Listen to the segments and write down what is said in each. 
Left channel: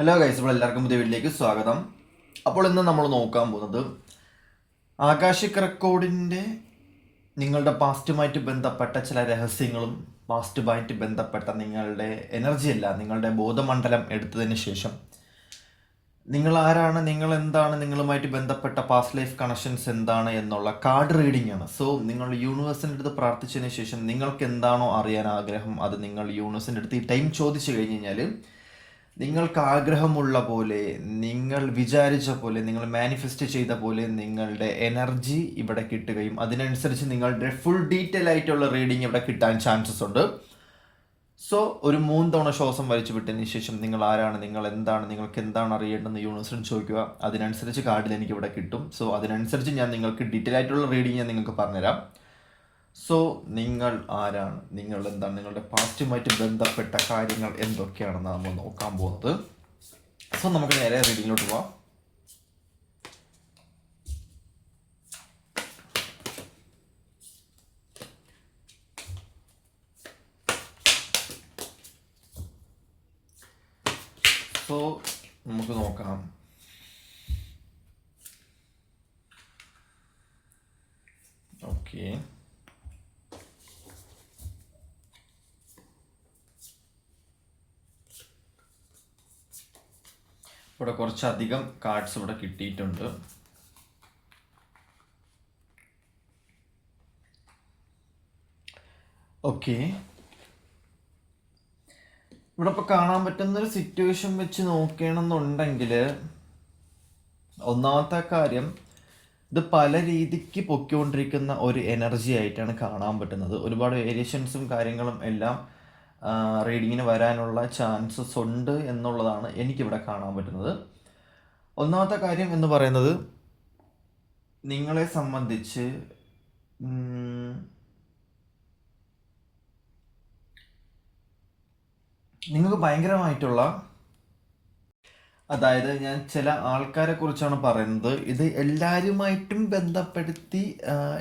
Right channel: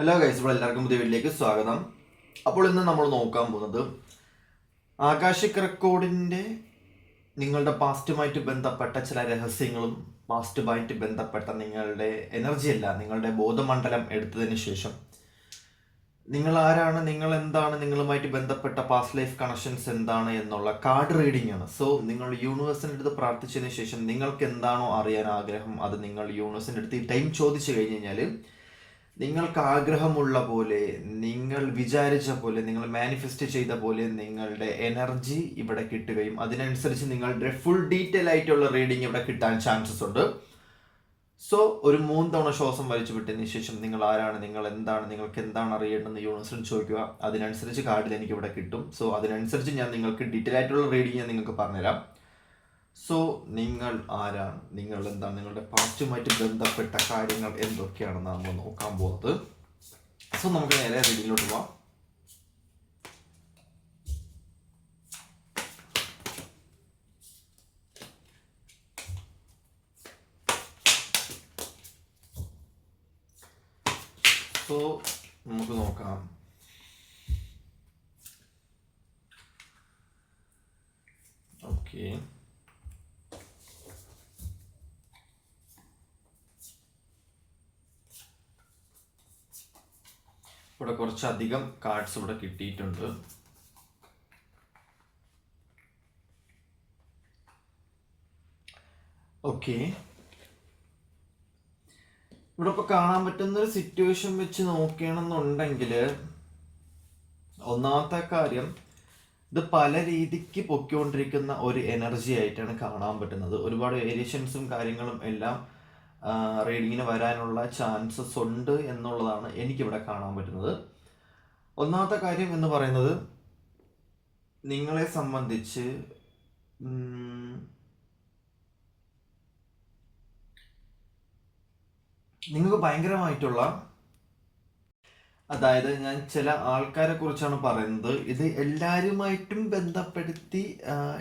Hello guys, ഇപ്പോൾ എല്ലാവർക്കും പുതിയ വീട്ടിലേക്ക് സ്വാഗതം. അപ്പോൾ ഇന്ന് നമ്മൾ നോക്കാൻ പോകുന്നത് ആകാശിക് റെക്കോർഡിൻ്റെ നിങ്ങളുടെ പാസ്റ്റുമായിട്ട് ബന്ധപ്പെട്ട ചില രഹസ്യങ്ങളും പാസ്റ്റുമായിട്ട് ബന്ധപ്പെട്ട നിങ്ങളുടെ എനർജി അല്ല, നിങ്ങളുടെ ബോധമണ്ഡലം എടുത്തതിന് ശേഷം നിങ്ങൾ ആരാണ്, നിങ്ങൾ എന്താണ്, നിങ്ങളുമായിട്ട് ബന്ധപ്പെട്ട പാസ്റ്റ് ലൈഫ് കണക്ഷൻസ് എന്താണ് എന്നുള്ള കാർഡ് റീഡിംഗ് ആണ്. സോ നിങ്ങൾ യൂണിവേഴ്സിൻ്റെ അടുത്ത് പ്രാർത്ഥിച്ചതിന് ശേഷം നിങ്ങൾക്ക് എന്താണോ അറിയാൻ ആഗ്രഹം അത് നിങ്ങൾ യൂണിവേഴ്സിൻ്റെ അടുത്ത് ഈ ടൈം ചോദിച്ചു കഴിഞ്ഞ് കഴിഞ്ഞാൽ നിങ്ങൾക്ക് ആഗ്രഹമുള്ള പോലെ, നിങ്ങൾ വിചാരിച്ച പോലെ, നിങ്ങൾ മാനിഫെസ്റ്റ് ചെയ്ത പോലെ നിങ്ങളുടെ എനർജി ഇവിടെ കിട്ടുകയും അതിനനുസരിച്ച് നിങ്ങളുടെ ഫുൾ ഡീറ്റെയിൽ ആയിട്ടുള്ള റീഡിങ് ഇവിടെ കിട്ടാൻ ചാൻസസ് ഉണ്ട്. സോ ഒരു 3 തവണ ശ്വാസം വലിച്ചു വിട്ടതിന് ശേഷം നിങ്ങൾ ആരാണ്, നിങ്ങൾ എന്താണ്, നിങ്ങൾക്ക് എന്താണ് അറിയേണ്ടതെന്ന് യൂണിവേഴ്സിനോട് ചോദിക്കുക. അതിനനുസരിച്ച് കാർഡിൽ എനിക്ക് ഇവിടെ കിട്ടും. സോ അതിനനുസരിച്ച് ഞാൻ നിങ്ങൾക്ക് ഡീറ്റെയിൽ ആയിട്ടുള്ള റീഡിങ് ഞാൻ നിങ്ങൾക്ക് പറഞ്ഞുതരാം. സോ നിങ്ങൾ ആരാണ്, നിങ്ങൾ എന്താണ്, നിങ്ങളുടെ പാസ്റ്റുമായിട്ട് ബന്ധപ്പെട്ട കാര്യങ്ങൾ എന്തൊക്കെയാണെന്ന് നമ്മൾ നോക്കാൻ പോകുന്നത്. സോ നമുക്ക് നേരെ റീഡിങ്ങിലോട്ട് പോവാം. സോ നമുക്ക് നോക്കാം. ഓക്കെ, ഇവിടെ കുറച്ചധികം കാർഡ്സ് ഇവിടെ കിട്ടിയിട്ടുണ്ട്. ഓക്കെ, ഇവിടെ ഇപ്പോൾ കാണാൻ പറ്റുന്ന ഒരു സിറ്റുവേഷൻ വെച്ച് നോക്കുകയാണെന്നുണ്ടെങ്കിൽ ഒന്നാമത്തെ കാര്യം, ഇത് പല രീതിക്ക് പൊക്കിക്കൊണ്ടിരിക്കുന്ന ഒരു എനർജി ആയിട്ടാണ് കാണാൻ പറ്റുന്നത്. ഒരുപാട് വേരിയേഷൻസും കാര്യങ്ങളും എല്ലാം റീഡിങ്ങിന് വരാനുള്ള ചാൻസസ് ഉണ്ട് എന്നുള്ളതാണ് എനിക്കിവിടെ കാണാൻ പറ്റുന്നത്. ഒന്നാമത്തെ കാര്യം എന്ന് പറയുന്നത്, നിങ്ങളെ സംബന്ധിച്ച് നിങ്ങൾക്ക് ഭയങ്കരമായിട്ടുള്ള, അതായത് ഞാൻ ചില ആൾക്കാരെ കുറിച്ചാണ് പറയുന്നത്. ഇത് എല്ലാവരുമായിട്ടും ബന്ധപ്പെടുത്തി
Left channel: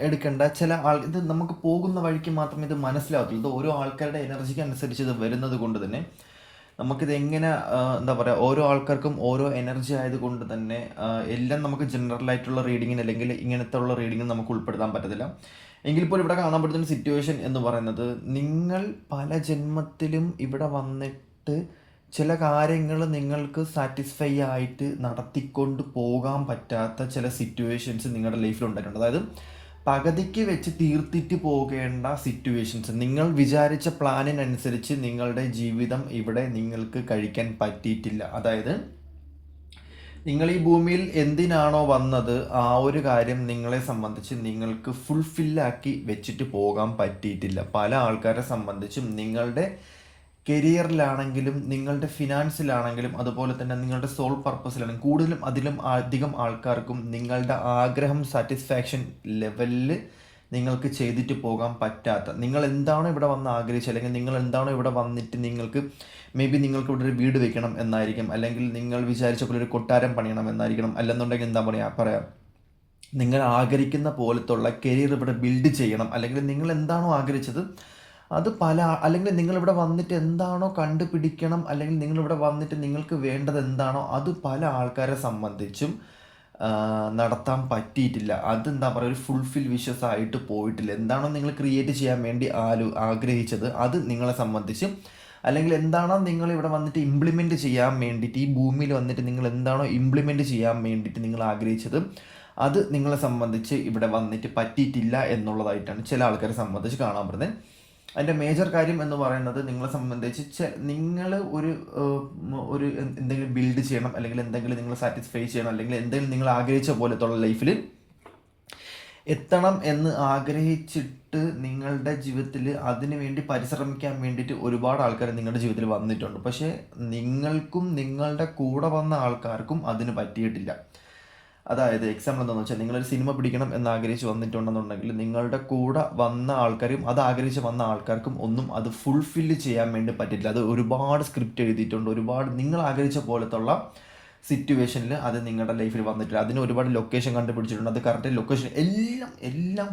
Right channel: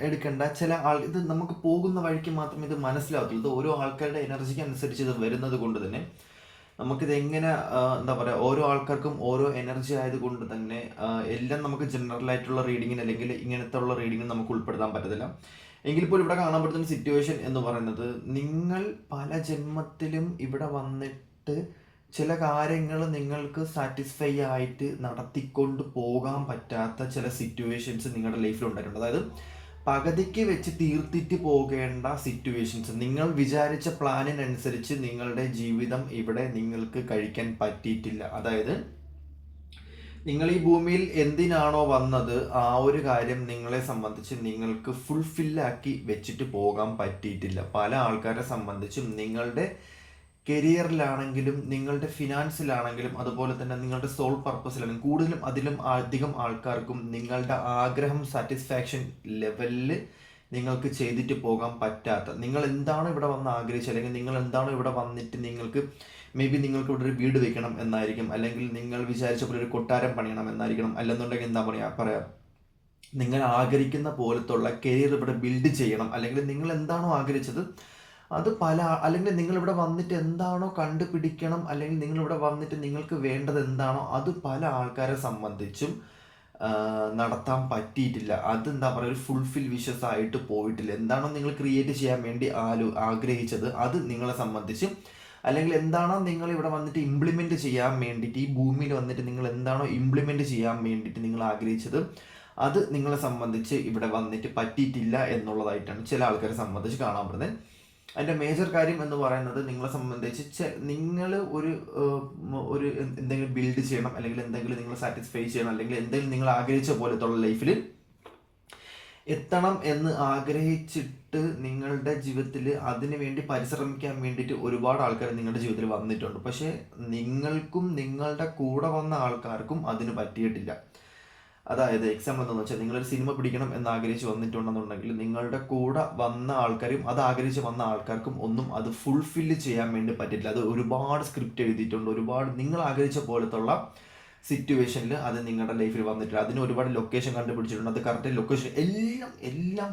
എടുക്കേണ്ട ചില ഇത് നമുക്ക് പോകുന്ന വഴിക്ക് മാത്രമേ ഇത് മനസ്സിലാകത്തുള്ളൂ. ഇത് ഓരോ ആൾക്കാരുടെ എനർജിക്ക് അനുസരിച്ച് ഇത് വരുന്നത് കൊണ്ട് തന്നെ നമുക്കിത് എങ്ങനെ എന്താ പറയുക, ഓരോ ആൾക്കാർക്കും ഓരോ എനർജി ആയതുകൊണ്ട് തന്നെ എല്ലാം നമുക്ക് ജനറൽ ആയിട്ടുള്ള റീഡിങ്ങിന് അല്ലെങ്കിൽ ഇങ്ങനത്തെ ഉള്ള റീഡിങ്ങിന് നമുക്ക് ഉൾപ്പെടുത്താൻ പറ്റത്തില്ല. എങ്കിൽ പോലും ഇവിടെ കാണാൻ പറ്റുന്ന സിറ്റുവേഷൻ എന്ന് പറയുന്നത്, നിങ്ങൾ പല ജന്മത്തിലും ഇവിടെ വന്നിട്ട് ചില കാര്യങ്ങൾ നിങ്ങൾക്ക് സാറ്റിസ്ഫൈ ആയിട്ട് നടത്തിക്കൊണ്ട് പോകാൻ പറ്റാത്ത ചില സിറ്റുവേഷൻസ് നിങ്ങളുടെ ലൈഫിൽ ഉണ്ടായിട്ടുണ്ട്. അതായത് പകുതിക്ക് വെച്ച് തീർത്തിട്ട് പോകേണ്ട സിറ്റുവേഷൻസ്, നിങ്ങൾ വിചാരിച്ച പ്ലാനിനനുസരിച്ച് നിങ്ങളുടെ ജീവിതം ഇവിടെ നിങ്ങൾക്ക് കഴിക്കാൻ പറ്റിയിട്ടില്ല. അതായത് നിങ്ങൾ ഈ ഭൂമിയിൽ എന്തിനാണോ വന്നത് ആ ഒരു കാര്യം നിങ്ങളെ സംബന്ധിച്ച് നിങ്ങൾക്ക് ഫുൾഫില്ലാക്കി വെച്ചിട്ട് പോകാൻ പറ്റിയിട്ടില്ല. പല ആൾക്കാരെ സംബന്ധിച്ചും നിങ്ങളുടെ കരിയറിലാണെങ്കിലും നിങ്ങളുടെ ഫിനാൻസിലാണെങ്കിലും അതുപോലെ തന്നെ നിങ്ങളുടെ സോൾ പർപ്പസിലാണെങ്കിലും കൂടുതലും അതിലും അധികം ആൾക്കാർക്കും നിങ്ങളുടെ ആഗ്രഹം സാറ്റിസ്ഫാക്ഷൻ ലെവലിൽ നിങ്ങൾക്ക് ചെയ്തിട്ട് പോകാൻ പറ്റാത്ത, നിങ്ങൾ എന്താണോ ഇവിടെ വന്ന് ആഗ്രഹിച്ചത് അല്ലെങ്കിൽ നിങ്ങൾ എന്താണോ ഇവിടെ വന്നിട്ട് നിങ്ങൾക്ക് മേ ബി നിങ്ങൾക്ക് ഇവിടെ ഒരു വീട് വെക്കണം എന്നായിരിക്കും, അല്ലെങ്കിൽ നിങ്ങൾ വിചാരിച്ച പോലെ ഒരു കൊട്ടാരം പണിയണം എന്നായിരിക്കണം, അല്ലെന്നുണ്ടെങ്കിൽ എന്താ പറയാം നിങ്ങൾ ആഗ്രഹിക്കുന്ന പോലത്തുള്ള കരിയർ ഇവിടെ ബിൽഡ് ചെയ്യണം, അല്ലെങ്കിൽ നിങ്ങൾ എന്താണോ ആഗ്രഹിച്ചത് അത് അല്ലെങ്കിൽ നിങ്ങളിവിടെ വന്നിട്ട് എന്താണോ കണ്ടുപിടിക്കണം, അല്ലെങ്കിൽ നിങ്ങളിവിടെ വന്നിട്ട് നിങ്ങൾക്ക് വേണ്ടത് എന്താണോ അത് പല ആൾക്കാരെ സംബന്ധിച്ചും നടത്താൻ പറ്റിയിട്ടില്ല. അതെന്താ പറയുക, ഒരു ഫുൾഫിൽ വിഷസ് ആയിട്ട് പോയിട്ടില്ല. എന്താണോ നിങ്ങൾ ക്രിയേറ്റ് ചെയ്യാൻ വേണ്ടി ആഗ്രഹിച്ചത് അത് നിങ്ങളെ സംബന്ധിച്ച്, അല്ലെങ്കിൽ എന്താണോ നിങ്ങൾ ഇവിടെ വന്നിട്ട് ഇംപ്ലിമെൻറ്റ് ചെയ്യാൻ വേണ്ടിയിട്ട്, ഈ ഭൂമിയിൽ വന്നിട്ട് നിങ്ങൾ എന്താണോ ഇംപ്ലിമെൻറ്റ് ചെയ്യാൻ വേണ്ടിയിട്ട് നിങ്ങൾ ആഗ്രഹിച്ചത് അത് നിങ്ങളെ സംബന്ധിച്ച് ഇവിടെ വന്നിട്ട് പറ്റിയിട്ടില്ല എന്നുള്ളതായിട്ടാണ് ചില ആൾക്കാരെ സംബന്ധിച്ച് കാണാൻ പറ്റുന്നത്. അതിൻ്റെ മേജർ കാര്യം എന്ന് പറയുന്നത്, നിങ്ങളെ സംബന്ധിച്ച് നിങ്ങൾ ഒരു എന്തെങ്കിലും ബിൽഡ് ചെയ്യണം, അല്ലെങ്കിൽ എന്തെങ്കിലും നിങ്ങൾ സാറ്റിസ്ഫൈ ചെയ്യണം, അല്ലെങ്കിൽ എന്തെങ്കിലും നിങ്ങൾ ആഗ്രഹിച്ച പോലത്തുള്ള ലൈഫിൽ എത്തണം എന്ന് ആഗ്രഹിച്ചിട്ട് നിങ്ങളുടെ ജീവിതത്തിൽ അതിനു വേണ്ടി പരിശ്രമിക്കാൻ വേണ്ടിയിട്ട് ഒരുപാട് ആൾക്കാർ നിങ്ങളുടെ ജീവിതത്തിൽ വന്നിട്ടുണ്ട്. പക്ഷേ നിങ്ങൾക്കും നിങ്ങളുടെ കൂടെ വന്ന ആൾക്കാർക്കും അതിന് പറ്റിയിട്ടില്ല. അതായത് എക്സാമ്പിൾ എന്താണെന്ന് വെച്ചാൽ, നിങ്ങളൊരു സിനിമ പിടിക്കണം എന്ന് ആഗ്രഹിച്ച് വന്നിട്ടുണ്ടെന്നുണ്ടെങ്കിൽ നിങ്ങളുടെ കൂടെ വന്ന ആൾക്കാരും അത് ആഗ്രഹിച്ച് വന്ന ആൾക്കാർക്കും ഒന്നും അത് ഫുൾഫില്ല് ചെയ്യാൻ വേണ്ടി പറ്റില്ല. അത് ഒരുപാട് സ്ക്രിപ്റ്റ് എഴുതിയിട്ടുണ്ട്, ഒരുപാട് നിങ്ങൾ ആഗ്രഹിച്ച പോലത്തുള്ള സിറ്റുവേഷനിൽ അത് നിങ്ങളുടെ ലൈഫിൽ വന്നിട്ടില്ല. അതിന് ഒരുപാട് ലൊക്കേഷൻ കണ്ടുപിടിച്ചിട്ടുണ്ട്. അത് കറക്റ്റ് ലൊക്കേഷൻ എല്ലാം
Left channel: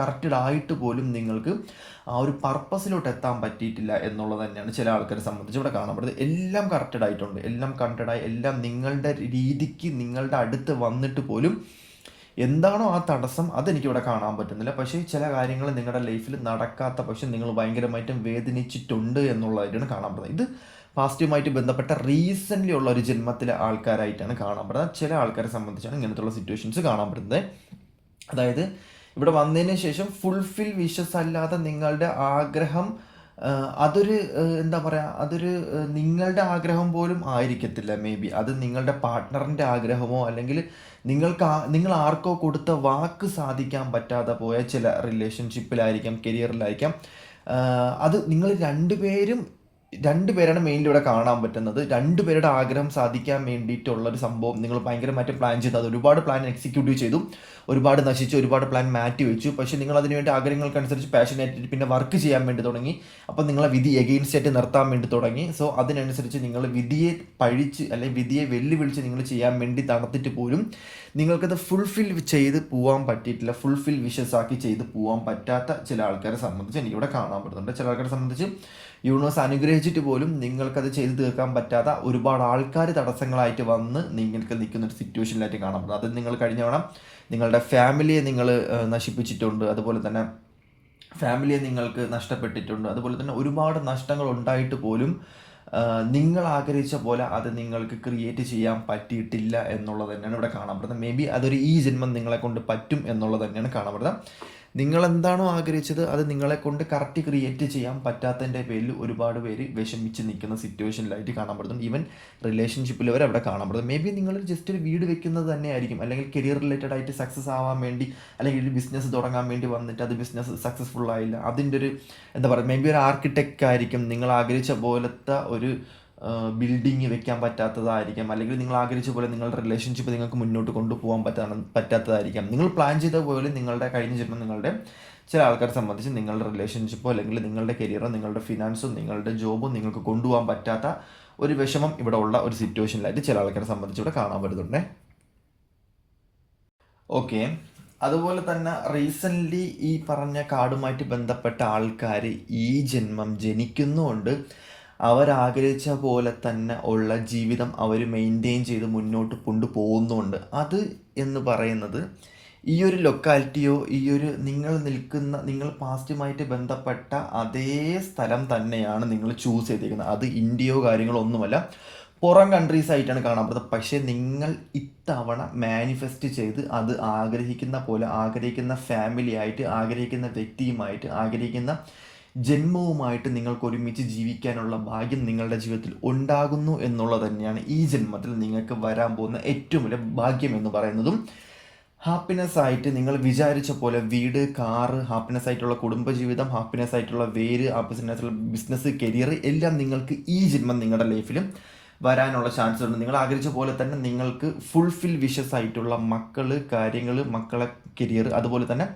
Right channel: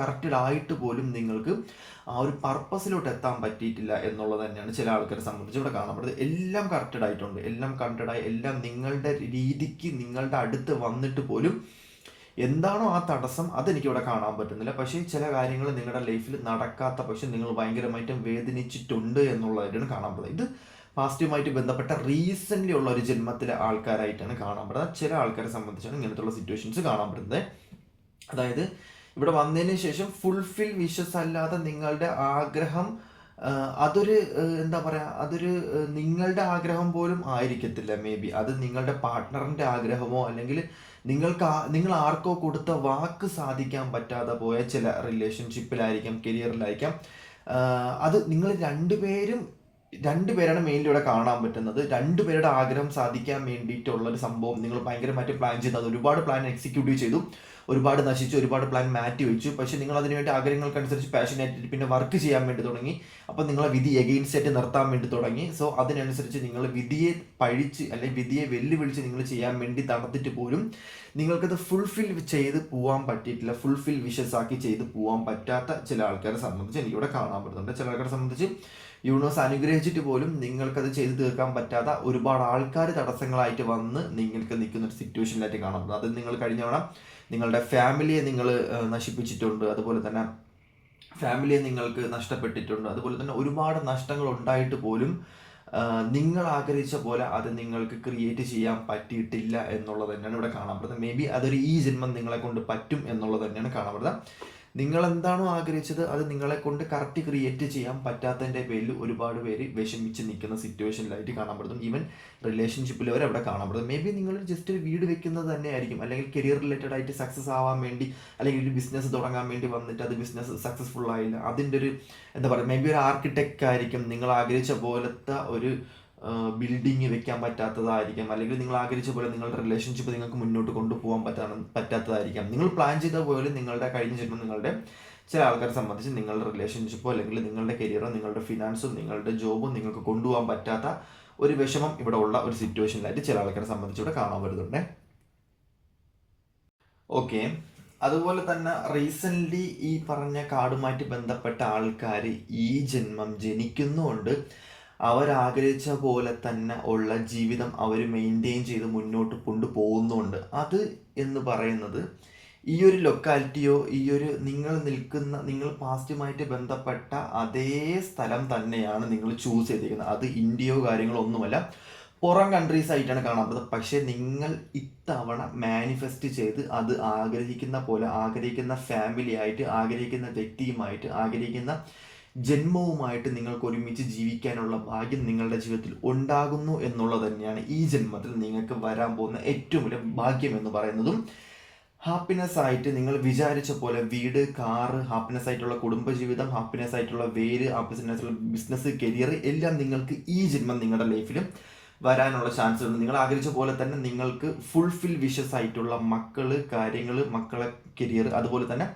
കറക്റ്റഡ് ആയിട്ട് പോലും നിങ്ങൾക്ക് ആ ഒരു പർപ്പസിലോട്ട് എത്താൻ പറ്റിയിട്ടില്ല എന്നുള്ളത് തന്നെയാണ് ചില ആൾക്കാരെ സംബന്ധിച്ച് ഇവിടെ കാണപ്പെടുന്നത്. എല്ലാം കറക്റ്റഡ് ആയിട്ടുണ്ട്, എല്ലാം കറക്റ്റഡായി, എല്ലാം നിങ്ങളുടെ രീതിക്ക് നിങ്ങളുടെ അടുത്ത് വന്നിട്ട് പോലും എന്താണോ ആ തടസ്സം അതെനിക്കിവിടെ കാണാൻ പറ്റുന്നില്ല. പക്ഷേ ചില കാര്യങ്ങൾ നിങ്ങളുടെ ലൈഫിൽ നടക്കാത്ത പക്ഷെ നിങ്ങൾ ഭയങ്കരമായിട്ടും വേദനിച്ചിട്ടുണ്ട് എന്നുള്ളതായിട്ടാണ് കാണപ്പെടുന്നത്. ഇത് പാസ്റ്റുമായിട്ട് ബന്ധപ്പെട്ട റീസെൻ്റ്ലി ഉള്ള ഒരു ജന്മത്തിലെ ആൾക്കാരായിട്ടാണ് കാണപ്പെടുന്നത്. ചില ആൾക്കാരെ സംബന്ധിച്ചാണ് ഇങ്ങനത്തുള്ള സിറ്റുവേഷൻസ് കാണപ്പെടുന്നത്. അതായത് ഇവിടെ വന്നതിന് ശേഷം ഫുൾഫിൽ വിഷസ് അല്ലാതെ നിങ്ങളുടെ ആഗ്രഹം അതൊരു എന്താ പറയുക, അതൊരു നിങ്ങളുടെ ആഗ്രഹം പോലും ആയിരിക്കത്തില്ല. മേ ബി അത് നിങ്ങളുടെ പാർട്ട്ണറിൻ്റെ ആഗ്രഹമോ അല്ലെങ്കിൽ നിങ്ങൾ ആർക്കോ കൊടുത്ത വാക്ക് സാധിക്കാൻ പറ്റാതെ പോയ ചില റിലേഷൻഷിപ്പിലായിരിക്കാം, കരിയറിലായിരിക്കാം. അത് നിങ്ങൾ രണ്ടുപേരാണ് മെയിൻലി ഇവിടെ കാണാൻ പറ്റുന്നത്. രണ്ടുപേരുടെ ആഗ്രഹം സാധിക്കാൻ വേണ്ടിയിട്ടുള്ളൊരു സംഭവം നിങ്ങൾ ഭയങ്കരമായിട്ട് പ്ലാൻ ചെയ്തു. അത് ഒരുപാട് പ്ലാൻ എക്സിക്യൂട്ടീവ് ചെയ്തു, ഒരുപാട് നശിച്ചു, ഒരുപാട് പ്ലാൻ മാറ്റി വെച്ചു. പക്ഷേ നിങ്ങൾ അതിനുവേണ്ടി ആഗ്രഹങ്ങൾക്കനുസരിച്ച് പാഷനായിട്ട് പിന്നെ വർക്ക് ചെയ്യാൻ വേണ്ടി തുടങ്ങി. അപ്പോൾ നിങ്ങളെ വിധി എഗെയിൻസ്റ്റ് ആയിട്ട് നിർത്താൻ വേണ്ടി തുടങ്ങി. സോ അതിനനുസരിച്ച് നിങ്ങൾ വിധിയെ പഴിച്ച് അല്ലെങ്കിൽ വിധിയെ വെല്ലുവിളിച്ച് നിങ്ങൾ ചെയ്യാൻ വേണ്ടി നടത്തിയിട്ട് പോലും നിങ്ങൾക്കത് ഫുൾഫിൽ ചെയ്ത് പോകാൻ പറ്റിയിട്ടില്ല. ഫുൾഫിൽ വിഷസ് ആക്കി ചെയ്ത് പോകാൻ പറ്റാത്ത ചില ആൾക്കാരെ സംബന്ധിച്ച് എനിക്കിവിടെ കാണാൻ പറ്റുന്നുണ്ട്. ചില ആൾക്കാരെ സംബന്ധിച്ച് യൂണിവേഴ്സ് അനുഗ്രഹിച്ചിട്ട് പോലും നിങ്ങൾക്കത് ചെയ്ത് തീർക്കാൻ പറ്റാത്ത ഒരുപാട് ആൾക്കാർ തടസ്സങ്ങളായിട്ട് വന്ന് നിങ്ങൾക്ക് നിൽക്കുന്ന ഒരു സിറ്റുവേഷനിലായിട്ട് കാണപ്പെടുന്നത്. അത് നിങ്ങൾ കഴിഞ്ഞ തവണ നിങ്ങളുടെ ഫാമിലിയെ നിങ്ങൾ നശിപ്പിച്ചിട്ടുണ്ട്, അതുപോലെ തന്നെ ഫാമിലിയെ നിങ്ങൾക്ക് നഷ്ടപ്പെട്ടിട്ടുണ്ട്, അതുപോലെ തന്നെ ഒരുപാട് നഷ്ടങ്ങൾ ഉണ്ടായിട്ട് പോലും നിങ്ങൾ ആഗ്രഹിച്ച പോലെ അത് നിങ്ങൾക്ക് ക്രിയേറ്റ് ചെയ്യാൻ പറ്റിയിട്ടില്ല എന്നുള്ളത് തന്നെയാണ് ഇവിടെ കാണപ്പെടുന്നത്. മേ ബി അതൊരു ഈ ജന്മം നിങ്ങളെ കൊണ്ട് പറ്റും എന്നുള്ളത് തന്നെയാണ് കാണപ്പെടുന്നത്. നിങ്ങൾ എന്താണോ ആഗ്രഹിച്ചത് അത് നിങ്ങളെ കൊണ്ട് കറക്റ്റ് ക്രിയേറ്റ് ചെയ്യാൻ പറ്റാത്തതിൻ്റെ പേരിൽ ഒരുപാട് പേര് വിഷമിച്ച് നിൽക്കുന്ന സിറ്റുവേഷനിലായിട്ട് കാണപ്പെടുന്നു. ഈവൻ റിലേഷൻഷിപ്പിൽ വരെ അവിടെ കാണപ്പെടുന്നത്. മേ ബി നിങ്ങൾ ജസ്റ്റ് ഒരു വീട് വെക്കുന്നത് തന്നെ ആയിരിക്കും, അല്ലെങ്കിൽ കരിയർ റിലേറ്റഡ് ആയിട്ട് സക്സസ് ആവാൻ വേണ്ടി, അല്ലെങ്കിൽ ഒരു ബിസിനസ് തുടങ്ങാൻ വേണ്ടി വന്നിട്ട് അത് ബിസിനസ് സക്സസ്ഫുൾ ആയില്ല. അതിൻ്റെ ഒരു എന്താ പറയുക, മേ ബി ഒരു ആർക്കിടെക്റ്റ് ആയിരിക്കും, നിങ്ങൾ ആഗ്രഹിച്ച പോലത്തെ ഒരു ബിൽഡിങ് വെക്കാൻ പറ്റാത്തതായിരിക്കാം, അല്ലെങ്കിൽ നിങ്ങൾ ആഗ്രഹിച്ച പോലെ നിങ്ങളുടെ റിലേഷൻഷിപ്പ് നിങ്ങൾക്ക് മുന്നോട്ട് കൊണ്ടുപോകാൻ പറ്റാത്തതായിരിക്കാം. നിങ്ങൾ പ്ലാൻ ചെയ്ത പോലെ നിങ്ങളുടെ കഴിഞ്ഞ ജന്മം നിങ്ങളുടെ ചില ആൾക്കാരെ സംബന്ധിച്ച് നിങ്ങളുടെ റിലേഷൻഷിപ്പോ അല്ലെങ്കിൽ നിങ്ങളുടെ കരിയറോ നിങ്ങളുടെ ഫിനാൻസും നിങ്ങളുടെ ജോബും നിങ്ങൾക്ക് കൊണ്ടുപോകാൻ പറ്റാത്ത ഒരു വിഷമം ഇവിടെ ഉള്ള ഒരു സിറ്റുവേഷനിലായിട്ട് ചില ആൾക്കാരെ സംബന്ധിച്ച് ഇവിടെ കാണാൻ പറ്റുന്നുണ്ട്. ഓക്കെ, അതുപോലെ തന്നെ റീസെൻ്റ്ലി ഈ പറഞ്ഞ കാർഡുമായിട്ട് ബന്ധപ്പെട്ട ആൾക്കാർ ഈ ജന്മം ജനിക്കുന്നുകൊണ്ട് അവരാഗ്രഹിച്ച പോലെ തന്നെ ഉള്ള ജീവിതം അവർ മെയിൻറ്റെയിൻ ചെയ്ത് മുന്നോട്ട് കൊണ്ടുപോകുന്നുണ്ട്. അത് എന്ന് പറയുന്നത് ഈ ഒരു ലൊക്കാലിറ്റിയോ ഈ ഒരു നിങ്ങൾ പാസ്റ്റുമായിട്ട് ബന്ധപ്പെട്ട അതേ സ്ഥലം തന്നെയാണ് നിങ്ങൾ ചൂസ് ചെയ്തിരിക്കുന്നത്. അത് ഇന്ത്യയോ കാര്യങ്ങളോ ഒന്നുമല്ല, പുറം കൺട്രീസ് ആയിട്ടാണ് കാണപ്പെടുന്നത്. പക്ഷേ നിങ്ങൾ ഇത്തവണ മാനിഫെസ്റ്റ് ചെയ്ത് അത് ആഗ്രഹിക്കുന്ന പോലെ, ആഗ്രഹിക്കുന്ന ഫാമിലി ആയിട്ട്, ആഗ്രഹിക്കുന്ന വ്യക്തിയുമായിട്ട്, ആഗ്രഹിക്കുന്ന ജന്മവുമായിട്ട് നിങ്ങൾക്ക് ഒരുമിച്ച് ജീവിക്കാനുള്ള ഭാഗ്യം നിങ്ങളുടെ ജീവിതത്തിൽ ഉണ്ടാകുന്നു എന്നുള്ളത് തന്നെയാണ് ഈ ജന്മത്തിൽ നിങ്ങൾക്ക് വരാൻ പോകുന്ന ഏറ്റവും വലിയ ഭാഗ്യം എന്ന് പറയുന്നതും. ഹാപ്പിനെസ് ആയിട്ട് നിങ്ങൾ വിചാരിച്ച പോലെ വീട്, കാറ്, ഹാപ്പിനെസ് ആയിട്ടുള്ള കുടുംബജീവിതം, ഹാപ്പിനെസ് ആയിട്ടുള്ള വേര്, ഹാപ്പിനെസ് ആയിട്ടുള്ള ബിസിനസ്, കരിയർ എല്ലാം നിങ്ങൾക്ക് ഈ ജന്മം നിങ്ങളുടെ ലൈഫിൽ വരാനുള്ള ചാൻസ് ഉണ്ട്. നിങ്ങൾ ആഗ്രഹിച്ച പോലെ തന്നെ നിങ്ങൾക്ക് ഫുൾഫിൽ വിഷസ് ആയിട്ടുള്ള മക്കള്, കാര്യങ്ങൾ, മക്കളെ കരിയർ, അതുപോലെ തന്നെ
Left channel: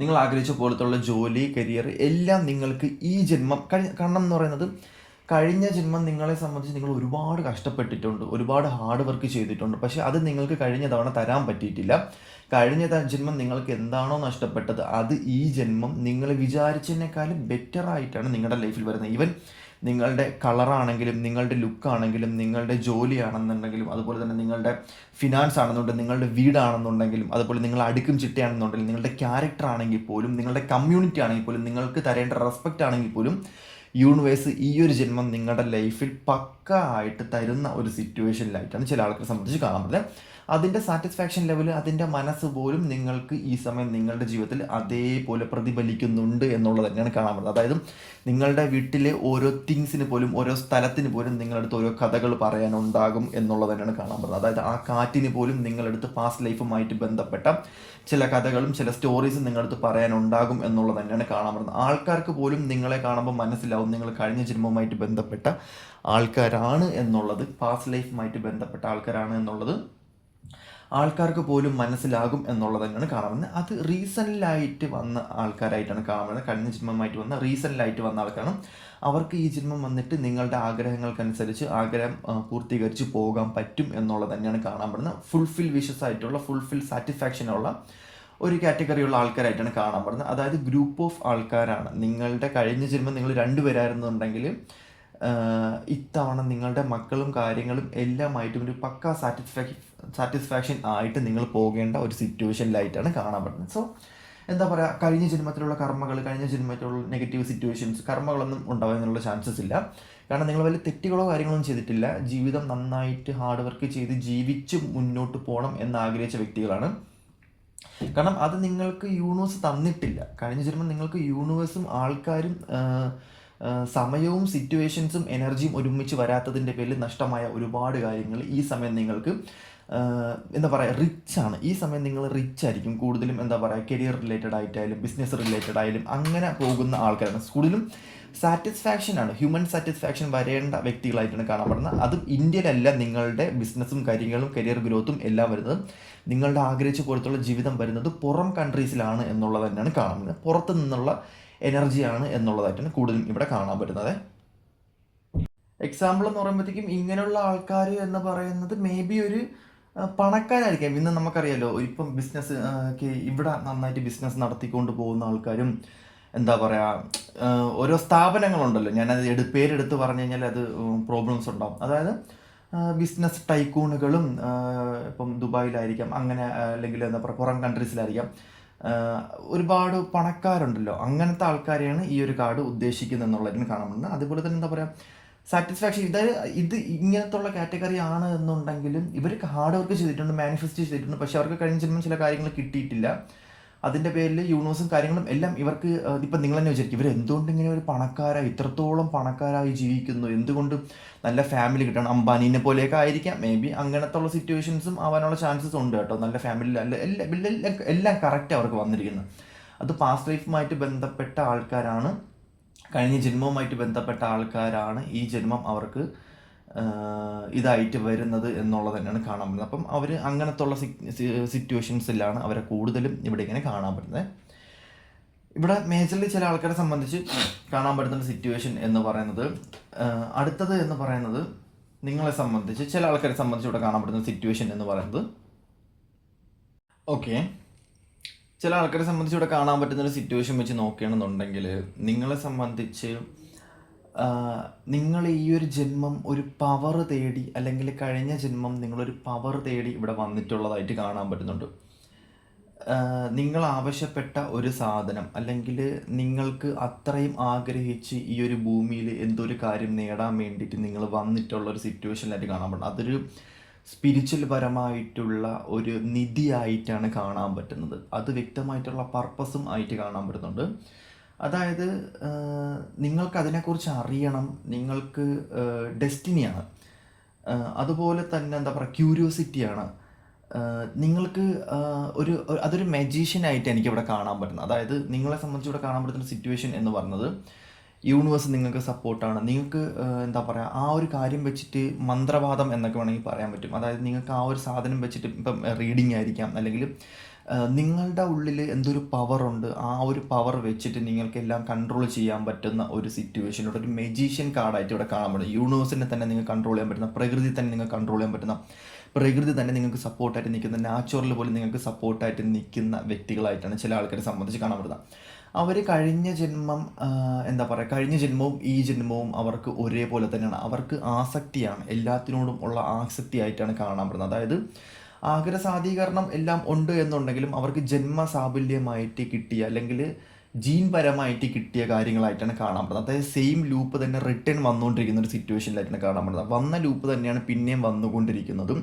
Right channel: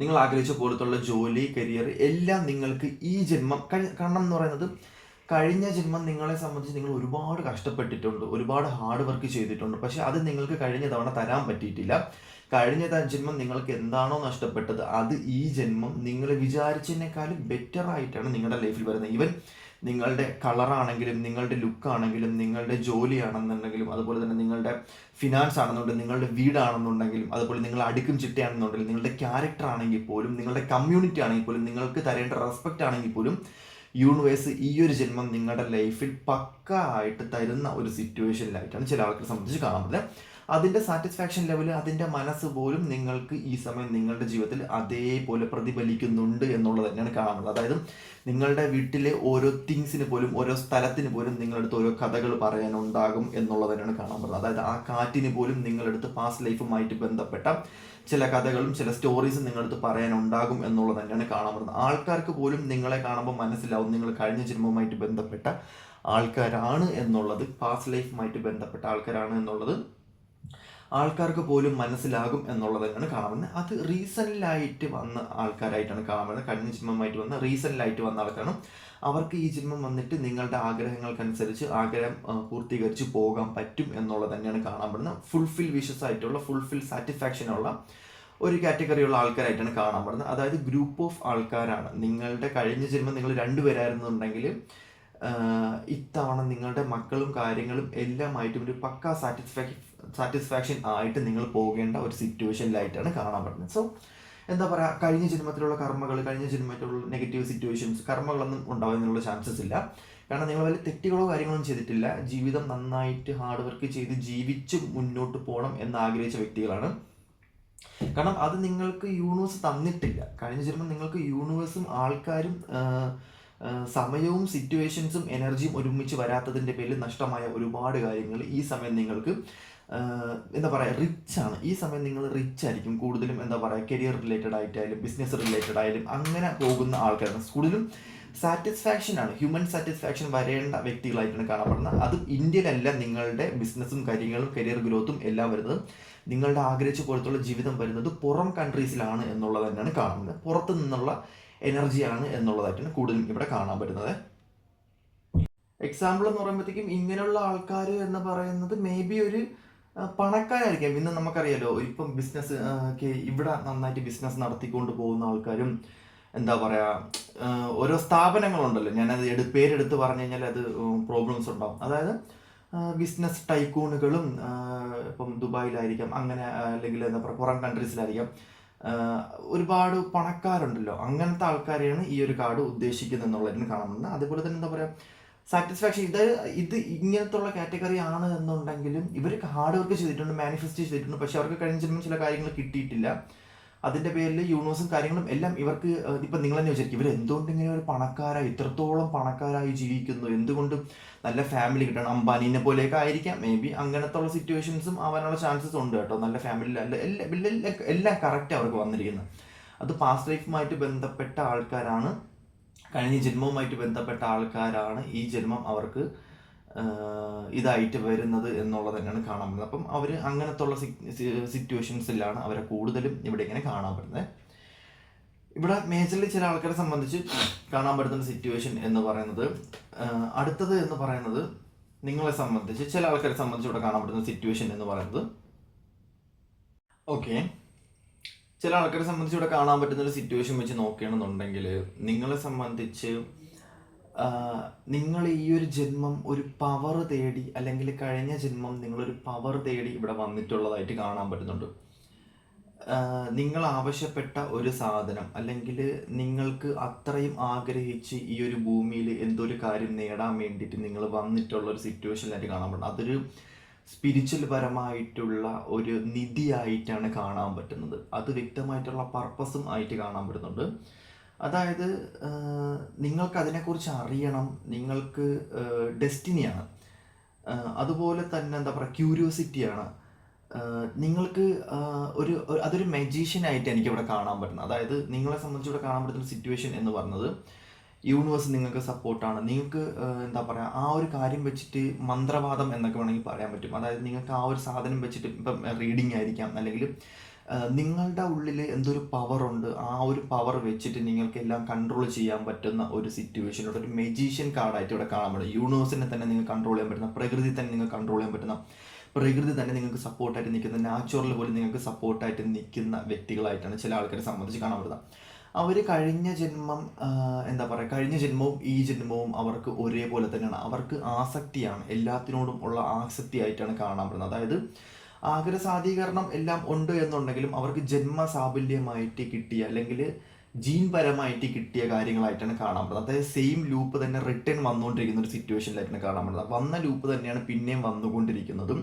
നിങ്ങൾ ആഗ്രഹിച്ച പോലത്തുള്ള ജോലി, കരിയർ എല്ലാം നിങ്ങൾക്ക് ഈ ജന്മം കാരണം എന്ന് പറയുന്നത് കഴിഞ്ഞ ജന്മം നിങ്ങളെ സംബന്ധിച്ച് നിങ്ങൾ ഒരുപാട് കഷ്ടപ്പെട്ടിട്ടുണ്ട്, ഒരുപാട് ഹാർഡ് വർക്ക് ചെയ്തിട്ടുണ്ട്. പക്ഷെ അത് നിങ്ങൾക്ക് കഴിഞ്ഞ തവണ തരാൻ പറ്റിയിട്ടില്ല. കഴിഞ്ഞ ജന്മം നിങ്ങൾക്ക് എന്താണോ നഷ്ടപ്പെട്ടത് അത് ഈ ജന്മം നിങ്ങൾ വിചാരിച്ചതിനേക്കാളും ബെറ്റർ ആയിട്ടാണ് നിങ്ങളുടെ ലൈഫിൽ വരുന്നത്. ഈവൻ നിങ്ങളുടെ കളറാണെങ്കിലും, നിങ്ങളുടെ ലുക്കാണെങ്കിലും, നിങ്ങളുടെ ജോലിയാണെന്നുണ്ടെങ്കിലും, അതുപോലെ തന്നെ നിങ്ങളുടെ ഫിനാൻസ് ആണെന്നുണ്ടെങ്കിൽ, നിങ്ങളുടെ വീടാണെന്നുണ്ടെങ്കിലും, അതുപോലെ നിങ്ങൾ അടുക്കും ചിട്ടയാണെന്നുണ്ടെങ്കിലും, നിങ്ങളുടെ ക്യാരക്ടർ ആണെങ്കിൽ പോലും, നിങ്ങളുടെ കമ്മ്യൂണിറ്റി ആണെങ്കിൽ പോലും, നിങ്ങൾക്ക് തരേണ്ട റെസ്പെക്റ്റ് ആണെങ്കിൽ പോലും യൂണിവേഴ്സ് ഈ ഒരു ജന്മം നിങ്ങളുടെ ലൈഫിൽ പക്ക ആയിട്ട് തരുന്ന ഒരു സിറ്റുവേഷനിലായിട്ടാണ് ചില ആൾക്കാരെ സംബന്ധിച്ച് കാണുന്നത്. അതിൻ്റെ സാറ്റിസ്ഫാക്ഷൻ ലെവൽ, അതിൻ്റെ മനസ്സ് പോലും നിങ്ങൾക്ക് ഈ സമയം നിങ്ങളുടെ ജീവിതത്തിൽ അതേപോലെ പ്രതിഫലിക്കുന്നുണ്ട് എന്നുള്ളത് തന്നെയാണ് കാണുന്നത്. അതായത് നിങ്ങളുടെ വീട്ടിലെ ഓരോ തിങ്സിന് പോലും, ഓരോ സ്ഥലത്തിന് പോലും നിങ്ങളടുത്ത് ഓരോ കഥകൾ പറയാനുണ്ടാകും എന്നുള്ളത് തന്നെയാണ് കാണാൻ പറ്റുന്നത്. അതായത് ആ കാറ്റിന് പോലും നിങ്ങളടുത്ത് പാസ്റ്റ് ലൈഫുമായിട്ട് ബന്ധപ്പെട്ട ചില കഥകളും ചില സ്റ്റോറീസും നിങ്ങളടുത്ത് പറയാനുണ്ടാകും എന്നുള്ളത് തന്നെയാണ് കാണാൻ പറ്റുന്നത്. ആൾക്കാർക്ക് പോലും നിങ്ങളെ കാണുമ്പോൾ മനസ്സിലാവും നിങ്ങൾ കഴിഞ്ഞ ജന്മവുമായിട്ട് ബന്ധപ്പെട്ട ആൾക്കാരാണ് എന്നുള്ളത്, പാസ്റ്റ് ലൈഫുമായിട്ട് ബന്ധപ്പെട്ട ആൾക്കാരാണ് എന്നുള്ളത് ആൾക്കാർക്ക് പോലും മനസ്സിലാകും എന്നുള്ളത് തന്നെയാണ് കാണുന്നത്. അത് റീസെൻ്റായിട്ട് വന്ന ആൾക്കാരായിട്ടാണ് കാണുന്നത്. കഴിഞ്ഞ ജന്മമായിട്ട് വന്ന റീസെൻ്റായിട്ട് വന്ന ആൾക്കാരാണ്. അവർക്ക് ഈ ജന്മം വന്നിട്ട് നിങ്ങളുടെ ആഗ്രഹങ്ങൾക്കനുസരിച്ച് ആഗ്രഹം പൂർത്തീകരിച്ച് പോകാൻ പറ്റും എന്നുള്ളത് തന്നെയാണ് കാണാൻ പറ്റുന്നത്. ഫുൾഫിൽ വിഷസ് ആയിട്ടുള്ള, ഫുൾഫിൽ സാറ്റിസ്ഫാക്ഷനുള്ള ഒരു കാറ്റഗറിയുള്ള ആൾക്കാരായിട്ടാണ് കാണാൻ പറ്റുന്നത്. അതായത് ഗ്രൂപ്പ് ഓഫ് ആൾക്കാരാണ്. നിങ്ങളുടെ കഴിഞ്ഞ ജന്മം നിങ്ങൾ രണ്ടുപേരായിരുന്നുണ്ടെങ്കിൽ ഇത്തവണ നിങ്ങളുടെ മക്കളും കാര്യങ്ങളും എല്ലാമായിട്ടും ഒരു പക്കാ സാറ്റിസ്ഫാക്ഷൻ ആയിട്ട് നിങ്ങൾ പോകേണ്ട ഒരു സിറ്റുവേഷനിലായിട്ടാണ് കാണാൻ പറ്റുന്നത്. സോ എന്താ പറയുക, കഴിഞ്ഞ ജന്മത്തിലുള്ള കർമ്മകൾ, കഴിഞ്ഞ ജന്മത്തിലുള്ള നെഗറ്റീവ് സിറ്റുവേഷൻസ്, കർമ്മകളൊന്നും ഉണ്ടാകാനുള്ള ചാൻസസ് ഇല്ല. കാരണം നിങ്ങൾ വലിയ തെറ്റുകളോ കാര്യങ്ങളൊന്നും ചെയ്തിട്ടില്ല. ജീവിതം നന്നായിട്ട് ഹാർഡ് വർക്ക് ചെയ്ത് ജീവിച്ച് മുന്നോട്ട് പോകണം എന്നാഗ്രഹിച്ച വ്യക്തികളാണ്. കാരണം അത് നിങ്ങൾക്ക് യൂണിവേഴ്സ് തന്നിട്ടില്ല. കഴിഞ്ഞ ജന്മം നിങ്ങൾക്ക് യൂണിവേഴ്സും ആൾക്കാരും സമയവും സിറ്റുവേഷൻസും എനർജിയും ഒരുമിച്ച് വരാത്തതിൻ്റെ പേരിൽ നഷ്ടമായ ഒരുപാട് കാര്യങ്ങൾ ഈ സമയം നിങ്ങൾക്ക് എന്താ പറയുക റിച്ചാണ്. ഈ സമയം നിങ്ങൾ റിച്ച് ആയിരിക്കും കൂടുതലും. എന്താ പറയുക, കരിയർ റിലേറ്റഡ് ആയിട്ടായാലും ബിസിനസ് റിലേറ്റഡ് ആയാലും അങ്ങനെ പോകുന്ന ആൾക്കാരാണ്. കൂടുതലും സാറ്റിസ്ഫാക്ഷനാണ്, ഹ്യൂമൻ സാറ്റിസ്ഫാക്ഷൻ വരേണ്ട വ്യക്തികളായിട്ടാണ് കാണപ്പെടുന്നത്. അതും ഇന്ത്യയിലല്ല നിങ്ങളുടെ ബിസിനസ്സും കാര്യങ്ങളും കരിയർ ഗ്രോത്തും എല്ലാം വരുന്നത്, നിങ്ങളുടെ ആഗ്രഹിച്ച പോലത്തുള്ള ജീവിതം വരുന്നത് പുറം കൺട്രീസിലാണ് എന്നുള്ളത് തന്നെയാണ് കാണുന്നത്. പുറത്തു നിന്നുള്ള എനർജിയാണ് എന്നുള്ളതായിട്ടാണ് കൂടുതലും ഇവിടെ കാണാൻ പറ്റുന്നത്. എക്സാമ്പിൾ എന്ന് പറയുമ്പോഴത്തേക്കും ഇങ്ങനെയുള്ള ആൾക്കാർ എന്ന് പറയുന്നത് മേ ബി ഒരു പണക്കാരായിരിക്കാം. ഇന്ന് നമുക്കറിയാലോ, ഇപ്പം ബിസിനസ് ഇവിടെ നന്നായിട്ട് ബിസിനസ് നടത്തിക്കൊണ്ട് പോകുന്ന ആൾക്കാരും എന്താ പറയുക, ഓരോ സ്ഥാപനങ്ങളുണ്ടല്ലോ, ഞാനത് പേരെടുത്ത് പറഞ്ഞു കഴിഞ്ഞാൽ അത് പ്രോബ്ലംസ് ഉണ്ടാവും. അതായത് ബിസിനസ് ടൈക്കൂണുകളും ഇപ്പം ദുബായിലായിരിക്കാം, അങ്ങനെ അല്ലെങ്കിൽ എന്താ പറയുക പുറം കൺട്രീസിലായിരിക്കാം, ഒരുപാട് പണക്കാരുണ്ടല്ലോ. അങ്ങനത്തെ ആൾക്കാരെയാണ് ഈ ഒരു കാർഡ് ഉദ്ദേശിക്കുന്നത് എന്നുള്ളതിന് കാണുന്നത്. അതുപോലെ തന്നെ എന്താ പറയുക, സാറ്റിസ്ഫാക്ഷൻ, ഇത് ഇങ്ങനത്തുള്ള കാറ്റഗറി ആണ് എന്നുണ്ടെങ്കിലും ഇവർ ഹാർഡ് വർക്ക് ചെയ്തിട്ടുണ്ട്, മാനിഫെസ്റ്റ് ചെയ്തിട്ടുണ്ട്. പക്ഷെ അവർക്ക് കഴിഞ്ഞ ജന്മം ചില കാര്യങ്ങൾ കിട്ടിയിട്ടില്ല. അതിൻ്റെ പേരിൽ യൂണിവേഴ്സും കാര്യങ്ങളും എല്ലാം ഇവർക്ക് ഇപ്പം നിങ്ങൾ തന്നെ വിചാരിക്കും, ഇവർ എന്തുകൊണ്ട് ഇങ്ങനെ ഒരു പണക്കാരായി, ഇത്രത്തോളം പണക്കാരായി ജീവിക്കുന്നു, എന്തുകൊണ്ട് നല്ല ഫാമിലി കിട്ടണം, അംബാനീനെ പോലെയൊക്കെ ആയിരിക്കാം മേ ബി. അങ്ങനത്തെ ഉള്ള സിറ്റുവേഷൻസും ആവാനുള്ള ചാൻസസ് ഉണ്ട് കേട്ടോ. നല്ല ഫാമിലി എല്ലാം കറക്റ്റ് അവർക്ക് വന്നിരിക്കുന്നത്. അത് പാസ്റ്റ് ലൈഫുമായിട്ട് ബന്ധപ്പെട്ട ആൾക്കാരാണ്, കഴിഞ്ഞ ജന്മവുമായിട്ട് ബന്ധപ്പെട്ട ആൾക്കാരാണ് ഈ ജന്മം അവർക്ക് ഇതായിട്ട് വരുന്നത് എന്നുള്ളത് തന്നെയാണ് കാണാൻ പറ്റുന്നത്. അപ്പം അവർ അങ്ങനത്തെ ഉള്ള സിറ്റുവേഷൻസിലാണ് അവരെ കൂടുതലും ഇവിടെ ഇങ്ങനെ കാണാൻ പറ്റുന്നത്. ഇവിടെ മേജർലി ചില ആൾക്കാരെ സംബന്ധിച്ച് കാണാൻ പറ്റുന്ന സിറ്റുവേഷൻ എന്ന് പറയുന്നത്, അടുത്തത് എന്ന് പറയുന്നത് നിങ്ങളെ സംബന്ധിച്ച് ചില ആൾക്കാരെ സംബന്ധിച്ച് ഇവിടെ കാണാൻ പറ്റുന്ന സിറ്റുവേഷൻ എന്ന് പറയുന്നത്, ഓക്കെ, ചില ആൾക്കാരെ സംബന്ധിച്ച് ഇവിടെ കാണാൻ പറ്റുന്ന ഒരു സിറ്റുവേഷൻ വെച്ച് നോക്കുകയാണെന്നുണ്ടെങ്കിൽ നിങ്ങളെ സംബന്ധിച്ച് നിങ്ങൾ ഈ ഒരു ജന്മം ഒരു പവർ തേടി, അല്ലെങ്കിൽ കഴിഞ്ഞ ജന്മം നിങ്ങളൊരു പവർ തേടി ഇവിടെ വന്നിട്ടുള്ളതായിട്ട് കാണാൻ പറ്റുന്നുണ്ട്. നിങ്ങൾ ആവശ്യപ്പെട്ട ഒരു സാധനം, അല്ലെങ്കിൽ നിങ്ങൾക്ക് അത്രയും ആഗ്രഹിച്ച് ഈ ഒരു ഭൂമിയിൽ എന്തൊരു കാര്യം നേടാൻ വേണ്ടിയിട്ട് നിങ്ങൾ വന്നിട്ടുള്ള ഒരു സിറ്റുവേഷനിലായിട്ട് കാണാൻ പറ്റും. അതൊരു സ്പിരിച്വൽ പരമായിട്ടുള്ള ഒരു നിധിയായിട്ടാണ് കാണാൻ പറ്റുന്നത്. അത് വ്യക്തമായിട്ടുള്ള പർപ്പസും ആയിട്ട് കാണാൻ പറ്റുന്നുണ്ട്. അതായത് നിങ്ങൾക്ക് അതിനെക്കുറിച്ച് അറിയണം, നിങ്ങൾക്ക് ഡെസ്റ്റിനിയാണ്, അതുപോലെ തന്നെ എന്താ പറയുക ക്യൂരിയോസിറ്റിയാണ്, നിങ്ങൾക്ക് അതൊരു മജീഷ്യനായിട്ട് എനിക്കിവിടെ കാണാൻ പറ്റുന്നത്. അതായത് നിങ്ങളെ സംബന്ധിച്ച് ഇവിടെ കാണാൻ പറ്റുന്ന സിറ്റുവേഷൻ എന്ന് പറയുന്നത് യൂണിവേഴ്സ് നിങ്ങൾക്ക് സപ്പോർട്ടാണ്. നിങ്ങൾക്ക് എന്താ പറയുക, ആ ഒരു കാര്യം വെച്ചിട്ട് മന്ത്രവാദം എന്നൊക്കെ വേണമെങ്കിൽ പറയാൻ പറ്റും. അതായത് നിങ്ങൾക്ക് ആ ഒരു സാധനം വെച്ചിട്ട് ഇപ്പം റീഡിങ് ആയിരിക്കാം, അല്ലെങ്കിൽ നിങ്ങളുടെ ഉള്ളിൽ എന്തൊരു പവറുണ്ട്, ആ ഒരു പവർ വെച്ചിട്ട് നിങ്ങൾക്ക് എല്ലാം കൺട്രോൾ ചെയ്യാൻ പറ്റുന്ന ഒരു സിറ്റുവേഷനോട് ഒരു മെജീഷ്യൻ കാർഡായിട്ട് ഇവിടെ കാണാൻ പറ്റും. യൂണിവേഴ്സിനെ തന്നെ നിങ്ങൾക്ക് കൺട്രോൾ ചെയ്യാൻ പറ്റുന്ന, പ്രകൃതി തന്നെ നിങ്ങൾക്ക് കൺട്രോൾ ചെയ്യാൻ പറ്റുന്ന, പ്രകൃതി തന്നെ നിങ്ങൾക്ക് സപ്പോർട്ടായിട്ട് നിൽക്കുന്ന, നാച്ചുറൽ പോലും നിങ്ങൾക്ക് സപ്പോർട്ടായിട്ട് നിൽക്കുന്ന വ്യക്തികളായിട്ടാണ് ചില ആൾക്കാരെ സംബന്ധിച്ച് കാണാൻ പറ്റുന്നത്. അവർ കഴിഞ്ഞ ജന്മം എന്താ പറയുക, കഴിഞ്ഞ ജന്മവും ഈ ജന്മവും അവർക്ക് ഒരേപോലെ തന്നെയാണ്. അവർക്ക് ആസക്തിയാണ്, എല്ലാത്തിനോടും ഉള്ള ആസക്തി ആയിട്ടാണ് കാണാൻ പറ്റുന്നത്. അതായത് ആഗ്രഹസാധീകരണം എല്ലാം ഉണ്ട് എന്നുണ്ടെങ്കിലും അവർക്ക് ജന്മസാഫല്യമായിട്ട് കിട്ടിയ, അല്ലെങ്കിൽ ജീൻ പരമായിട്ട് കിട്ടിയ കാര്യങ്ങളായിട്ടാണ് കാണാൻ പറ്റുന്നത്. അതായത് സെയിം ലൂപ്പ് തന്നെ റിട്ടേൺ വന്നുകൊണ്ടിരിക്കുന്ന ഒരു സിറ്റുവേഷനിലായിട്ടാണ് കാണാൻ പറ്റുന്നത്. വന്ന ലൂപ്പ് തന്നെയാണ് പിന്നെയും വന്നുകൊണ്ടിരിക്കുന്നതും,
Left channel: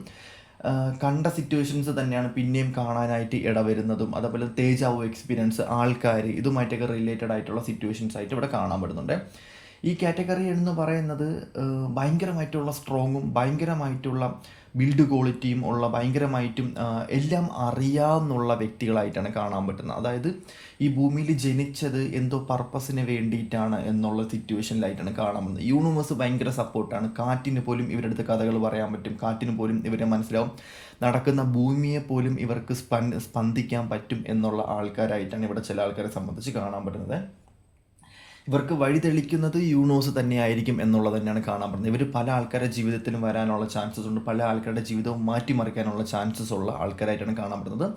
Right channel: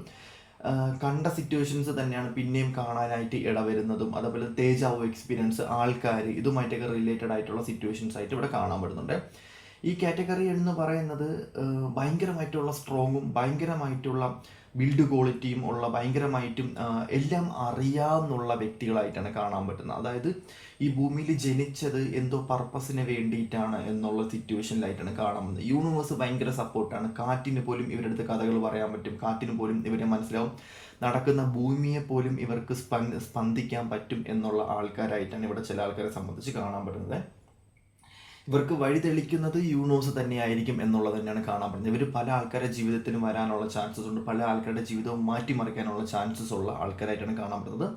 കണ്ട സിറ്റുവേഷൻസ് തന്നെയാണ് പിന്നെയും കാണാനായിട്ട് ഇടവരുന്നതും. അതേപോലെ തേജാവോ എക്സ്പീരിയൻസ്, ആൾക്കാർ, ഇതുമായിട്ടൊക്കെ റിലേറ്റഡ് ആയിട്ടുള്ള സിറ്റുവേഷൻസ് ആയിട്ട് ഇവിടെ കാണാൻ പറ്റുന്നുണ്ട്. ഈ കാറ്റഗറി എന്ന് പറയുന്നത് ഭയങ്കരമായിട്ടുള്ള സ്ട്രോങ്ങും ഭയങ്കരമായിട്ടുള്ള ബിൽഡ് ക്വാളിറ്റിയും ഉള്ള, ഭയങ്കരമായിട്ടും എല്ലാം അറിയാവുന്നുള്ള വ്യക്തികളായിട്ടാണ് കാണാൻ പറ്റുന്നത്. അതായത് ഈ ഭൂമിയിൽ ജനിച്ചത് എന്തോ പർപ്പസിന് വേണ്ടിയിട്ടാണ് എന്നുള്ള സിറ്റുവേഷനിലായിട്ടാണ് കാണാൻ പറ്റുന്നത്. യൂണിവേഴ്സ് ഭയങ്കര സപ്പോർട്ടാണ്. കാറ്റിന് പോലും ഇവരെടുത്ത് കഥകൾ പറയാൻ പറ്റും, കാറ്റിന് പോലും ഇവരെ മനസ്സിലാവും, നടക്കുന്ന ഭൂമിയെ പോലും ഇവർക്ക് സ്പന്ദിക്കാൻ പറ്റും എന്നുള്ള ആൾക്കാരായിട്ടാണ് ഇവിടെ ചില ആൾക്കാരെ സംബന്ധിച്ച് കാണാൻ പറ്റുന്നത്. ഇവർക്ക് വഴിതെളിക്കുന്നത് യൂണിവേഴ്സ് തന്നെയായിരിക്കും എന്നുള്ളത് തന്നെയാണ് കാണാൻ പറ്റുന്നത്. ഇവർ പല ആൾക്കാരുടെ ജീവിതത്തിലും വരാനുള്ള ചാൻസസ് ഉണ്ട്, പല ആൾക്കാരുടെ ജീവിതവും മാറ്റിമറിക്കാനുള്ള ചാൻസസ് ഉള്ള ആൾക്കാരായിട്ടാണ് കാണാൻ പറ്റുന്നത്.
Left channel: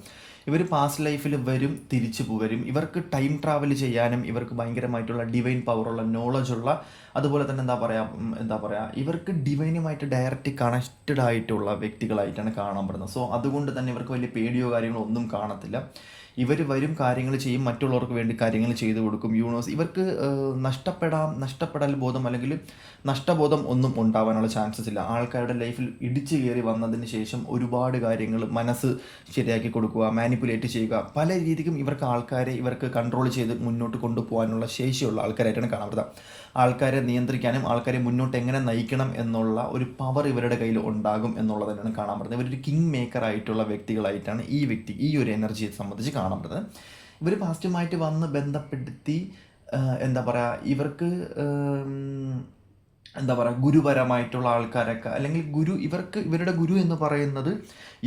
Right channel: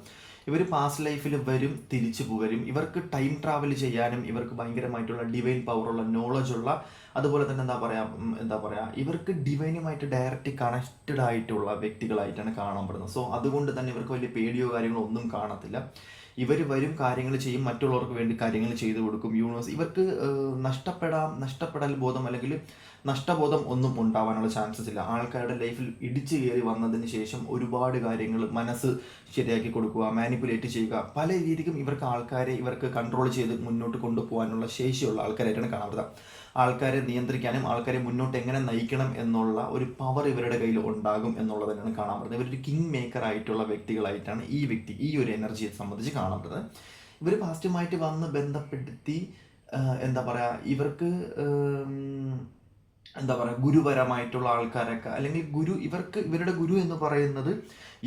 ഇവർ പാസ്റ്റ് ലൈഫിൽ വരും, തിരിച്ചു വരും. ഇവർക്ക് ടൈം ട്രാവൽ ചെയ്യാനും ഇവർക്ക് ഭയങ്കരമായിട്ടുള്ള ഡിവൈൻ പവറുള്ള നോളജുള്ള, അതുപോലെ തന്നെ എന്താ പറയുക ഇവർക്ക് ഡിവൈനുമായിട്ട് ഡയറക്റ്റ് കണക്റ്റഡ് ആയിട്ടുള്ള വ്യക്തികളായിട്ടാണ് കാണാൻ പറ്റുന്നത്. സോ അതുകൊണ്ട് തന്നെ ഇവർക്ക് വലിയ പേടിയോ കാര്യങ്ങളോ ഒന്നും കാണത്തില്ല. ഇവർ വരും, കാര്യങ്ങൾ ചെയ്യും, മറ്റുള്ളവർക്ക് വേണ്ടി കാര്യങ്ങൾ ചെയ്തു കൊടുക്കും. യൂണിവേഴ്സ് ഇവർക്ക് നഷ്ടപ്പെടൽ ബോധം അല്ലെങ്കിൽ നഷ്ടബോധം ഒന്നും ഉണ്ടാവാനുള്ള ചാൻസസ് ഇല്ല. ആൾക്കാരുടെ ലൈഫിൽ ഇടിച്ചു കയറി വന്നതിന് ശേഷം ഒരുപാട് കാര്യങ്ങൾ മനസ്സ് ശരിയാക്കി കൊടുക്കുക, മാനിപ്പുലേറ്റ് ചെയ്യുക, പല രീതിക്കും ഇവർക്ക് കൺട്രോൾ ചെയ്ത് മുന്നോട്ട് കൊണ്ടുപോകാനുള്ള ശേഷിയുള്ള ആൾക്കാരായിട്ടാണ് കാണപ്പെടുന്നത്. ആൾക്കാരെ നിയന്ത്രിക്കാനും ആൾക്കാരെ മുന്നോട്ട് എങ്ങനെ നയിക്കണം എന്നുള്ള ഒരു പവർ ഇവരുടെ കയ്യിൽ ഉണ്ടാകും എന്നുള്ളത് തന്നെയാണ് കാണാൻ പറ്റുന്നത്. ഇവരൊരു കിങ് മേക്കർ ആയിട്ടുള്ള വ്യക്തികളായിട്ടാണ് ഈ ഒരു എനർജിയെ സംബന്ധിച്ച് കാണാൻ പറ്റുന്നത്. ഇവർ പാസ്റ്റുമായിട്ട് വന്ന് ബന്ധപ്പെടുത്തി എന്താ പറയുക ഇവർക്ക് ഗുരുപരമായിട്ടുള്ള ആൾക്കാരൊക്കെ, അല്ലെങ്കിൽ ഇവരുടെ ഗുരു എന്ന് പറയുന്നത്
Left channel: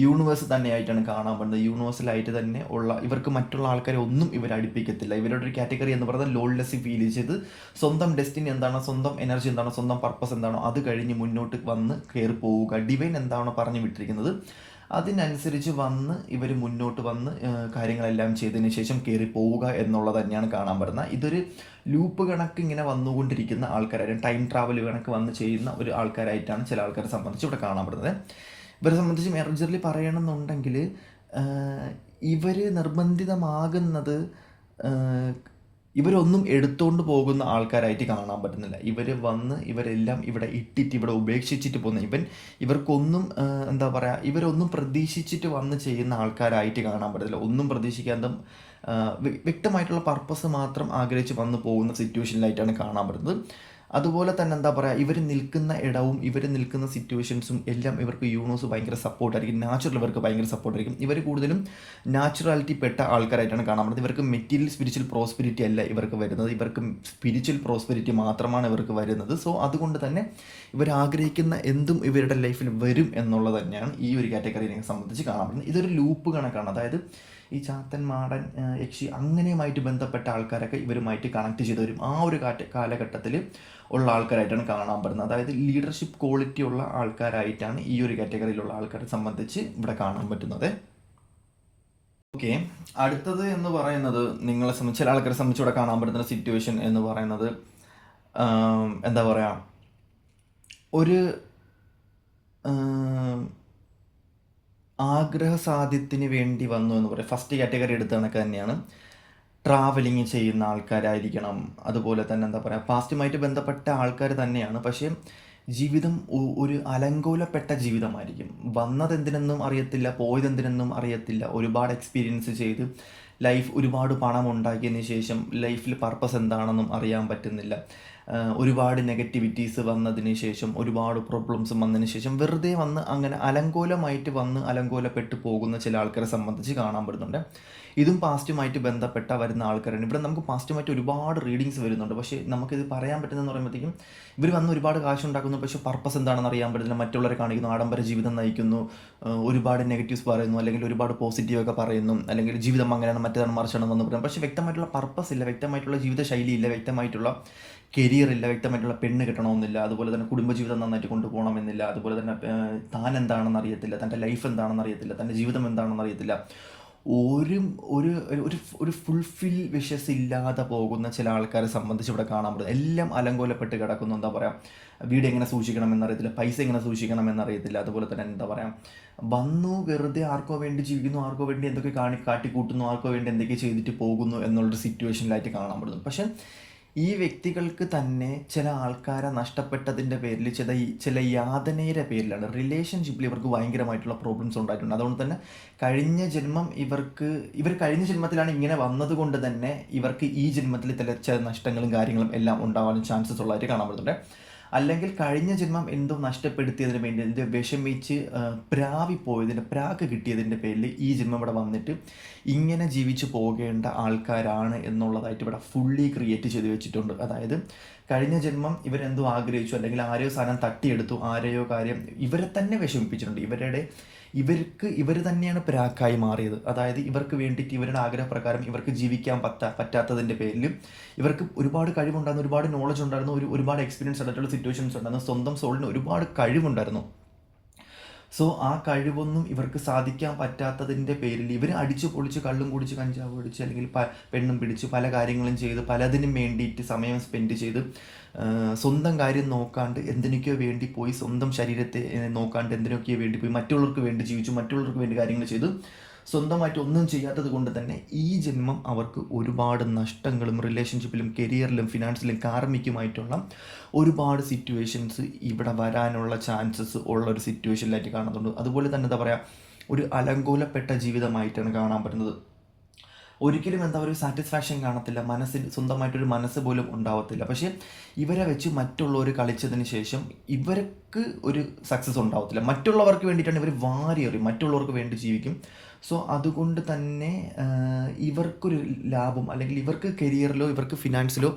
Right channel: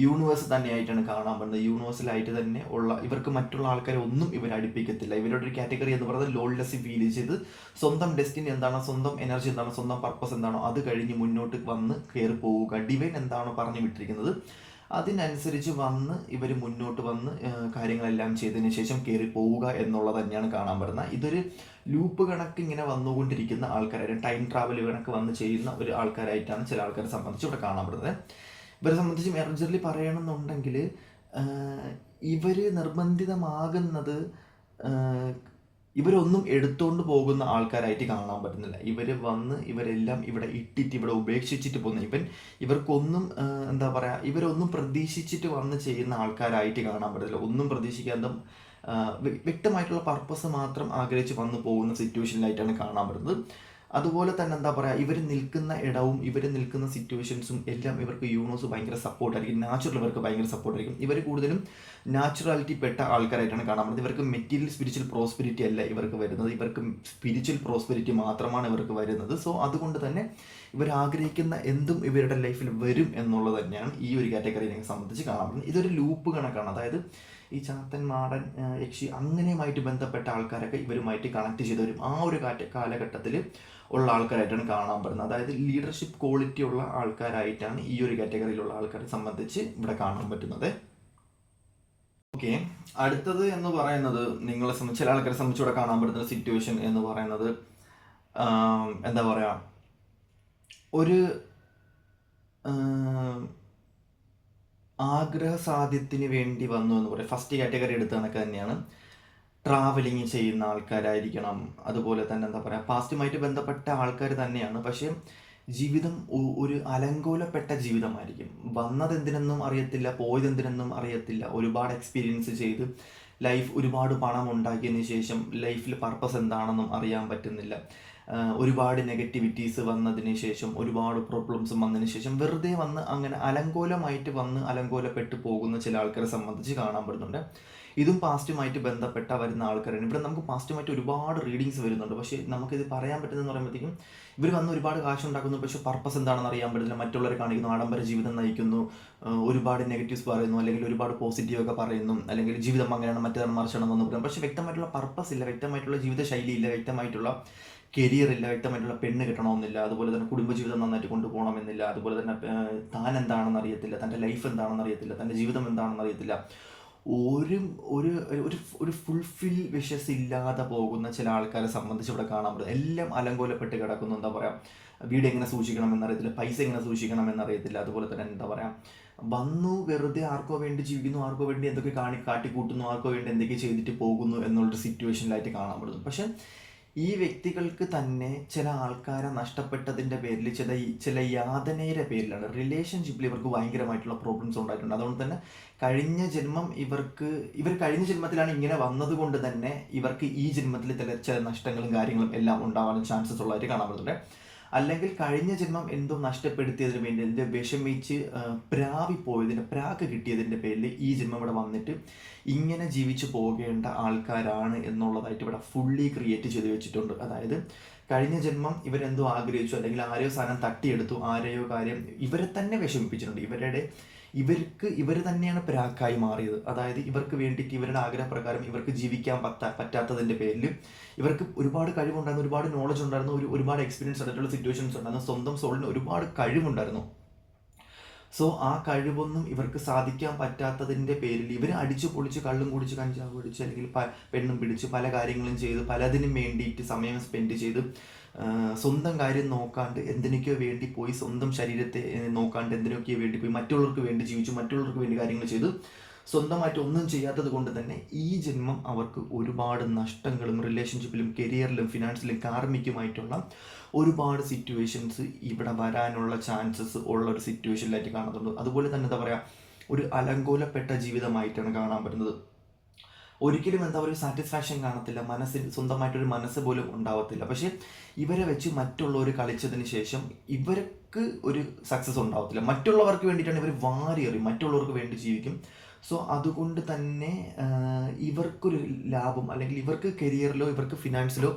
യൂണിവേഴ്സ് തന്നെയായിട്ടാണ് കാണാൻ പറ്റുന്നത്. യൂണിവേഴ്സലായിട്ട് തന്നെ ഉള്ള ഇവർക്ക് മറ്റുള്ള ആൾക്കാരെ ഒന്നും ഇവർ അടുപ്പിക്കത്തില്ല. ഇവരുടെ ഒരു കാറ്റഗറി എന്ന് പറയുന്നത് ലോൺലെസ് ഫീൽ ചെയ്ത് സ്വന്തം ഡെസ്റ്റിനി എന്താണോ, സ്വന്തം എനർജി എന്താണോ, സ്വന്തം പർപ്പസ് എന്താണോ അത് കഴിഞ്ഞ് മുന്നോട്ട് വന്ന് കയറി പോവുക. ഡിവൈൻ എന്താണോ പറഞ്ഞു വിട്ടിരിക്കുന്നത് അതിനനുസരിച്ച് വന്ന് ഇവർ മുന്നോട്ട് വന്ന് കാര്യങ്ങളെല്ലാം ചെയ്തതിന് ശേഷം കയറി പോവുക എന്നുള്ളത് തന്നെയാണ് കാണാൻ പറ്റുന്നത്. ഇതൊരു ലൂപ്പ് കണക്ക് ഇങ്ങനെ വന്നുകൊണ്ടിരിക്കുന്ന ആൾക്കാരായിട്ട്, ടൈം ട്രാവൽ കണക്ക് വന്ന് ചെയ്യുന്ന ഒരു ആൾക്കാരായിട്ടാണ് ചില ആൾക്കാരെ സംബന്ധിച്ച് ഇവിടെ കാണാൻ പറ്റുന്നത്. ഇവരെ സംബന്ധിച്ച് മെർജറിൽ പറയണമെന്നുണ്ടെങ്കിൽ ഇവർ നിർബന്ധിതമാകുന്നത് ഇവരൊന്നും എടുത്തുകൊണ്ട് പോകുന്ന ആൾക്കാരായിട്ട് കാണാൻ പറ്റുന്നില്ല. ഇവരെല്ലാം ഇവിടെ ഇട്ടിട്ട് ഇവിടെ ഉപേക്ഷിച്ചിട്ട് പോകുന്ന ഇവർക്കൊന്നും ഇവരൊന്നും പ്രതീക്ഷിച്ചിട്ട് വന്ന് ചെയ്യുന്ന ആൾക്കാരായിട്ട് കാണാൻ പറ്റില്ല. ഒന്നും പ്രതീക്ഷിക്കാതെ വ്യക്തമായിട്ടുള്ള പർപ്പസ് മാത്രം ആഗ്രഹിച്ച് വന്നു പോകുന്ന സിറ്റുവേഷനിലായിട്ടാണ് കാണാൻ പറ്റുന്നത്. അതുപോലെ തന്നെ ഇവർ നിൽക്കുന്ന ഇടവും ഇവർ നിൽക്കുന്ന സിറ്റുവേഷൻസും എല്ലാം ഇവർക്ക് യൂണിവേഴ്സ് ഭയങ്കര സപ്പോർട്ടായിരിക്കും. നാച്ചുറൽ ഇവർക്ക് ഭയങ്കര സപ്പോർട്ടായിരിക്കും. ഇവർ കൂടുതലും നാച്ചുറാലിറ്റി പെട്ട ആൾക്കാരായിട്ടാണ് കാണാൻ പറ്റുന്നത്. ഇവർക്ക് മെറ്റീരിയൽ സ്പിരിച്വൽ പ്രോസ്പെരിറ്റി അല്ല ഇവർക്ക് വരുന്നത്, ഇവർക്ക് സ്പിരിച്വൽ പ്രോസ്പെരിറ്റി മാത്രമാണ് ഇവർക്ക് വരുന്നത്. സോ അതുകൊണ്ട് തന്നെ ഇവർ ആഗ്രഹിക്കുന്ന എന്തും ഇവരുടെ ലൈഫിൽ വരും എന്നുള്ളത് തന്നെയാണ് ഈ ഒരു കാറ്റഗറിയെ സംബന്ധിച്ച് കാണാൻ പറ്റുന്നത്. ഇതൊരു ലൂപ്പ് കണക്കാണ്. അതായത് ഈ ചാത്തൻ, മാടൻ, യക്ഷി അങ്ങനെയുമായിട്ട് ബന്ധപ്പെട്ട ആൾക്കാരൊക്കെ ഇവരുമായിട്ട് കണക്ട് ചെയ്ത് വരും. ആ ഒരു കാലഘട്ടത്തിൽ ഉള്ള ആൾക്കാരായിട്ടാണ് കാണാൻ പറ്റുന്നത്. അതായത് ലീഡർഷിപ്പ് ക്വാളിറ്റി ഉള്ള ആൾക്കാരായിട്ടാണ് ഈ ഒരു കാറ്റഗറിയിലുള്ള ആൾക്കാരെ സംബന്ധിച്ച് ഇവിടെ കാണാൻ പറ്റുന്നത്. ഓക്കെ, അടുത്തത് എന്ന് പറയുന്നത് നിങ്ങളെ സംബന്ധിച്ച് ചില ആൾക്കാരെ സംബന്ധിച്ച് ഇവിടെ കാണാൻ പറ്റുന്ന സിറ്റുവേഷൻ എന്ന് പറയുന്നത് ഒരു ആഗ്രഹ സാധ്യത്തിന് വേണ്ടി വന്നു എന്ന് പറയാം. ഫസ്റ്റ് കാറ്റഗറി എടുത്ത കണക്ക് തന്നെയാണ്. ട്രാവലിങ് ചെയ്യുന്ന ആൾക്കാരായിരിക്കണം. അതുപോലെ തന്നെ പാസ്റ്റുമായിട്ട് ബന്ധപ്പെട്ട ആൾക്കാർ തന്നെയാണ്. പക്ഷേ ജീവിതം ഒരു അലങ്കോലപ്പെട്ട ജീവിതമായിരിക്കും. വന്നതെന്തിനെന്നും അറിയത്തില്ല, പോയതെന്തിനെന്നും അറിയത്തില്ല. ഒരുപാട് എക്സ്പീരിയൻസ് ചെയ്ത് ലൈഫ് ഒരുപാട് പണം ഉണ്ടാക്കിയതിന് ശേഷം ലൈഫിൽ പർപ്പസ് എന്താണെന്നും അറിയാൻ പറ്റുന്നില്ല. ഒരുപാട് നെഗറ്റിവിറ്റീസ് വന്നതിന് ശേഷം, ഒരുപാട് പ്രോബ്ലംസും വന്നതിന് ശേഷം വെറുതെ വന്ന് അങ്ങനെ അലങ്കോലപ്പെട്ടു പോകുന്ന ചില ആൾക്കാരെ സംബന്ധിച്ച് കാണാൻ പറ്റുന്നുണ്ട്. ഇതും പാസ്റ്റുമായിട്ട് ബന്ധപ്പെട്ട വരുന്ന ആൾക്കാരാണ്. ഇവിടെ നമുക്ക് പാസ്റ്റുമായിട്ട് ഒരുപാട് റീഡിങ്സ് വരുന്നുണ്ട്. പക്ഷേ നമുക്കിത് പറയാൻ പറ്റുന്നതെന്ന് പറയുമ്പോഴത്തേക്കും ഇവർ വന്ന് ഒരുപാട് കാശുണ്ടാക്കുന്നു, പക്ഷേ പർപ്പസ് എന്താണെന്ന് അറിയാൻ പറ്റില്ല. മറ്റുള്ളവരെ കാണിക്കുന്നു, ആഡംബര ജീവിതം നയിക്കുന്നു, ഒരുപാട് നെഗറ്റീവ്സ് പറയുന്നു, അല്ലെങ്കിൽ ഒരുപാട് പോസിറ്റീവൊക്കെ പറയുന്നു, അല്ലെങ്കിൽ ജീവിതം അങ്ങനെയാണ് മറ്റേതാണ് മറിച്ചാണെന്ന് പറയുന്നു. പക്ഷേ വ്യക്തമായിട്ടുള്ള പർപ്പസ് ഇല്ല, വ്യക്തമായിട്ടുള്ള ജീവിത ശൈലി ഇല്ല, വ്യക്തമായിട്ടുള്ള കരിയർ ഇല്ല, വ്യക്തമായിട്ടുള്ള പെണ്ണ് കിട്ടണമെന്നില്ല, അതുപോലെ തന്നെ കുടുംബജീവിതം നന്നായിട്ട് കൊണ്ടുപോകണമെന്നില്ല, അതുപോലെ തന്നെ താൻ എന്താണെന്ന് അറിയത്തില്ല, തൻ്റെ ലൈഫ് എന്താണെന്ന് അറിയത്തില്ല, തൻ്റെ ജീവിതം എന്താണെന്ന് അറിയത്തില്ല. ഒരു ഒരു ഒരു ഫുൾഫിൽ വിഷസ് ഇല്ലാതെ പോകുന്ന ചില ആൾക്കാരെ സംബന്ധിച്ച് ഇവിടെ കാണാൻ പറ്റും. എല്ലാം അലങ്കോലപ്പെട്ട് കിടക്കുന്നു. വീട് എങ്ങനെ സൂക്ഷിക്കണം എന്നറിയത്തില്ല, പൈസ എങ്ങനെ സൂക്ഷിക്കണം എന്നറിയത്തില്ല. അതുപോലെ തന്നെ വന്നു വെറുതെ ആർക്കോ വേണ്ടി ജീവിക്കുന്നു, ആർക്കോ വേണ്ടി എന്തൊക്കെ കാട്ടിക്കൂട്ടുന്നു, ആർക്കോ വേണ്ടി എന്തൊക്കെ ചെയ്തിട്ട് പോകുന്നു എന്നുള്ളൊരു സിറ്റുവേഷനിലായിട്ട് കാണാൻ പറ്റുന്നു. പക്ഷെ ഈ വ്യക്തികൾക്ക് തന്നെ ചില ആൾക്കാരെ നഷ്ടപ്പെട്ടതിൻ്റെ പേരിൽ, ചില യാതനയുടെ പേരിലാണ് റിലേഷൻഷിപ്പിൽ ഇവർക്ക് ഭയങ്കരമായിട്ടുള്ള പ്രോബ്ലംസ് ഉണ്ടായിട്ടുണ്ട്. അതുകൊണ്ട് തന്നെ ഇവർ കഴിഞ്ഞ ജന്മത്തിലാണ് ഇങ്ങനെ വന്നതുകൊണ്ട് തന്നെ ഇവർക്ക് ഈ ജന്മത്തിൽ ചില നഷ്ടങ്ങളും കാര്യങ്ങളും എല്ലാം ഉണ്ടാവാനും ചാൻസസ് ഉള്ളതായിട്ട് കാണാൻ പറ്റുന്നുണ്ട്. അല്ലെങ്കിൽ കഴിഞ്ഞ ജന്മം എന്തോ നഷ്ടപ്പെടുത്തിയതിന് വേണ്ടി എന്തോ വിഷമിച്ച് പ്രാക്ക് കിട്ടിയതിൻ്റെ പേരിൽ ഈ ജന്മം ഇവിടെ വന്നിട്ട് ഇങ്ങനെ ജീവിച്ചു പോകേണ്ട ആൾക്കാരാണ് എന്നുള്ളതായിട്ട് ഇവിടെ ഫുള്ളി ക്രിയേറ്റ് ചെയ്ത് വെച്ചിട്ടുണ്ട്. അതായത് കഴിഞ്ഞ ജന്മം ഇവരെന്തോ ആഗ്രഹിച്ചു, അല്ലെങ്കിൽ ആരെയോ സാധനം തട്ടിയെടുത്തു, ആരെയോ കാര്യം ഇവരെ തന്നെ വിഷമിപ്പിച്ചിട്ടുണ്ട്. ഇവർ തന്നെയാണ് പ്രാക്കായി മാറിയത്. അതായത് ഇവർക്ക് വേണ്ടിയിട്ട് ഇവരുടെ ആഗ്രഹപ്രകാരം ഇവർക്ക് ജീവിക്കാൻ പറ്റാത്തതിൻ്റെ പേരിൽ ഇവർക്ക് ഒരുപാട് കഴിവുണ്ടായിരുന്നു, ഒരുപാട് നോളജ് ഉണ്ടായിരുന്നു, ഒരുപാട് എക്സ്പീരിയൻസ് ആയിട്ടുള്ള സിറ്റുവേഷൻസ് ഉണ്ടായിരുന്നു, സ്വന്തം സോളിന് ഒരുപാട് കഴിവുണ്ടായിരുന്നു. സോ ആ കഴിവൊന്നും ഇവർക്ക് സാധിക്കാൻ പറ്റാത്തതിൻ്റെ പേരിൽ ഇവർ അടിച്ചു പൊളിച്ച് കള്ളും കുടിച്ച് കഞ്ചാവ് പിടിച്ച് അല്ലെങ്കിൽ പെണ്ണും പിടിച്ച് പല കാര്യങ്ങളും ചെയ്ത് പലതിനും വേണ്ടിയിട്ട് സമയം സ്പെൻഡ് ചെയ്ത് സ്വന്തം കാര്യം നോക്കാണ്ട് എന്തിനൊക്കെയോ വേണ്ടി പോയി, സ്വന്തം ശരീരത്തെ നോക്കാണ്ട് എന്തിനൊക്കെയോ വേണ്ടി പോയി, മറ്റുള്ളവർക്ക് വേണ്ടി ജീവിച്ചു, മറ്റുള്ളവർക്ക് വേണ്ടി കാര്യങ്ങൾ ചെയ്ത് സ്വന്തമായിട്ട് ഒന്നും ചെയ്യാത്തത് കൊണ്ട് തന്നെ ഈ ജന്മം അവർക്ക് ഒരുപാട് നഷ്ടങ്ങളും റിലേഷൻഷിപ്പിലും കരിയറിലും ഫിനാൻസിലും കാർമിക്കുമായിട്ടുള്ള ഒരുപാട് സിറ്റുവേഷൻസ് ഇവിടെ വരാനുള്ള ചാൻസസ് ഉള്ള ഒരു സിറ്റുവേഷനിലായിട്ട് കാണുന്നുണ്ട്. അതുപോലെ തന്നെ എന്താ പറയുക, ഒരു അലങ്കോലപ്പെട്ട ജീവിതമായിട്ടാണ് കാണാൻ പറ്റുന്നത്. ഒരിക്കലും എന്താ ഒരു സാറ്റിസ്ഫാക്ഷൻ കാണത്തില്ല, മനസ്സിൽ സ്വന്തമായിട്ടൊരു മനസ്സ് പോലും ഉണ്ടാവത്തില്ല. പക്ഷേ ഇവരെ വെച്ച് മറ്റുള്ളവർ കളിച്ചതിന് ശേഷം ഇവർക്ക് ഒരു സക്സസ് ഉണ്ടാവത്തില്ല. മറ്റുള്ളവർക്ക് വേണ്ടിയിട്ടാണ് ഇവർ വാരിയെറിയും, മറ്റുള്ളവർക്ക് വേണ്ടി ജീവിക്കും. സോ അതുകൊണ്ട് തന്നെ ഇവർക്കൊരു ലാഭം, അല്ലെങ്കിൽ ഇവർക്ക് കരിയറിലോ ഇവർക്ക് ഫിനാൻസിലോ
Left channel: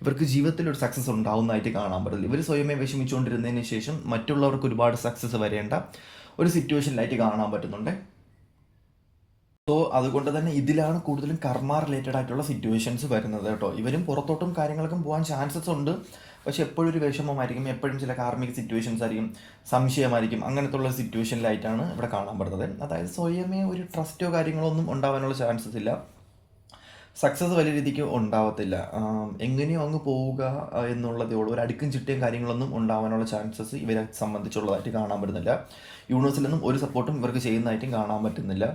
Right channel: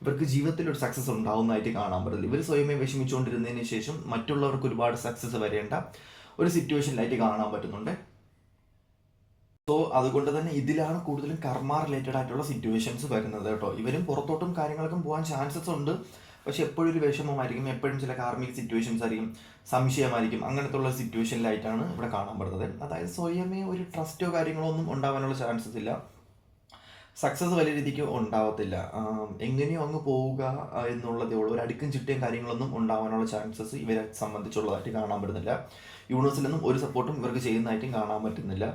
ഇവർക്ക് ജീവിതത്തിലൊരു സക്സസ് ഉണ്ടാവുന്നതായിട്ട് കാണാൻ പറ്റില്ല. ഇവർ സ്വയമേ വിഷമിച്ചുകൊണ്ടിരുന്നതിന് ശേഷം മറ്റുള്ളവർക്ക് ഒരുപാട് സക്സസ് വരേണ്ട ഒരു സിറ്റുവേഷനിലായിട്ട് കാണാൻ പറ്റുന്നുണ്ട്. സോ അതുകൊണ്ട് തന്നെ ഇതിലാണ് കൂടുതലും കർമ്മ റിലേറ്റഡ് ആയിട്ടുള്ള സിറ്റുവേഷൻസ് വരുന്നത് കേട്ടോ. ഇവരും പുറത്തോട്ടും കാര്യങ്ങൾക്കും പോകാൻ ചാൻസസ് ഉണ്ട്, പക്ഷെ എപ്പോഴും ഒരു വിഷമമായിരിക്കും, എപ്പോഴും ചില കാർമിക സിറ്റുവേഷൻസ് ആയിരിക്കും, സംശയമായിരിക്കും, അങ്ങനത്തെ ഉള്ള സിറ്റുവേഷനിലായിട്ടാണ് ഇവിടെ കാണാൻ പറ്റുന്നത്. അതായത് സ്വയമേ ഒരു ട്രസ്റ്റോ കാര്യങ്ങളോ ഒന്നും ഉണ്ടാവാനുള്ള ചാൻസസ് ഇല്ല, സക്സസ് വലിയ രീതിക്ക് ഉണ്ടാവത്തില്ല. എങ്ങനെയോ അങ്ങ് പോവുക എന്നുള്ളതേ ഉള്ളൂ. ഒരു അടുക്കും ചിട്ടയും കാര്യങ്ങളൊന്നും ഉണ്ടാവാനുള്ള ചാൻസസ് ഇവരെ സംബന്ധിച്ചുള്ളതായിട്ട് കാണാൻ പറ്റുന്നില്ല. യൂണിവേഴ്സിൽ നിന്നും ഒരു സപ്പോർട്ടും ഇവർക്ക് ചെയ്യുന്നതായിട്ടും കാണാൻ പറ്റുന്നില്ല.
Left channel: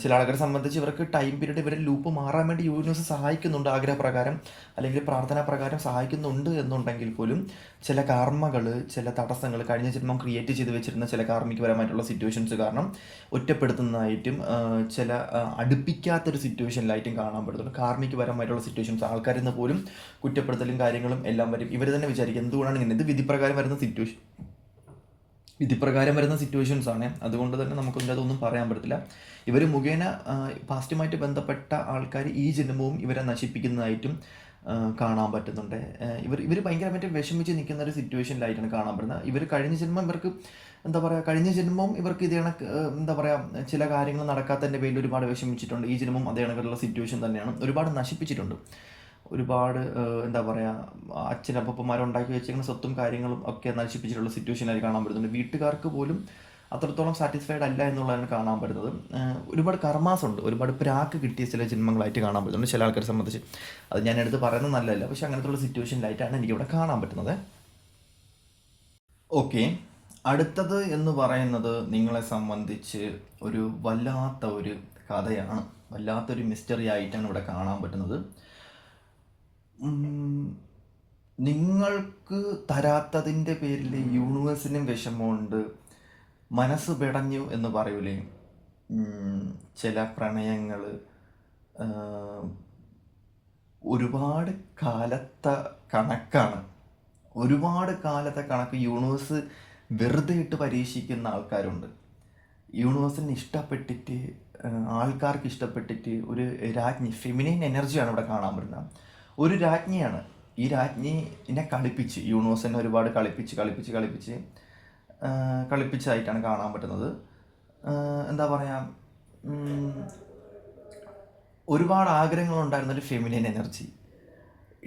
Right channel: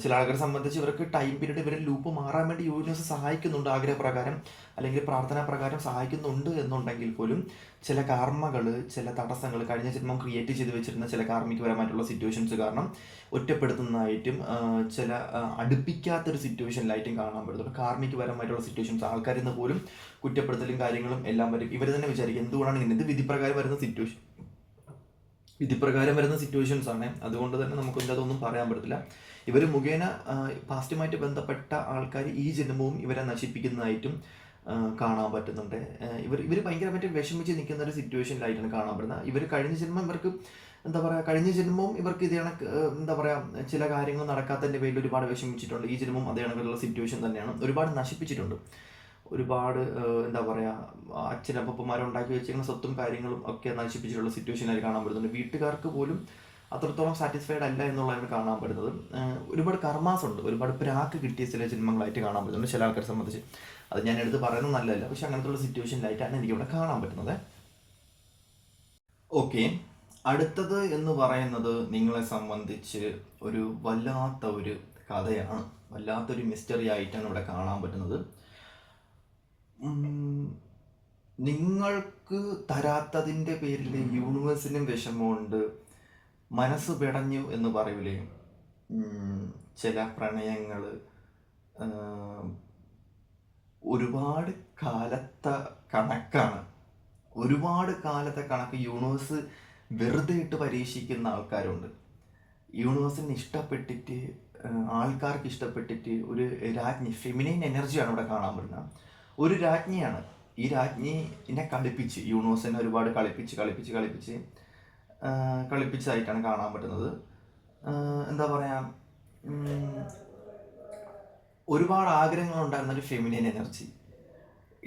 ചില ആൾക്കാരെ സംബന്ധിച്ച് ഇവർക്ക് ടൈം പീരീഡ് ഇവരെ ലൂപ്പ് മാറാൻ വേണ്ടി യൂണിവേഴ്സ് സഹായിക്കുന്നുണ്ട്, ആഗ്രഹപ്രകാരം അല്ലെങ്കിൽ പ്രാർത്ഥനാ പ്രകാരം സഹായിക്കുന്നുണ്ട് എന്നുണ്ടെങ്കിൽ പോലും ചില കാർമ്മകൾ, ചില തടസ്സങ്ങൾ, കഴിഞ്ഞ ജന്മം ക്രിയേറ്റ് ചെയ്ത് വെച്ചിരുന്ന ചില കാർമ്മികപരമായിട്ടുള്ള സിറ്റുവേഷൻസ് കാരണം ഒറ്റപ്പെടുത്തുന്നതായിട്ടും ചില അടുപ്പിക്കാത്തൊരു സിറ്റുവേഷനിലായിട്ടും കാണാൻ പറ്റുന്നുണ്ട്. കാർമ്മികപരമായിട്ടുള്ള സിറ്റുവേഷൻസ് ആൾക്കാരിൽ നിന്ന് പോലും കുറ്റപ്പെടുത്തലും കാര്യങ്ങളും എല്ലാം വരും. ഇവർ തന്നെ വിചാരിക്കും എന്തുകൊണ്ടാണ് ഇങ്ങനെ, ഇത് വിധിപ്രകാരം വരുന്ന സിറ്റുവേഷൻസ് ആണ്. അതുകൊണ്ട് തന്നെ നമുക്കൊന്നും അതൊന്നും പറയാൻ പറ്റത്തില്ല. ഇവർ മുഖേന പാസ്റ്റുമായിട്ട് ബന്ധപ്പെട്ട ആൾക്കാർ ഈ ജന്മവും ഇവരെ നശിപ്പിക്കുന്നതായിട്ടും കാണാൻ പറ്റുന്നുണ്ട്. ഇവർ ഭയങ്കരമായിട്ട് വിഷമിച്ച് നിൽക്കുന്ന ഒരു സിറ്റുവേഷനിലായിട്ടാണ് കാണാൻ പറ്റുന്നത്. ഇവർ കഴിഞ്ഞ ജന്മം ഇവർക്ക് എന്താ പറയുക, കഴിഞ്ഞ ജന്മവും ഇവർക്ക് ഇതേ കണക്ക് എന്താ പറയുക, ചില കാര്യങ്ങൾ നടക്കാത്തതിൻ്റെ പേരിൽ ഒരുപാട് വിഷമിച്ചിട്ടുണ്ട്. ഈ ജന്മവും അതേ കണക്കുള്ള സിറ്റുവേഷൻ തന്നെയാണ്, ഒരുപാട് നശിപ്പിച്ചിട്ടുണ്ട്. ഒരുപാട് എന്താ പറയുക, അച്ഛനപ്പന്മാരുണ്ടാക്കി വെച്ചിരിക്കുന്ന സ്വത്തും കാര്യങ്ങളും ഒക്കെ നശിപ്പിച്ചിട്ടുള്ള സിറ്റുവേഷനായി കാണാൻ പറ്റുന്നുണ്ട്. വീട്ടുകാർക്ക് പോലും അത്രത്തോളം സാറ്റിസ്ഫൈഡ് അല്ല എന്നുള്ളതാണ് കാണാൻ പറ്റുന്നത്. ഒരുപാട് കർമാസ് ഉണ്ട്, ഒരുപാട് പ്രാക്ക് കിട്ടിയ ചില ജന്മങ്ങളായിട്ട് കാണാൻ പറ്റുന്നുണ്ട് ചില ആൾക്കാരെ സംബന്ധിച്ച്. അത് ഞാൻ എടുത്ത് പറയുന്നത് നല്ലതല്ല, പക്ഷെ അങ്ങനത്തെ സിറ്റുവേഷനിലായിട്ടാണ് എനിക്കിവിടെ കാണാൻ പറ്റുന്നത്. ഓക്കെ, അടുത്തത് എന്ന് പറയുന്നത് നിങ്ങളെ സംബന്ധിച്ച് ഒരു വല്ലാത്ത ഒരു കഥയാണ്, വല്ലാത്തൊരു മിസ്റ്ററി ആയിട്ടാണ് ഇവിടെ കാണാൻ പറ്റുന്നത്. നിങ്ങൾക്ക് തരാത്തതിൻ്റെ പേരിൽ യൂണിവേഴ്സിനും വിഷമമുണ്ട്, മനസ്സ് പിടഞ്ഞു എന്ന് പറയൂലേ. ചില പ്രണയങ്ങൾ ഒരുപാട് കാലത്തെ കണക്കാണ്, ഒരുപാട് കാലത്തെ കണക്ക് യൂണിവേഴ്സ് വെറുതെ ഇട്ട് പരീക്ഷിക്കുന്ന ആൾക്കാരുണ്ട്. യൂണിവേഴ്സിന് ഇഷ്ടപ്പെട്ടിട്ട്, ആൾക്കാർക്ക് ഇഷ്ടപ്പെട്ടിട്ട് ഒരു രാജ്ഞി, ഫെമിനൈൻ എനർജിയാണ് ഇവിടെ കാണാൻ പറ്റുന്നത്. ഒരു രാജ്ഞിയാണ്, ഈ രാജ്ഞിനെ കളിപ്പിച്ച് യൂണിവേഴ്സിനെ ഒരുപാട് കളിപ്പിച്ചതായിട്ടാണ് കാണാൻ പറ്റുന്നത്. എന്താ പറയുക, ഒരുപാട് ആഗ്രഹങ്ങളുണ്ടായിരുന്നൊരു ഫെമിനൈൻ എനർജി.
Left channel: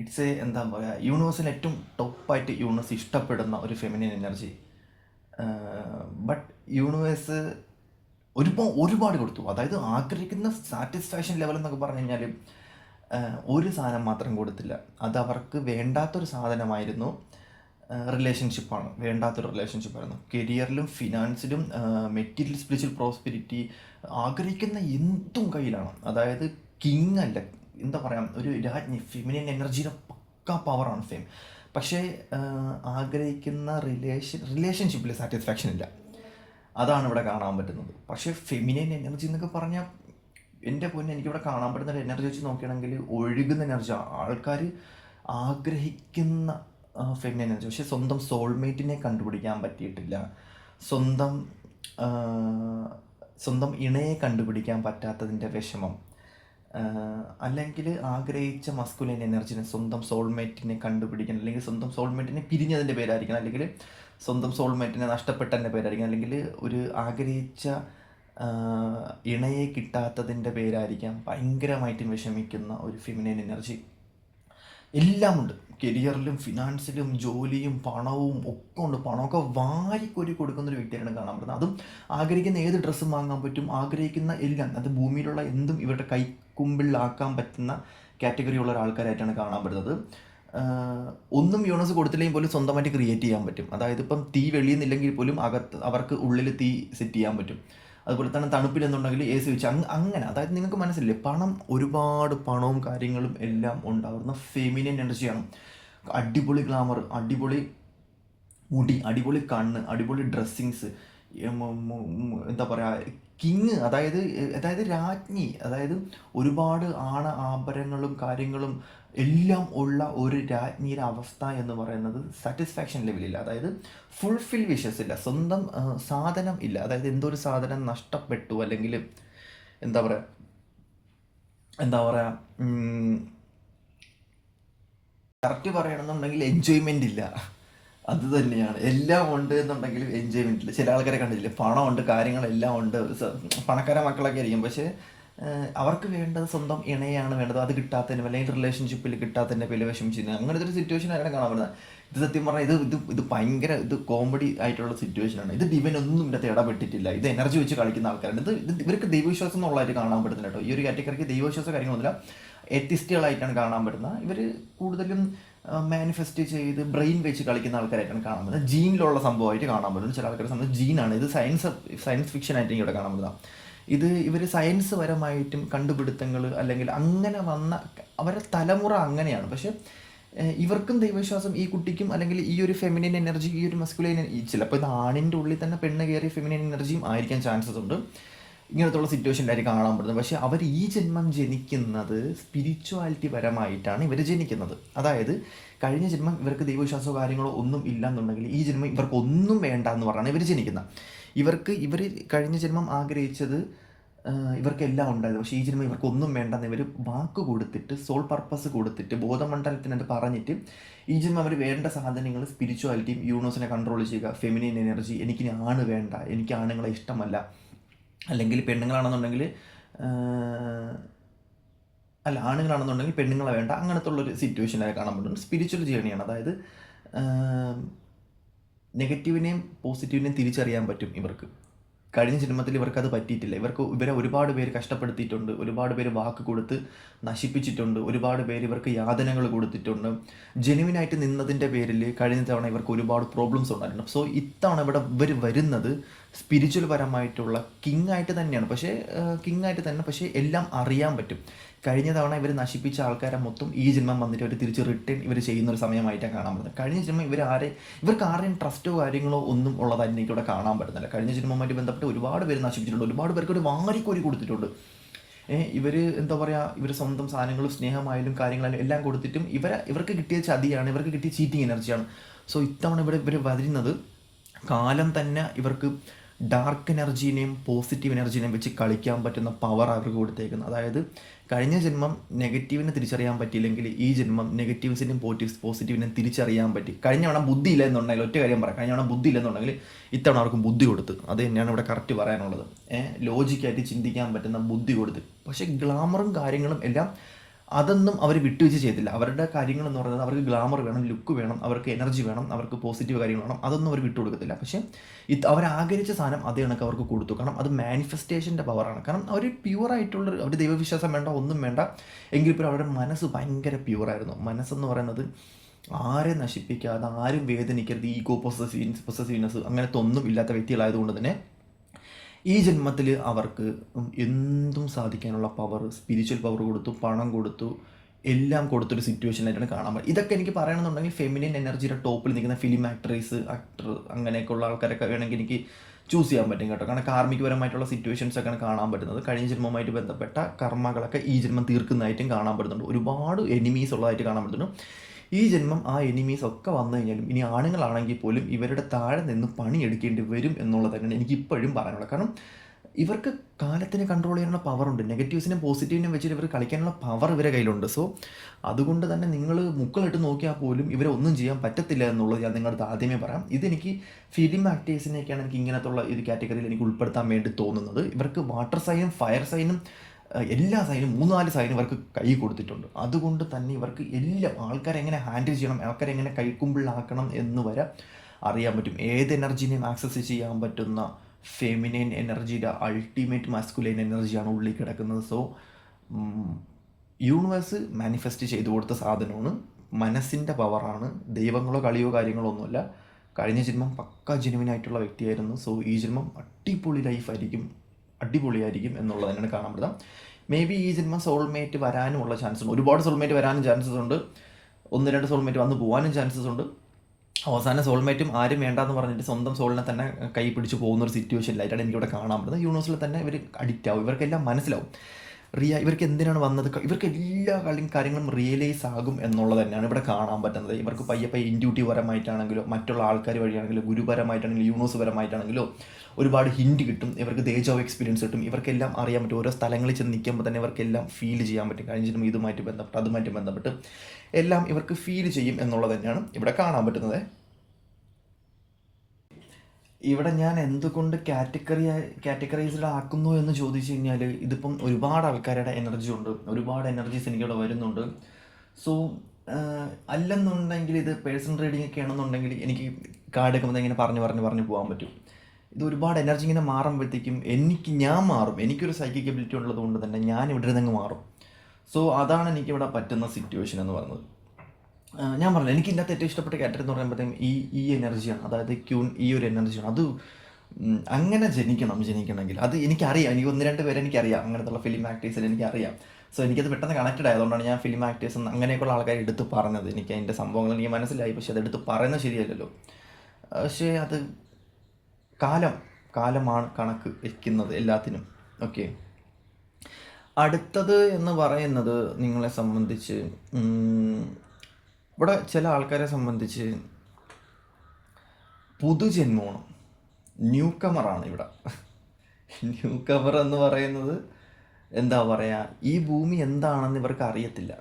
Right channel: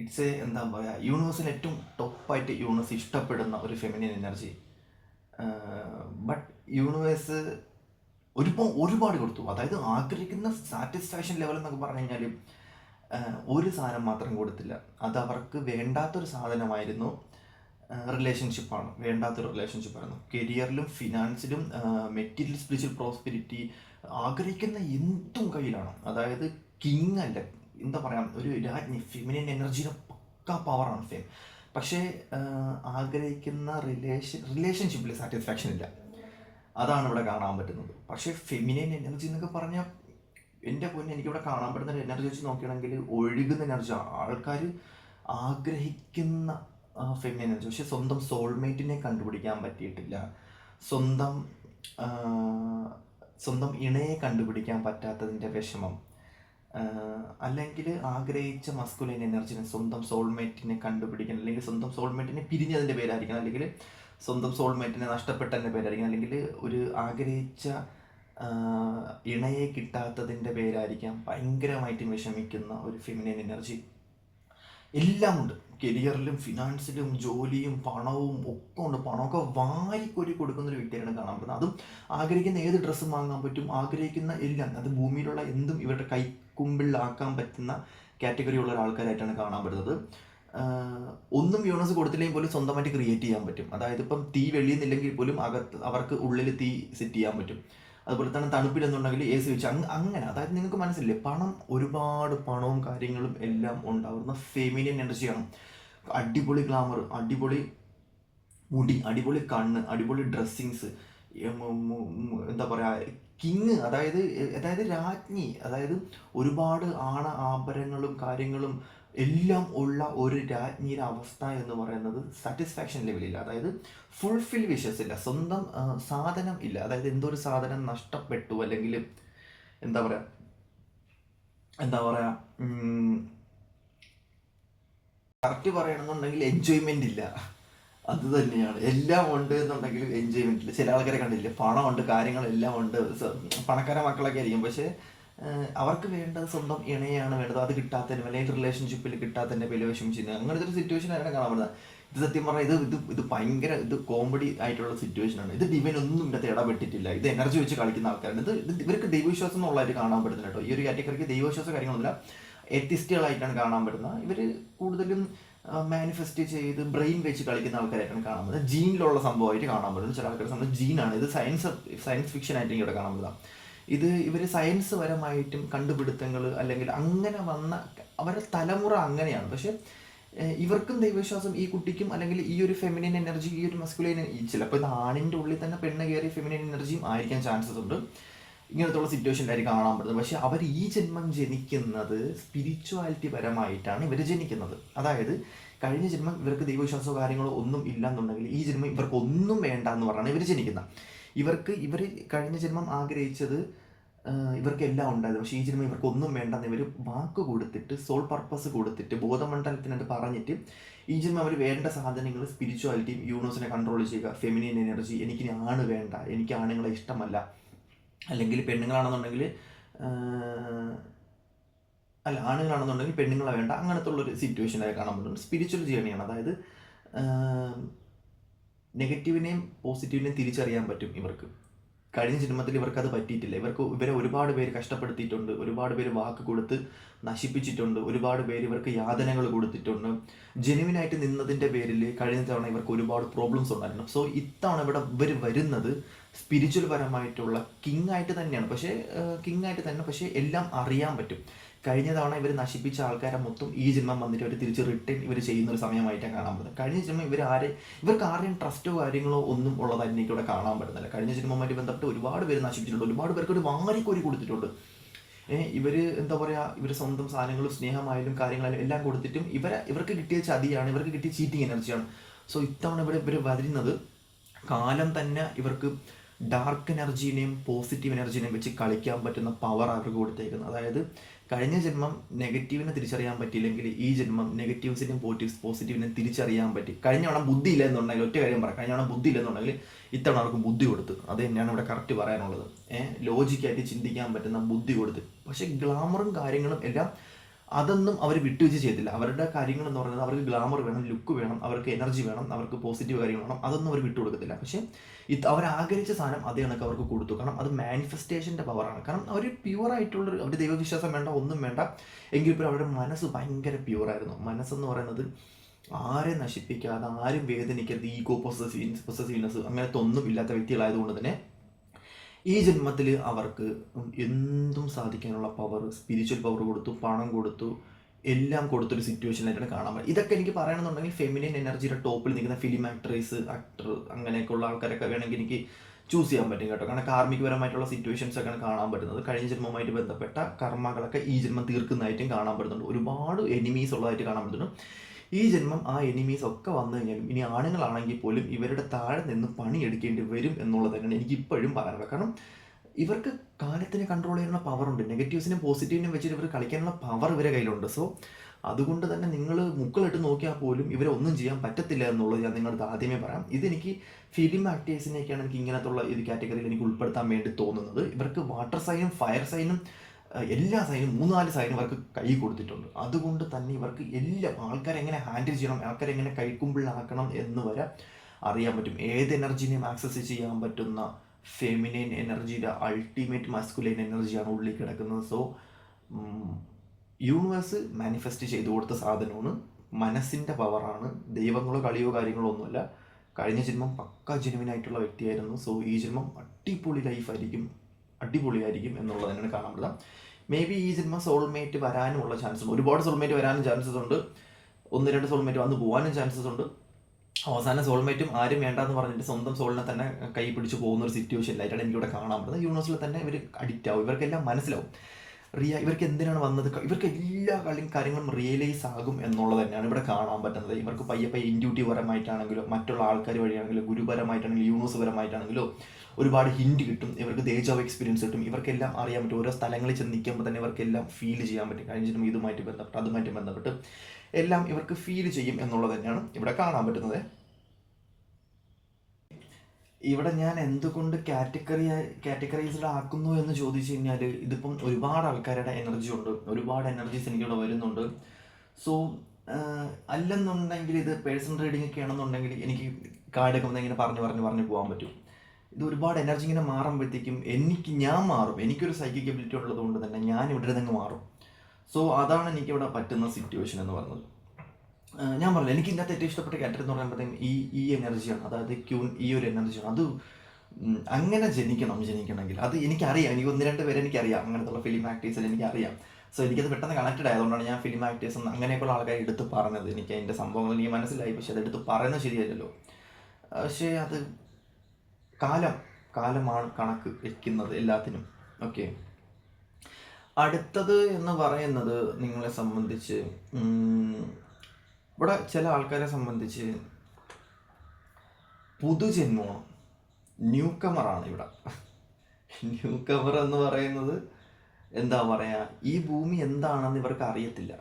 ഇറ്റ്സ് എന്താ പറയുക, യൂണിവേഴ്സിന് ഏറ്റവും ടോപ്പായിട്ട് യൂണിവേഴ്സ് ഇഷ്ടപ്പെടുന്ന ഒരു ഫെമിനൈൻ എനർജി. ബട്ട് യൂണിവേഴ്സ് ഒരുപാട് കൊടുത്തു. അതായത് ആഗ്രഹിക്കുന്ന സാറ്റിസ്ഫാക്ഷൻ ലെവൽ എന്നൊക്കെ പറഞ്ഞു കഴിഞ്ഞാൽ ഒരു സാധനം മാത്രം കൊടുത്തില്ല. അത് അവർക്ക് വേണ്ടാത്തൊരു സാധനമായിരുന്നു, റിലേഷൻഷിപ്പാണ്, വേണ്ടാത്തൊരു റിലേഷൻഷിപ്പായിരുന്നു. കരിയറിലും ഫിനാൻസിലും മെറ്റീരിയൽ സ്പിരിച്വൽ പ്രോസ്പെരിറ്റി ആഗ്രഹിക്കുന്ന എന്തും കയ്യിലാണ്. അതായത് കിങ് അല്ല, എന്താ പറയുക, ഒരു രാജ്ഞി, ഫെമിനിൻ എനർജിയുടെ പക്ക പവറാണ് ഫെയിം. പക്ഷേ ആഗ്രഹിക്കുന്ന റിലേഷൻഷിപ്പിൽ സാറ്റിസ്ഫാക്ഷൻ ഇല്ല, അതാണ് ഇവിടെ കാണാൻ പറ്റുന്നത്. പക്ഷേ ഫെമിനിൻ എനർജി എന്നൊക്കെ പറഞ്ഞാൽ എൻ്റെ പൊന്നെ, എനിക്കിവിടെ കാണാൻ പറ്റുന്ന ഒരു എനർജി വെച്ച് നോക്കുകയാണെങ്കിൽ ഒഴുകുന്ന എനർജി, ആൾക്കാർ ആഗ്രഹിക്കുന്ന ഫെമിനിൻ എനർജി. പക്ഷേ സ്വന്തം സോൾമേറ്റിനെ കണ്ടുപിടിക്കാൻ പറ്റിയിട്ടില്ല, സ്വന്തം ഇണയെ കണ്ടുപിടിക്കാൻ പറ്റാത്തതിൻ്റെ വിഷമം, അല്ലെങ്കിൽ ആഗ്രഹിച്ച മസ്കുലൈൻ എനർജിനെ, സ്വന്തം സോൾമേറ്റിനെ കണ്ടുപിടിക്കാൻ, അല്ലെങ്കിൽ സ്വന്തം സോൾമേറ്റിനെ പിരിഞ്ഞതിൻ്റെ പേരായിരിക്കണം, അല്ലെങ്കിൽ സ്വന്തം സോൾമേറ്റിനെ നഷ്ടപ്പെട്ടതിൻ്റെ പേരായിരിക്കും, അല്ലെങ്കിൽ ഒരു ആഗ്രഹിച്ച ഇണയെ കിട്ടാത്തതിൻ്റെ പേരായിരിക്കാം ഭയങ്കരമായിട്ടും വിഷമിക്കുന്ന ഒരു ഫെമിനിൻ എനർജി. എല്ലാം ഉണ്ട്, കരിയറിലും ഫിനാൻസിലും ജോലിയും പണവും ഒക്കെ ഉണ്ട്. പണമൊക്കെ വാരിക്കോരി കൊടുക്കുന്നൊരു വ്യക്തിയാണ് കാണാൻ പറ്റുന്നത്. അതും ആഗ്രഹിക്കുന്ന ഏത് ഡ്രസ്സും വാങ്ങാൻ പറ്റും, ആഗ്രഹിക്കുന്ന എല്ലാം, അത് ഭൂമിയിലുള്ള എന്തും ഇവരുടെ കൈക്കുമ്പിളിലാക്കാൻ പറ്റുന്ന കാറ്റഗറി ഉള്ള ഒരാൾക്കാരായിട്ടാണ് കാണാൻ പറ്റുന്നത്. ഒന്നും യൂണിവേഴ്സ് കൊടുത്തില്ലെങ്കിൽ പോലും സ്വന്തമായിട്ട് ക്രിയേറ്റ് ചെയ്യാൻ പറ്റും. അതായത് ഇപ്പം തീ വെളിയുന്നില്ലെങ്കിൽ പോലും അവർക്ക് ഉള്ളിൽ തീ സെറ്റ് ചെയ്യാൻ പറ്റും. അതുപോലെ തന്നെ തണുപ്പിലെന്നുണ്ടെങ്കിൽ എ സി വെച്ച് അങ്ങനെ. അതായത് നിങ്ങൾക്ക് മനസ്സില്ലേ, പണം, ഒരുപാട് പണവും കാര്യങ്ങളും എല്ലാം ഉണ്ടാകുന്ന ഫെമിനിൻ എനർജിയാണ്. അടിപൊളി ഗ്ലാമർ, അടിപൊളി മുടി, അടിപൊളി കണ്ണ്, അടിപൊളി ഡ്രസ്സിങ്സ്, എന്താ പറയുക, കിങ്, അതായത് രാജ്ഞി, അതായത് ഒരുപാട് ആഭരണങ്ങളും കാര്യങ്ങളും എല്ലാം ഉള്ള ഒരു രാജ്ഞിയുടെ അവസ്ഥ എന്ന് പറയുന്നത് സാറ്റിസ്ഫാക്ഷൻ ലെവലില്ല. അതായത് ഫുൾഫിൽ വിഷസ് ഇല്ല, സ്വന്തം സാധനം ഇല്ല. അതായത് എന്തോ ഒരു സാധനം നഷ്ടപ്പെട്ടു, അല്ലെങ്കിൽ എന്താ പറയുക കറക്റ്റ് പറയണമെന്നുണ്ടെങ്കിൽ എൻജോയ്മെൻ്റ് ഇല്ല. അത് തന്നെയാണ്, എല്ലാം ഉണ്ട് എന്നുണ്ടെങ്കിൽ എൻജോയ്മെൻ്റ് ഇല്ല. ചില ആൾക്കാരെ കണ്ടില്ലേ, പണമുണ്ട്, കാര്യങ്ങളെല്ലാം ഉണ്ട്, പണക്കാര മക്കളൊക്കെ ആയിരിക്കും, പക്ഷേ അവർക്ക് വേണ്ടത് സ്വന്തം ഇണയാണ് വേണ്ടത്. അത് കിട്ടാത്തതിന്, അല്ലെങ്കിൽ റിലേഷൻഷിപ്പിൽ കിട്ടാത്തതിൻ്റെ പേരിൽ വിഷമിച്ചിരുന്നത്, അങ്ങനത്തെ ഒരു സിറ്റുവേഷൻ ആണ് കാണാൻ പറ്റുന്നത്. ഇത് സത്യം പറഞ്ഞാൽ ഇത് ഭയങ്കര കോമഡി ആയിട്ടുള്ള സിറ്റുവേഷനാണ്. ഇത് ഡിവൈൻ ഒന്നും ഇതിനകത്ത് ഇടപെട്ടിട്ടില്ല. ഇത് എനർജി വെച്ച് കളിക്കുന്ന ആൾക്കാരാണ്. ഇവർക്ക് ദൈവവിശ്വാസം എന്നുള്ളതായിട്ട് കാണാൻ പറ്റുന്നില്ല കേട്ടോ. ഈ ഒരു കാറ്റഗറിക്ക് ദൈവവിശ്വാസം കാര്യങ്ങളൊന്നുമില്ല, എത്തിസ്റ്റുകളായിട്ടാണ് കാണാൻ പറ്റുന്നത്. ഇവർ കൂടുതലും മാനിഫെസ്റ്റ് ചെയ്ത് ബ്രെയിൻ വെച്ച് കളിക്കുന്ന ആൾക്കാരായിട്ടാണ് കാണാൻ പറ്റുന്നത്. ജീനിലുള്ള സംഭവമായിട്ട് കാണാൻ പറ്റുന്നത്. ചില ആൾക്കാരുടെ സംഭവം ജീനാണ്. ഇത് സയൻസ് ഫിക്ഷൻ ആയിട്ടാണ് ഇവിടെ കാണാൻ പറ്റുന്നത്. ഇത് ഇവർ സയൻസ് പരമായിട്ടും കണ്ടുപിടുത്തങ്ങൾ, അല്ലെങ്കിൽ അങ്ങനെ വന്ന അവരുടെ തലമുറ അങ്ങനെയാണ്. പക്ഷെ ഇവർക്കും ദൈവവിശ്വാസം, ഈ കുട്ടിക്കും, അല്ലെങ്കിൽ ഈ ഒരു ഫെമിനിൻ എനർജി, ഈ ഒരു മസ്കുലൈൻ, ചിലപ്പോൾ ഇത് ആണിൻ്റെ ഉള്ളിൽ തന്നെ പെണ്ണ് കയറിയ ഫെമിനിൻ എനർജിയും ആയിരിക്കാൻ ചാൻസസ് ഉണ്ട്. ഇങ്ങനത്തുള്ള സിറ്റുവേഷനിലായിരിക്കും കാണാൻ പറ്റുന്നത്. പക്ഷെ അവർ ഈ ജന്മം ജനിക്കുന്നത് സ്പിരിച്വാലിറ്റി പരമായിട്ടാണ് ഇവർ ജനിക്കുന്നത്. അതായത് കഴിഞ്ഞ ജന്മം ഇവർക്ക് ദൈവവിശ്വാസമോ കാര്യങ്ങളോ ഒന്നും ഇല്ല എന്നുണ്ടെങ്കിൽ ഈ ജന്മം ഇവർക്ക് ഒന്നും വേണ്ട എന്ന് പറഞ്ഞാണ് ഇവർ ജനിക്കുന്നത്. ഇവർ കഴിഞ്ഞ ജന്മം ആഗ്രഹിച്ചത് ഇവർക്കെല്ലാം ഉണ്ടായത്, പക്ഷേ ഈ ജന്മം ഇവർക്ക് ഒന്നും വേണ്ടെന്ന് ഇവർ വാക്ക് കൊടുത്തിട്ട്, സോൾ പർപ്പസ് കൊടുത്തിട്ട്, ബോധമണ്ഡലത്തിനത് പറഞ്ഞിട്ട് ഈ ജന്മം അവർ വേണ്ട സാധനങ്ങൾ, സ്പിരിച്വാലിറ്റിയും യൂണിവേഴ്സിനെ കൺട്രോൾ ചെയ്യുക, ഫെമിനിൻ എനർജി, എനിക്കിനി ആണ് വേണ്ട, എനിക്ക് ആണുങ്ങളെ ഇഷ്ടമല്ല, അല്ലെങ്കിൽ പെണ്ണുങ്ങളാണെന്നുണ്ടെങ്കിൽ ആണുങ്ങളാണെന്നുണ്ടെങ്കിൽ പെണ്ണുങ്ങളെ വേണ്ട, അങ്ങനത്തെ ഉള്ളൊരു സിറ്റുവേഷനായി കാണാൻ പറ്റും. സ്പിരിച്വൽ ജേണിയാണ്. അതായത് നെഗറ്റീവിനെയും പോസിറ്റീവിനെയും തിരിച്ചറിയാൻ പറ്റും ഇവർക്ക്. കഴിഞ്ഞ ജന്മത്തിൽ ഇവർക്കത് പറ്റിയിട്ടില്ല. ഇവരെ ഒരുപാട് പേര് കഷ്ടപ്പെടുത്തിയിട്ടുണ്ട്, ഒരുപാട് പേര് വാക്ക് കൊടുത്ത് നശിപ്പിച്ചിട്ടുണ്ട്, ഒരുപാട് പേര് ഇവർക്ക് യാതനകൾ കൊടുത്തിട്ടുണ്ട്. ജെനുവിനായിട്ട് നിന്നതിൻ്റെ പേരിൽ കഴിഞ്ഞ തവണ ഇവർക്ക് ഒരുപാട് പ്രോബ്ലംസ് ഉണ്ടായിരുന്നു. സോ ഇത്തവണ ഇവർ വരുന്നത് സ്പിരിച്വൽ പരമായിട്ടുള്ള കിങ് ആയിട്ട് തന്നെയാണ്. പക്ഷേ എല്ലാം അറിയാൻ പറ്റും. കഴിഞ്ഞ തവണ ഇവർ നശിപ്പിച്ച ആൾക്കാരെ മൊത്തം ഈ ജന്മം വന്നിട്ട് അവർ തിരിച്ച് റിട്ടേൺ ഇവർ ചെയ്യുന്ന ഒരു സമയമായിട്ടാണ് കാണാൻ പറ്റുന്നത്. കഴിഞ്ഞ ജന്മം ഇവർക്ക് ആരെയും ട്രസ്റ്റോ കാര്യങ്ങളോ ഒന്നും ഉള്ളതായിട്ട് എനിക്കിവിടെ കാണാൻ പറ്റുന്നില്ല. കഴിഞ്ഞ ജന്മവുമായിട്ട് ബന്ധപ്പെട്ട് ഒരുപാട് പേര് നശിപ്പിച്ചിട്ടുണ്ട്, ഒരുപാട് പേർക്ക് ഒരു വാരിക്കോരി കൊടുത്തിട്ടുണ്ട്. ഇവർ സ്വന്തം സാധനങ്ങളും സ്നേഹമായാലും കാര്യങ്ങളായാലും എല്ലാം കൊടുത്തിട്ടും ഇവർക്ക് കിട്ടിയ ചതിയാണ്, ഇവർക്ക് കിട്ടിയ ചീറ്റിംഗ് എനർജിയാണ്. സോ ഇത്തവണ ഇവർ വരുന്നത് കാലം തന്നെ ഇവർക്ക് ഡാർക്ക് എനർജീനെയും പോസിറ്റീവ് എനർജീനെയും വെച്ച് കളിക്കാൻ പറ്റുന്ന പവർ അവർക്ക് കൊടുത്തേക്കുന്നത്. അതായത് കഴിഞ്ഞ ജന്മം നെഗറ്റീവിനെ തിരിച്ചറിയാൻ പറ്റിയില്ലെങ്കിൽ ഈ ജന്മം നെഗറ്റീവ്സിനെയും പോസിറ്റീവിനെയും തിരിച്ചറിയാൻ പറ്റി. കഴിഞ്ഞ തവണ ബുദ്ധി ഇല്ലെന്നുണ്ടെങ്കിൽ, ഒറ്റ കാര്യം പറയാം, കഴിഞ്ഞ തവണ ബുദ്ധി ഇല്ലെന്നുണ്ടെങ്കിൽ ഇത്തവണ അവർക്ക് ബുദ്ധി കൊടുത്ത്. അത് തന്നെയാണ് ഇവിടെ കറക്റ്റ് പറയാനുള്ളത്. ലോജിക്കായിട്ട് ചിന്തിക്കാൻ പറ്റുന്ന ബുദ്ധി കൊടുത്ത്. പക്ഷേ ഗ്ലാമറും കാര്യങ്ങളും എല്ലാം അതൊന്നും അവർ വിട്ടുവെച്ച് ചെയ്തില്ല. അവരുടെ കാര്യങ്ങളെന്ന് പറയുന്നത് അവർക്ക് ഗ്ലാമർ വേണം, ലുക്ക് വേണം, അവർക്ക് എനർജി വേണം, അവർക്ക് പോസിറ്റീവ് കാര്യങ്ങൾ വേണം, അതൊന്നും അവർ വിട്ടുകൊടുക്കത്തില്ല. പക്ഷേ അവർ ആഗ്രഹിച്ച സാധനം അതേ കണക്ക് അവർക്ക് കൊടുത്തു. കാരണം അത് മാനിഫെസ്റ്റേഷൻ്റെ പവറാണ്. കാരണം അവർ പ്യുവറായിട്ടുള്ള, അവർ ദൈവവിശ്വാസം വേണ്ട, ഒന്നും വേണ്ട, എങ്കിൽ പോലും അവരുടെ മനസ്സ് ഭയങ്കര പ്യുവറായിരുന്നു. മനസ്സെന്ന് പറയുന്നത് ആരെയും നശിപ്പിക്കാതെ, ആരും വേദനിക്കരുത്, ഈഗോ, പൊസസീവ്നെസ് അങ്ങനത്തെ ഒന്നും ഇല്ലാത്ത വ്യക്തികളായതുകൊണ്ട് തന്നെ ഈ ജന്മത്തിൽ അവർക്ക് എന്തും സാധിക്കാനുള്ള പവർ, സ്പിരിച്വൽ പവർ കൊടുത്തു, പണം കൊടുത്തു, എല്ലാം കൊടുത്തൊരു സിറ്റുവേഷനായിട്ടാണ് കാണാൻ പറ്റും. ഇതൊക്കെ എനിക്ക് പറയണമെന്നുണ്ടെങ്കിൽ ഫെമിനിൻ എനർജിയുടെ ടോപ്പിൽ നിൽക്കുന്ന ഫിലിം ആക്ടർ അങ്ങനെയൊക്കെയുള്ള ആൾക്കാരൊക്കെ വേണമെങ്കിൽ എനിക്ക് ചൂസ് ചെയ്യാൻ പറ്റും കേട്ടോ. കാരണം കാർമികപരമായിട്ടുള്ള സിറ്റുവേഷൻസൊക്കെയാണ് കാണാൻ പറ്റുന്നത്. കഴിഞ്ഞ ജന്മവുമായിട്ട് ബന്ധപ്പെട്ട കർമ്മകളൊക്കെ ഈ ജന്മം തീർക്കുന്നതായിട്ടും കാണാൻ പറ്റുന്നുണ്ട്. ഒരുപാട് എനിമീസ് ഉള്ളതായിട്ട് കാണാൻ പറ്റുന്നു. ഈ ജന്മം ആ എനിമീസ് ഒക്കെ വന്നു കഴിഞ്ഞാലും ഇനി ആണുങ്ങളാണെങ്കിൽ പോലും ഇവരുടെ താഴെ നിന്ന് പണിയെടുക്കേണ്ടി വരും എന്നുള്ളത് തന്നെയാണ് എനിക്കിപ്പോഴും പറയാനുള്ളത്. കാരണം ഇവർക്ക് കാലത്തിനെ കൺട്രോൾ ചെയ്യാനുള്ള പവറുണ്ട്. നെഗറ്റീവ്സിനെയും പോസിറ്റീവിനെയും വെച്ചിട്ട് ഇവർ കളിക്കാനുള്ള പവർ ഇവരെ കയ്യിലുണ്ട്. സോ അതുകൊണ്ട് തന്നെ നിങ്ങൾ മുക്കളിട്ട് നോക്കിയാൽ പോലും ഇവരെ ഒന്നും ചെയ്യാൻ പറ്റത്തില്ല എന്നുള്ളത് ഞാൻ നിങ്ങളുടെ ആദ്യമേ പറയാം. ഇതെനിക്ക് ഫിലിം ആക്ടേഴ്സിനെയൊക്കെയാണ് എനിക്ക് ഇങ്ങനത്തുള്ള ഒരു കാറ്റഗറിയിൽ എനിക്ക് ഉൾപ്പെടുത്താൻ വേണ്ടി തോന്നുന്നത്. ഇവർക്ക് വാട്ടർ സൈനും ഫയർ സൈനും എല്ലാ സൈനും 3-4 സൈനും ഇവർക്ക് കൈ കൊടുത്തിട്ടുണ്ട്. അതുകൊണ്ട് തന്നെ ഇവർക്ക് എല്ലാം ആൾക്കാരെ എങ്ങനെ ഹാൻഡിൽ ചെയ്യണം, ആൾക്കാരെ എങ്ങനെ കൈക്കുമ്പിളാക്കണം എന്ന് വരെ അറിയാൻ പറ്റും. ഏത് എനർജിനെയും ആക്സസ് ചെയ്യാൻ പറ്റുന്ന ഫെമിനൈൻ എനർജിയുടെ അൾട്ടിമേറ്റ് മാസ്കുലൈൻ എനർജിയാണ് ഉള്ളിൽ കിടക്കുന്നത്. സോ യൂണിവേഴ്സ് മാനിഫെസ്റ്റ് ചെയ്തു കൊടുത്ത സാധനമാണ്. മനസ്സിൻ്റെ പവറാണ്. ദൈവങ്ങളോ കളിയോ കാര്യങ്ങളോ ഒന്നുമല്ല. കഴിഞ്ഞ ജന്മം പക്ക ജെനുവിനായിട്ടുള്ള വ്യക്തിയായിരുന്നു. സോ ഈ ജന്മം അടിപൊളിയായിരിക്കും എന്നുള്ളത് തന്നെയാണ് കാണാൻ പറ്റുക. മേ ബി ഈ ജന്മം സോൾമേറ്റ് വരാനുമുള്ള ചാൻസ് ഉണ്ട്. ഒരുപാട് സോൾമേറ്റ് വരാനും ചാൻസസ് ഉണ്ട്. 1-2 സോൾമേറ്റ് വന്ന് പോകാനും ചാൻസസ് ഉണ്ട്. അവസാനം സോൾമേറ്റും ആരും വേണ്ടാന്ന് പറഞ്ഞിട്ട് സ്വന്തം സോളിനെ തന്നെ കൈ പിടിച്ച് പോകുന്ന ഒരു സിറ്റുവേഷനിലായിട്ടാണ് എനിക്കിവിടെ കാണാൻ പറ്റുന്നത്. യൂണിവേഴ്സിൽ തന്നെ ഇവർ അഡിക്റ്റ് ആവും. ഇവർക്കെല്ലാം മനസ്സിലാവും ഇവർക്ക് എന്തിനാണ് വന്നത്, ഇവർക്ക് എല്ലാ കാര്യങ്ങളും റിയലൈസ് ആകും എന്നുള്ളത് തന്നെയാണ് ഇവിടെ കാണാൻ പറ്റുന്നത്. ഇവർക്ക് പയ്യെ ഇൻഡ്യൂട്ടീവ് പരമായിട്ടാണെങ്കിലോ മറ്റുള്ള ആൾക്കാർ വഴിയാണെങ്കിലോ ഗുരുപരമായിട്ടാണെങ്കിലും യൂണിവേഴ്സ് പരമായിട്ടാണെങ്കിലോ ഒരുപാട് ഹിൻഡ് കിട്ടും. ഇവർക്ക് ദേജ് ഓഫ് എക്സ്പീരിയൻസ് കിട്ടും. ഇവർക്കെല്ലാം അറിയാൻ പറ്റും. ഓരോ സ്ഥലങ്ങളിൽ ചെന്ന് നിൽക്കുമ്പോൾ തന്നെ ഇവർക്കെല്ലാം ഫീൽ ചെയ്യാൻ പറ്റും. കഴിഞ്ഞിട്ടും ഇതുമായിട്ട് ബന്ധപ്പെട്ട് അതുമായിട്ട് ബന്ധപ്പെട്ട് എല്ലാം ഇവർക്ക് ഫീൽ ചെയ്യും എന്നുള്ളത് തന്നെയാണ് ഇവിടെ കാണാൻ പറ്റുന്നത്. ഇവിടെ ഞാൻ എന്തുകൊണ്ട് കാറ്റഗറൈസ്ഡ് ആക്കുന്നു എന്ന് ചോദിച്ചു കഴിഞ്ഞാൽ, ഇതിപ്പം ഒരുപാട് ആൾക്കാരുടെ എനർജി ഉണ്ട്, ഒരുപാട് എനർജീസ് എനിക്കിവിടെ വരുന്നുണ്ട്. സോ അല്ലെന്നുണ്ടെങ്കിൽ ഇത് പേഴ്സണൽ റീഡിംഗ് ഒക്കെ ആണെന്നുണ്ടെങ്കിൽ എനിക്ക് കാർഡൊക്കെ ഇങ്ങനെ പറഞ്ഞു പോകാൻ പറ്റും. ഇത് ഒരുപാട് എനർജി ഇങ്ങനെ മാറുമ്പോഴത്തേക്കും ഞാൻ മാറും. എനിക്കൊരു സൈക്കിക് എബിലിറ്റി ഉള്ളത് കൊണ്ട് തന്നെ ഞാൻ ഇവിടെ നിന്ന് മാറും. സോ അതാണ് എനിക്കിവിടെ പറ്റുന്ന സിറ്റുവേഷൻ എന്ന് പറയുന്നത്. ഞാൻ പറഞ്ഞു എനിക്ക് ഇതിനകത്ത് ഏറ്റവും ഇഷ്ടപ്പെട്ട കാറ്റഗറി എന്ന് പറയുമ്പോഴത്തേക്കും ഈ എനർജിയാണ്. അതായത് ഈ ഒരു എനർജിയാണ്. അത് അങ്ങനെ ജനിക്കണമെങ്കിൽ അത് എനിക്കറിയാം. എനിക്ക് 1-2 പേരെ എനിക്കറിയാം, അങ്ങനത്തുള്ള ഫിലിം ആക്ടേഴ്സിൽ എനിക്കറിയാം. സോ എനിക്കത് പെട്ടെന്ന് കണക്റ്റഡ് ആയതുകൊണ്ടാണ് ഞാൻ ഫിലിം ആക്ടേഴ്സ് അങ്ങനെയൊക്കെയുള്ള ആൾക്കാർ എടുത്ത് പറഞ്ഞത്. എനിക്ക് അതിൻ്റെ സംഭവങ്ങൾ എനിക്ക് മനസ്സിലായി. പക്ഷെ അതെടുത്ത് പറയുന്നത് ശരിയല്ലല്ലോ. പക്ഷേ അത് കാലമാണ് കണക്ക് വയ്ക്കുന്നത് എല്ലാത്തിനും. ഓക്കെ, അടുത്തത് എന്ന് പറയുന്നത് നിങ്ങളെ സംബന്ധിച്ച് ഇവിടെ ചില ആൾക്കാരെ സംബന്ധിച്ച് പുതുജന്മമാണ്, ന്യൂ കമറാണ് ഇവിടെ. ന്യൂ കമർ എന്ന് പറയുന്നത് എന്താ പറയുക, ഈ ഭൂമി എന്താണെന്ന് ഇവർക്ക് അറിയത്തില്ല.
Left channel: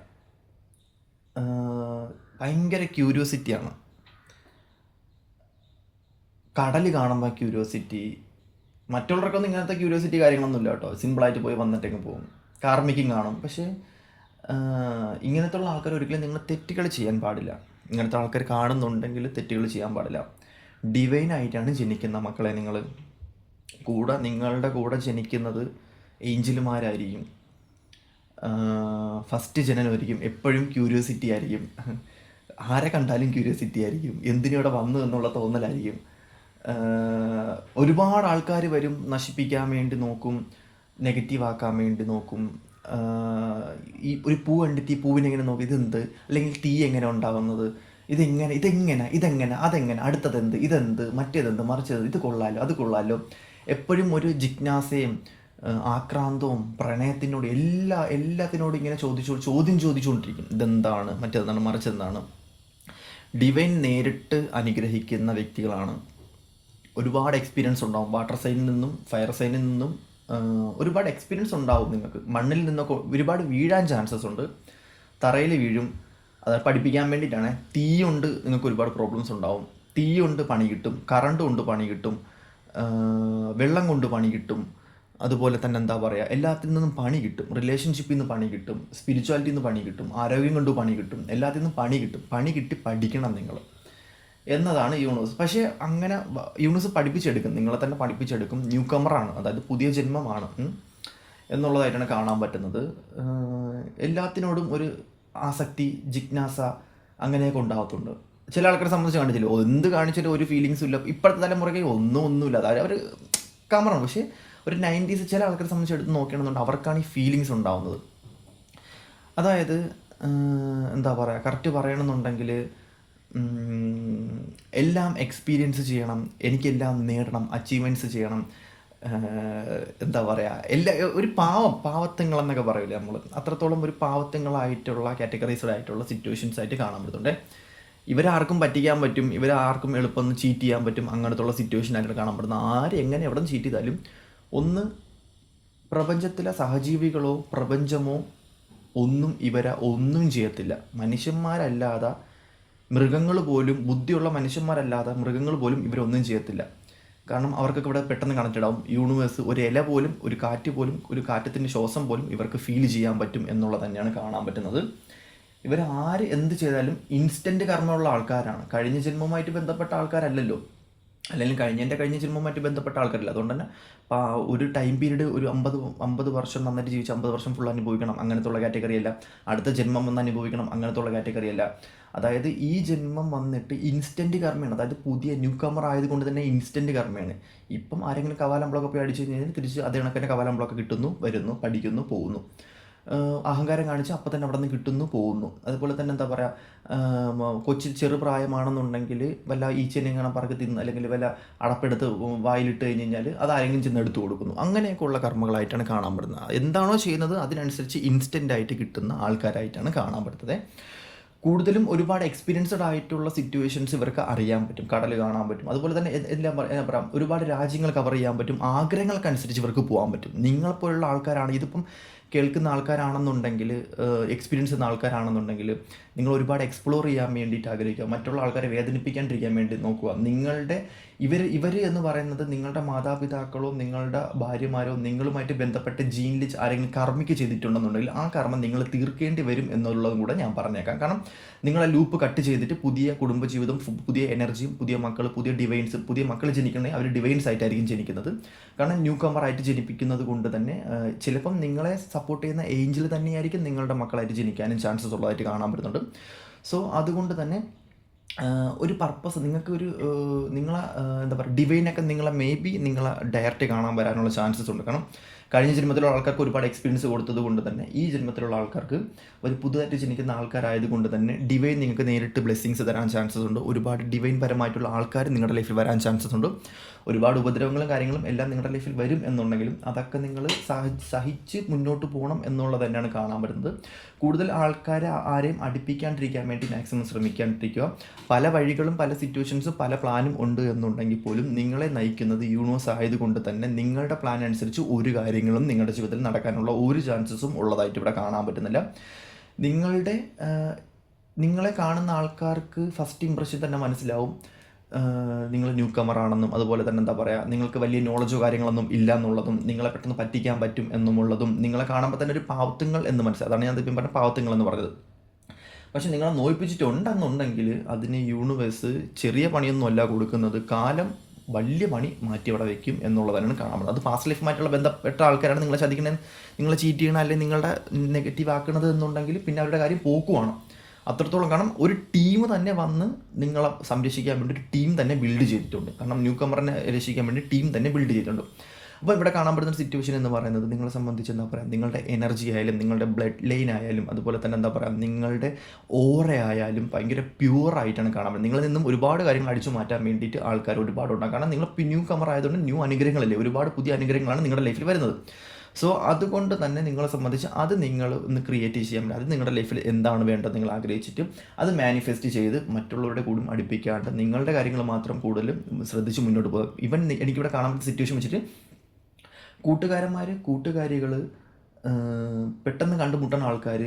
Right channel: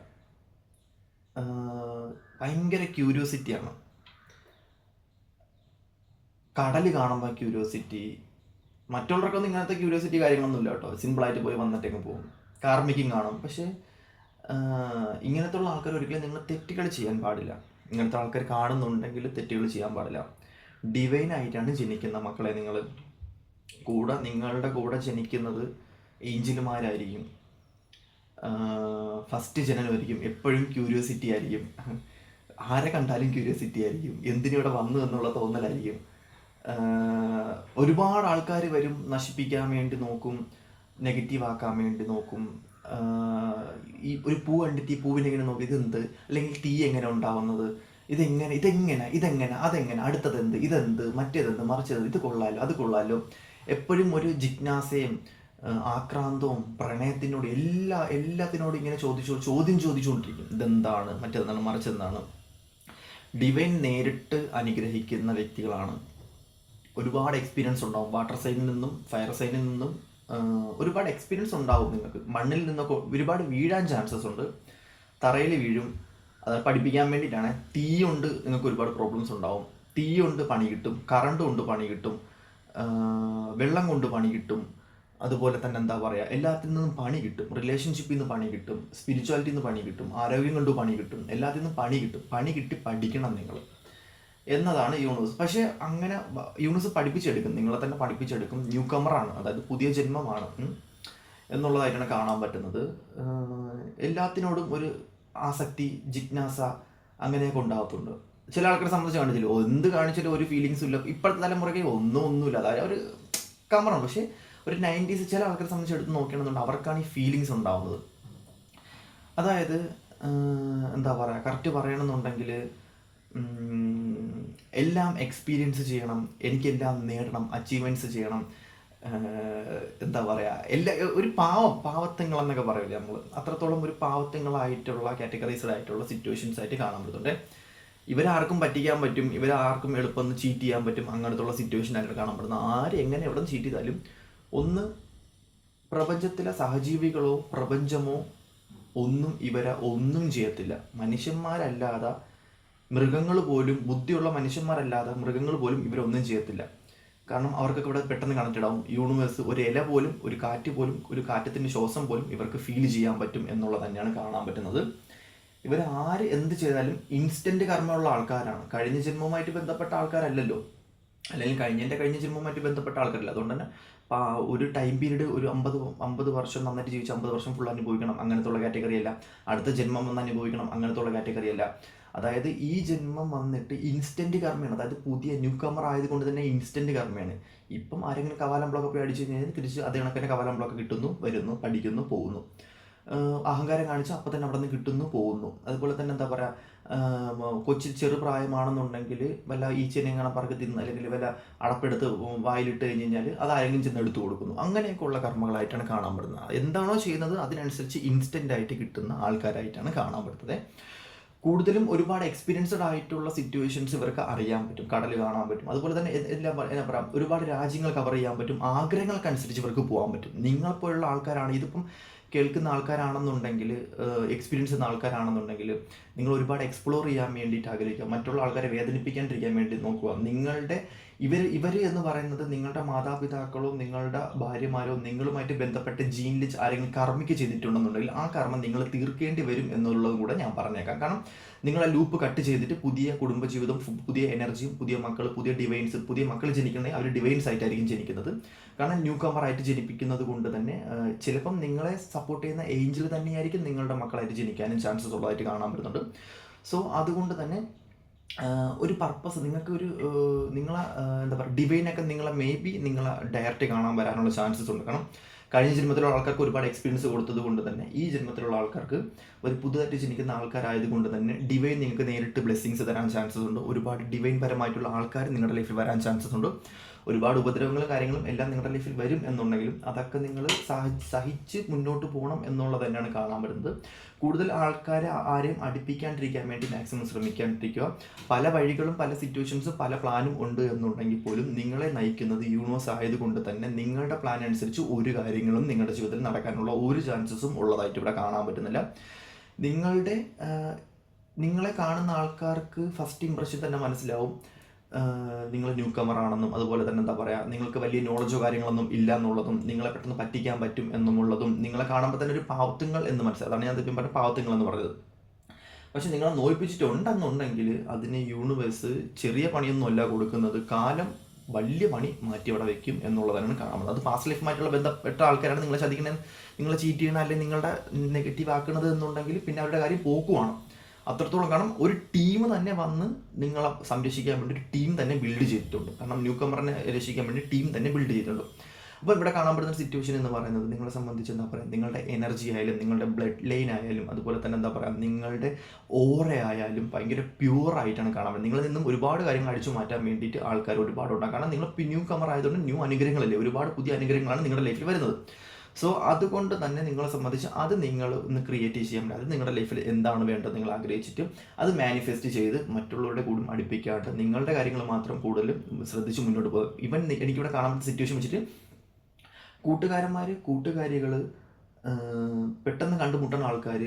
ഭയങ്കര ക്യൂരിയോസിറ്റിയാണ്. കടൽ കാണുമ്പോൾ ക്യൂരിയോസിറ്റി. മറ്റുള്ളവർക്കൊന്നും ഇങ്ങനത്തെ ക്യൂരിയോസിറ്റി കാര്യങ്ങളൊന്നുമില്ല കേട്ടോ. സിമ്പിളായിട്ട് പോയി വന്നിട്ടേക്ക് പോകും. കാർമിക്കും കാണും. പക്ഷേ ഇങ്ങനത്തുള്ള ആൾക്കാർ ഒരിക്കലും നിങ്ങൾ തെറ്റുകൾ ചെയ്യാൻ പാടില്ല. ഇങ്ങനത്തെ ആൾക്കാർ കാണുന്നുണ്ടെങ്കിൽ തെറ്റുകൾ ചെയ്യാൻ പാടില്ല. ഡിവൈനായിട്ടാണ് ജനിക്കുന്ന മക്കളെ. നിങ്ങളുടെ കൂടെ ജനിക്കുന്നത് ഏഞ്ചലുമാരായിരിക്കും. ഫസ്റ്റ് ജനനമായിരിക്കും. എപ്പോഴും ക്യൂരിയോസിറ്റി ആയിരിക്കും. ആരെ കണ്ടാലും ക്യൂരിയോസിറ്റി ആയിരിക്കും. എന്തിനിവിടെ വന്നു എന്നുള്ള തോന്നലായിരിക്കും. ഒരുപാട് ആൾക്കാർ വരും, നശിപ്പിക്കാൻ വേണ്ടി നോക്കും, നെഗറ്റീവ് ആക്കാൻ വേണ്ടി നോക്കും. ഈ ഒരു പൂ കണ്ടിട്ട് ഈ പൂവിനെ ഇങ്ങനെ നോക്കി, ഇതെന്ത്, അല്ലെങ്കിൽ തീ എങ്ങനെ ഉണ്ടാവുന്നത്, ഇതെങ്ങനെ അതെങ്ങനെ, അടുത്തതെന്ത്, ഇതെന്ത്, മറ്റേതെന്ത്, മറിച്ചത്, ഇത് കൊള്ളാലോ അത് കൊള്ളാലോ. എപ്പോഴും ഒരു ജിജ്ഞാസയും ആക്രാന്തവും പ്രണയത്തിനോട് എല്ലാത്തിനോടും ഇങ്ങനെ ചോദിച്ചുകൊണ്ടിരിക്കും. ഇതെന്താണ്, മറ്റേതെന്താണ്, മറിച്ചെന്താണ്. ഡിവൈൻ നേരിട്ട് അനുഗ്രഹിക്കുന്ന വ്യക്തികളാണ്. ഒരുപാട് എക്സ്പീരിയൻസ് ഉണ്ടാവും. വാട്ടർ സൈനിൽ നിന്നും ഫയർ സൈനിൽ നിന്നും ഒരുപാട് എക്സ്പീരിയൻസ് ഉണ്ടാവും. നിങ്ങൾക്ക് മണ്ണിൽ നിന്നൊക്കെ ഒരുപാട് വീഴാൻ ചാൻസസ് ഉണ്ട്. തറയിൽ വീഴും. അത് പഠിപ്പിക്കാൻ വേണ്ടിയിട്ടാണ്. തീ കൊണ്ട് നിങ്ങൾക്ക് ഒരുപാട് പ്രോബ്ലംസ് ഉണ്ടാവും. തീ കൊണ്ട് പണി കിട്ടും, കറണ്ട് കൊണ്ട് പണി കിട്ടും, വെള്ളം കൊണ്ട് പണി കിട്ടും. അതുപോലെ തന്നെ എന്താ പറയുക, എല്ലാത്തിൽ നിന്നും പണി കിട്ടും. റിലേഷൻഷിപ്പിൽ നിന്ന് പണി കിട്ടും, സ്പിരിച്വാലിറ്റിയിൽ നിന്ന് പണി കിട്ടും, ആരോഗ്യം കൊണ്ട് പണി കിട്ടും, എല്ലാത്തിൽ നിന്നും പണി കിട്ടും. പണി കിട്ടി പഠിക്കണം നിങ്ങൾ എന്നതാണ് യൂണിവേഴ്സ്. പക്ഷേ അങ്ങനെ യൂണിവേഴ്സ് പഠിപ്പിച്ചെടുക്കും, നിങ്ങളെ തന്നെ പഠിപ്പിച്ചെടുക്കും. ന്യൂ കമറാണ്, അതായത് പുതിയ ജന്മമാണ് എന്നുള്ളതായിട്ടാണ് കാണാൻ പറ്റുന്നത്. എല്ലാത്തിനോടും ഒരു ആസക്തി, ജിജ്ഞാസ അങ്ങനെയൊക്കെ ഉണ്ടാകത്തുണ്ട്. ചില ആൾക്കാരെ സംബന്ധിച്ച് കണ്ടിട്ടില്ല, എന്ത് കാണിച്ചാലും ഒരു ഫീലിങ്സും ഇല്ല. ഇപ്പോഴത്തെ തലമുറയ്ക്ക് ഒന്നുമില്ല, അതായത് അവർ കമറാണ്. പക്ഷേ ഒരു 90s ചില ആൾക്കാരെ സംബന്ധിച്ച് എടുത്ത് നോക്കുകയാണെന്നുണ്ട്, അവർക്കാണ് ഈ ഫീലിങ്സ് ഉണ്ടാകുന്നത്. അതായത് എന്താ പറയുക, കറക്റ്റ് പറയണമെന്നുണ്ടെങ്കിൽ എല്ലാം എക്സ്പീരിയൻസ് ചെയ്യണം, എനിക്കെല്ലാം നേടണം, അച്ചീവ്മെൻറ്റ്സ് ചെയ്യണം. എന്താ പറയുക, ഒരു പാവത്തങ്ങളെന്നൊക്കെ പറയില്ലേ നമ്മൾ, അത്രത്തോളം ഒരു പാവത്തങ്ങളായിട്ടുള്ള കാറ്റഗറൈസ്ഡ് ആയിട്ടുള്ള സിറ്റുവേഷൻസ് ആയിട്ട് കാണാൻ പറ്റുന്നുണ്ട്. ഇവരാർക്കും പറ്റിക്കാൻ പറ്റും, ഇവരാർക്കും എളുപ്പം ചീറ്റ് ചെയ്യാൻ പറ്റും. അങ്ങനത്തുള്ള സിറ്റുവേഷൻ ആയിട്ട് കാണാൻ പറ്റുന്ന ആര് എങ്ങനെ എവിടെ നിന്ന് ചീറ്റ് ചെയ്താലും ഒന്ന് പ്രപഞ്ചത്തിലെ സഹജീവികളോ പ്രപഞ്ചമോ ഒന്നും ഇവരെ ഒന്നും ചെയ്യത്തില്ല. മനുഷ്യന്മാരല്ലാതെ മൃഗങ്ങൾ പോലും, ബുദ്ധിയുള്ള മനുഷ്യന്മാരല്ലാതെ മൃഗങ്ങൾ പോലും ഇവരൊന്നും ചെയ്യത്തില്ല. കാരണം അവർക്കൊക്കെ ഇവിടെ പെട്ടെന്ന് കണക്റ്റഡ് ആവും. യൂണിവേഴ്സ്, ഒരു ഇല പോലും, ഒരു കാറ്റ് പോലും, ഒരു കാറ്റത്തിൻ്റെ ശ്വാസം പോലും ഇവർക്ക് ഫീൽ ചെയ്യാൻ പറ്റും എന്നുള്ളത് തന്നെയാണ് കാണാൻ പറ്റുന്നത്. ഇവർ ആര് എന്ത് ചെയ്താലും ഇൻസ്റ്റൻറ്റ് കർമ്മമുള്ള ആൾക്കാരാണ്. കഴിഞ്ഞ ജന്മവുമായിട്ട് ബന്ധപ്പെട്ട ആൾക്കാരല്ലല്ലോ, അല്ലെങ്കിൽ കഴിഞ്ഞ ജന്മവുമായിട്ട് ബന്ധപ്പെട്ട ആൾക്കാരല്ല. അതുകൊണ്ട് തന്നെ ഒരു ടൈം പീരീഡ്, ഒരു 50 വർഷം നന്നായിട്ട് ജീവിച്ച് 50 വർഷം ഫുൾ അനുഭവിക്കണം അങ്ങനത്തുള്ള കാറ്റഗറിയല്ല. അടുത്ത ജന്മം വന്ന് അനുഭവിക്കണം അങ്ങനത്തുള്ള കാറ്റഗറിയല്ല. അതായത് ഈ ജന്മം വന്നിട്ട് ഇൻസ്റ്റൻറ്റ് കർമ്മയാണ്. അതായത് പുതിയ ന്യൂ കമർ ആയതുകൊണ്ട് തന്നെ ഇൻസ്റ്റൻറ്റ് കർമ്മയാണ്. ഇപ്പം ആരെങ്കിലും കവാലം ബ്ലോക്ക് പോയി അടിച്ചു കഴിഞ്ഞാൽ തിരിച്ച് അതേ കണക്കിന് കവാലം ബ്ലോക്ക് കിട്ടുന്നു, വരുന്നു, പഠിക്കുന്നു, പോകുന്നു. അഹങ്കാരം കാണിച്ച് അപ്പം തന്നെ അവിടെ നിന്ന് കിട്ടുന്നു, പോകുന്നു. അതുപോലെ തന്നെ എന്താ പറയുക, ചെറുപ്രായമാണെന്നുണ്ടെങ്കിൽ വല്ല ഈച്ചനെയും കാണാൻ പറക്കി തിന്ന്, അല്ലെങ്കിൽ വല്ല അടപ്പെടുത്ത് വായിലിട്ട് കഴിഞ്ഞ് കഴിഞ്ഞാൽ അത് ആരെങ്കിലും ചെന്ന് എടുത്തു കൊടുക്കുന്നു. അങ്ങനെയൊക്കെയുള്ള കർമ്മങ്ങളായിട്ടാണ് കാണാൻ പറ്റുന്നത്. എന്താണോ ചെയ്യുന്നത് അതിനനുസരിച്ച് ഇൻസ്റ്റൻ്റ് ആയിട്ട് കിട്ടുന്ന ആൾക്കാരായിട്ടാണ് കാണാൻ പറ്റുന്നത്. കൂടുതലും ഒരുപാട് എക്സ്പീരിയൻസ്ഡ് ആയിട്ടുള്ള സിറ്റുവേഷൻസ് ഇവർക്ക് അറിയാൻ പറ്റും. കടൽ കാണാൻ പറ്റും. അതുപോലെ തന്നെ എല്ലാം പറയാം, ഒരുപാട് രാജ്യങ്ങൾ കവർ ചെയ്യാൻ പറ്റും. ആഗ്രഹങ്ങൾക്കനുസരിച്ച് ഇവർക്ക് പോകാൻ പറ്റും. നിങ്ങളെപ്പോലുള്ള ആൾക്കാരാണ്, ഇതിപ്പം കേൾക്കുന്ന ആൾക്കാരാണെന്നുണ്ടെങ്കിൽ, എക്സ്പീരിയൻസ് ചെയ്യുന്ന ആൾക്കാരാണെന്നുണ്ടെങ്കിൽ, നിങ്ങൾ ഒരുപാട് എക്സ്പ്ലോർ ചെയ്യാൻ വേണ്ടിയിട്ട് ആഗ്രഹിക്കുക. മറ്റുള്ള ആൾക്കാരെ വേദനിപ്പിക്കാണ്ടിരിക്കാൻ വേണ്ടി നോക്കുക. നിങ്ങളുടെ ഇവർ എന്ന് പറയുന്നത് നിങ്ങളുടെ മാതാപിതാക്കളോ നിങ്ങളുടെ ഭാര്യമാരോ നിങ്ങളുമായിട്ട് ബന്ധപ്പെട്ട് ജീനിൽ ആരെങ്കിലും കർമ്മിക്ക് ചെയ്തിട്ടുണ്ടെന്നുണ്ടെങ്കിൽ ആ കർമ്മം നിങ്ങൾ തീർക്കേണ്ടി വരും എന്നുള്ളതും കൂടെ ഞാൻ പറഞ്ഞേക്കാം. കാരണം നിങ്ങളെ ലൂപ്പ് കട്ട് ചെയ്തിട്ട് പുതിയ കുടുംബജീവിതം, പുതിയ എനർജിയും, പുതിയ മക്കൾ, പുതിയ ഡിവൈൻസ്, പുതിയ മക്കൾ ജനിക്കണമെങ്കിൽ അവർ ഡിവൈൻസ് ആയിട്ടായിരിക്കും ജനിക്കുന്നത്. കാരണം ന്യൂ കമറായിട്ട് ജനിപ്പിക്കുന്നത് കൊണ്ട് തന്നെ ചിലപ്പം നിങ്ങളെ സപ്പോർട്ട് ചെയ്യുന്ന ഏഞ്ചൽ തന്നെയായിരിക്കും നിങ്ങളുടെ മക്കളായിട്ട് ജനിക്കാനും ചാൻസസ് ഉള്ളതായിട്ട് കാണാൻ പറ്റുന്നുണ്ട്. സോ അതുകൊണ്ട് തന്നെ ഒരു പർപ്പസ് നിങ്ങൾക്ക് നിങ്ങളെ എന്താ പറയുക, ഡിവൈനൊക്കെ നിങ്ങളെ മേ ബി നിങ്ങളെ ഡയറക്റ്റ് കാണാൻ വരാനുള്ള ചാൻസസ് ഉണ്ട്. കാരണം കഴിഞ്ഞ ജന്മത്തിലുള്ള ആൾക്കാർക്ക് ഒരുപാട് എക്സ്പീരിയൻസ് കൊടുത്തത് കൊണ്ട് തന്നെ ഈ ജന്മത്തിലുള്ള ആൾക്കാർക്ക് ഒരു പുതുതായിട്ട് ജനിക്കുന്ന ആൾക്കാരായതുകൊണ്ട് തന്നെ ഡിവൈൻ നിങ്ങൾക്ക് നേരിട്ട് ബ്ലെസ്സിങ്സ് തരാൻ ചാൻസസ് ഉണ്ട്. ഒരുപാട് ഡിവൈൻ പരമായിട്ടുള്ള ആൾക്കാർ നിങ്ങളുടെ ലൈഫിൽ വരാൻ ചാൻസസ് ഉണ്ട്. ഒരുപാട് ഉപദ്രവങ്ങളും കാര്യങ്ങളും എല്ലാം നിങ്ങളുടെ ലൈഫിൽ വരും എന്നുണ്ടെങ്കിലും അതൊക്കെ നിങ്ങൾ സഹിച്ച് മുന്നോട്ട് പോകണം എന്നുള്ളത് തന്നെയാണ് കാണാൻ പറ്റുന്നത്. കൂടുതൽ ആൾക്കാരെ ആരെയും അടുപ്പിക്കാണ്ടിരിക്കാൻ വേണ്ടി മാക്സിമം ശ്രമിക്കാണ്ടിരിക്കുക. പല വഴികളും പല സിറ്റുവേഷൻസും പല പ്ലാനും ഉണ്ട് എന്നുണ്ടെങ്കിൽ പോലും നിങ്ങളെ നയിക്കുന്നത് യൂണിവേഴ്സ് ആയതുകൊണ്ട് തന്നെ നിങ്ങളുടെ പ്ലാൻ അനുസരിച്ച് ഒരു കാര്യങ്ങളും നിങ്ങളുടെ ജീവിതത്തിൽ നടക്കാനുള്ള ഒരു ചാൻസസും ഉള്ളതായിട്ട് ഇവിടെ കാണാൻ പറ്റുന്നില്ല. നിങ്ങളെ കാണുന്ന ആൾക്കാർക്ക് ഫസ്റ്റ് ഇംപ്രഷൻ തന്നെ മനസ്സിലാവും നിങ്ങൾ ന്യൂ കമറാണെന്നും, അതുപോലെ തന്നെ എന്താ പറയുക, നിങ്ങൾക്ക് വലിയ നോളജോ കാര്യങ്ങളൊന്നും ഇല്ല എന്നുള്ളതും, നിങ്ങളെ പെട്ടെന്ന് പറ്റിക്കാൻ പറ്റും എന്നുമുള്ളതും, നിങ്ങളെ കാണുമ്പോൾ തന്നെ ഒരു പാവത്തുങ്ങൾ എന്ന് മനസ്സിലാവും. അതാണ് ഞാൻ ഇപ്പം പറഞ്ഞ പാവത്തുങ്ങൾ എന്ന് പറഞ്ഞത്. പക്ഷെ നിങ്ങളെ നോയിപ്പിച്ചിട്ടുണ്ടെന്നുണ്ടെങ്കിൽ അതിന് യൂണിവേഴ്സ് ചെറിയ പണിയൊന്നും അല്ല കൊടുക്കുന്നത്, കാലം വലിയ പണി മാറ്റി അവിടെ വയ്ക്കും എന്നുള്ളതാണ് കാണാൻ പറ്റുന്നത്. അത് പാസ്റ്റ് ലൈഫുമായിട്ടുള്ള ബന്ധപ്പെട്ട ആൾക്കാരാണ് നിങ്ങളെ ചതിക്കണത്, നിങ്ങളെ ചീറ്റ് ചെയ്യണം, അല്ലെങ്കിൽ നിങ്ങളുടെ നെഗറ്റീവ് ആക്കണത് എന്നുണ്ടെങ്കിൽ പിന്നെ അവരുടെ കാര്യം പോക്കുവാണ് അത്രത്തോളം. കാരണം ഒരു ടീം തന്നെ വന്ന് നിങ്ങളെ സംരക്ഷിക്കാൻ വേണ്ടി ഒരു ടീം തന്നെ ബിൽഡ് ചെയ്തിട്ടുണ്ട്. കാരണം ന്യൂ കമറിനെ രക്ഷിക്കാൻ വേണ്ടി ടീം തന്നെ ബിൽഡ് ചെയ്തിട്ടുണ്ട്. അപ്പോൾ ഇവിടെ കാണാൻ പറ്റുന്ന സിറ്റുവേഷൻ എന്ന് പറയുന്നത് നിങ്ങളെ സംബന്ധിച്ച് എന്താ പറയുക, നിങ്ങളുടെ എനർജി ആയാലും നിങ്ങളുടെ ബ്ലഡ് ലൈൻ ആയാലും അതുപോലെ തന്നെ എന്താ പറയുക, നിങ്ങളുടെ ഓറ ആയാലും ഭയങ്കര പ്യുവറായിട്ടാണ് കാണാൻ പറ്റുന്നത്. നിങ്ങളിൽ നിന്നും ഒരുപാട് കാര്യങ്ങൾ അടിച്ചു മാറ്റാൻ വേണ്ടിയിട്ട് ആൾക്കാർ ഒരുപാടുണ്ടാകും. കാരണം നിങ്ങൾ ന്യൂ കമർ ആയതുകൊണ്ട് ന്യൂ അനുഗ്രഹങ്ങളല്ലേ, ഒരുപാട് പുതിയ അനുഗ്രഹങ്ങളാണ് നിങ്ങളുടെ ലൈഫിൽ വരുന്നത്. സോ അതുകൊണ്ട് തന്നെ നിങ്ങളെ സംബന്ധിച്ച് അത് നിങ്ങൾ ഒന്ന് ക്രിയേറ്റ് ചെയ്യാൻ പറ്റും. അത് നിങ്ങളുടെ ലൈഫിൽ എന്താണ് വേണ്ടത് നിങ്ങൾ ആഗ്രഹിച്ചിട്ട് അത് മാനിഫെസ്റ്റ് ചെയ്ത് മറ്റുള്ളവരുടെ കൂടും അടുപ്പിക്കാണ്ട് നിങ്ങളുടെ കാര്യങ്ങൾ മാത്രം കൂടുതലും ശ്രദ്ധിച്ച് മുന്നോട്ട് പോകും. ഇവൻ എനിക്കിവിടെ കാണാൻ പറ്റുന്ന സിറ്റുവേഷൻ വെച്ചിട്ട് കൂട്ടുകാരികൾ, പെട്ടെന്ന് കണ്ടുമുട്ടുന്ന ആൾക്കാർ,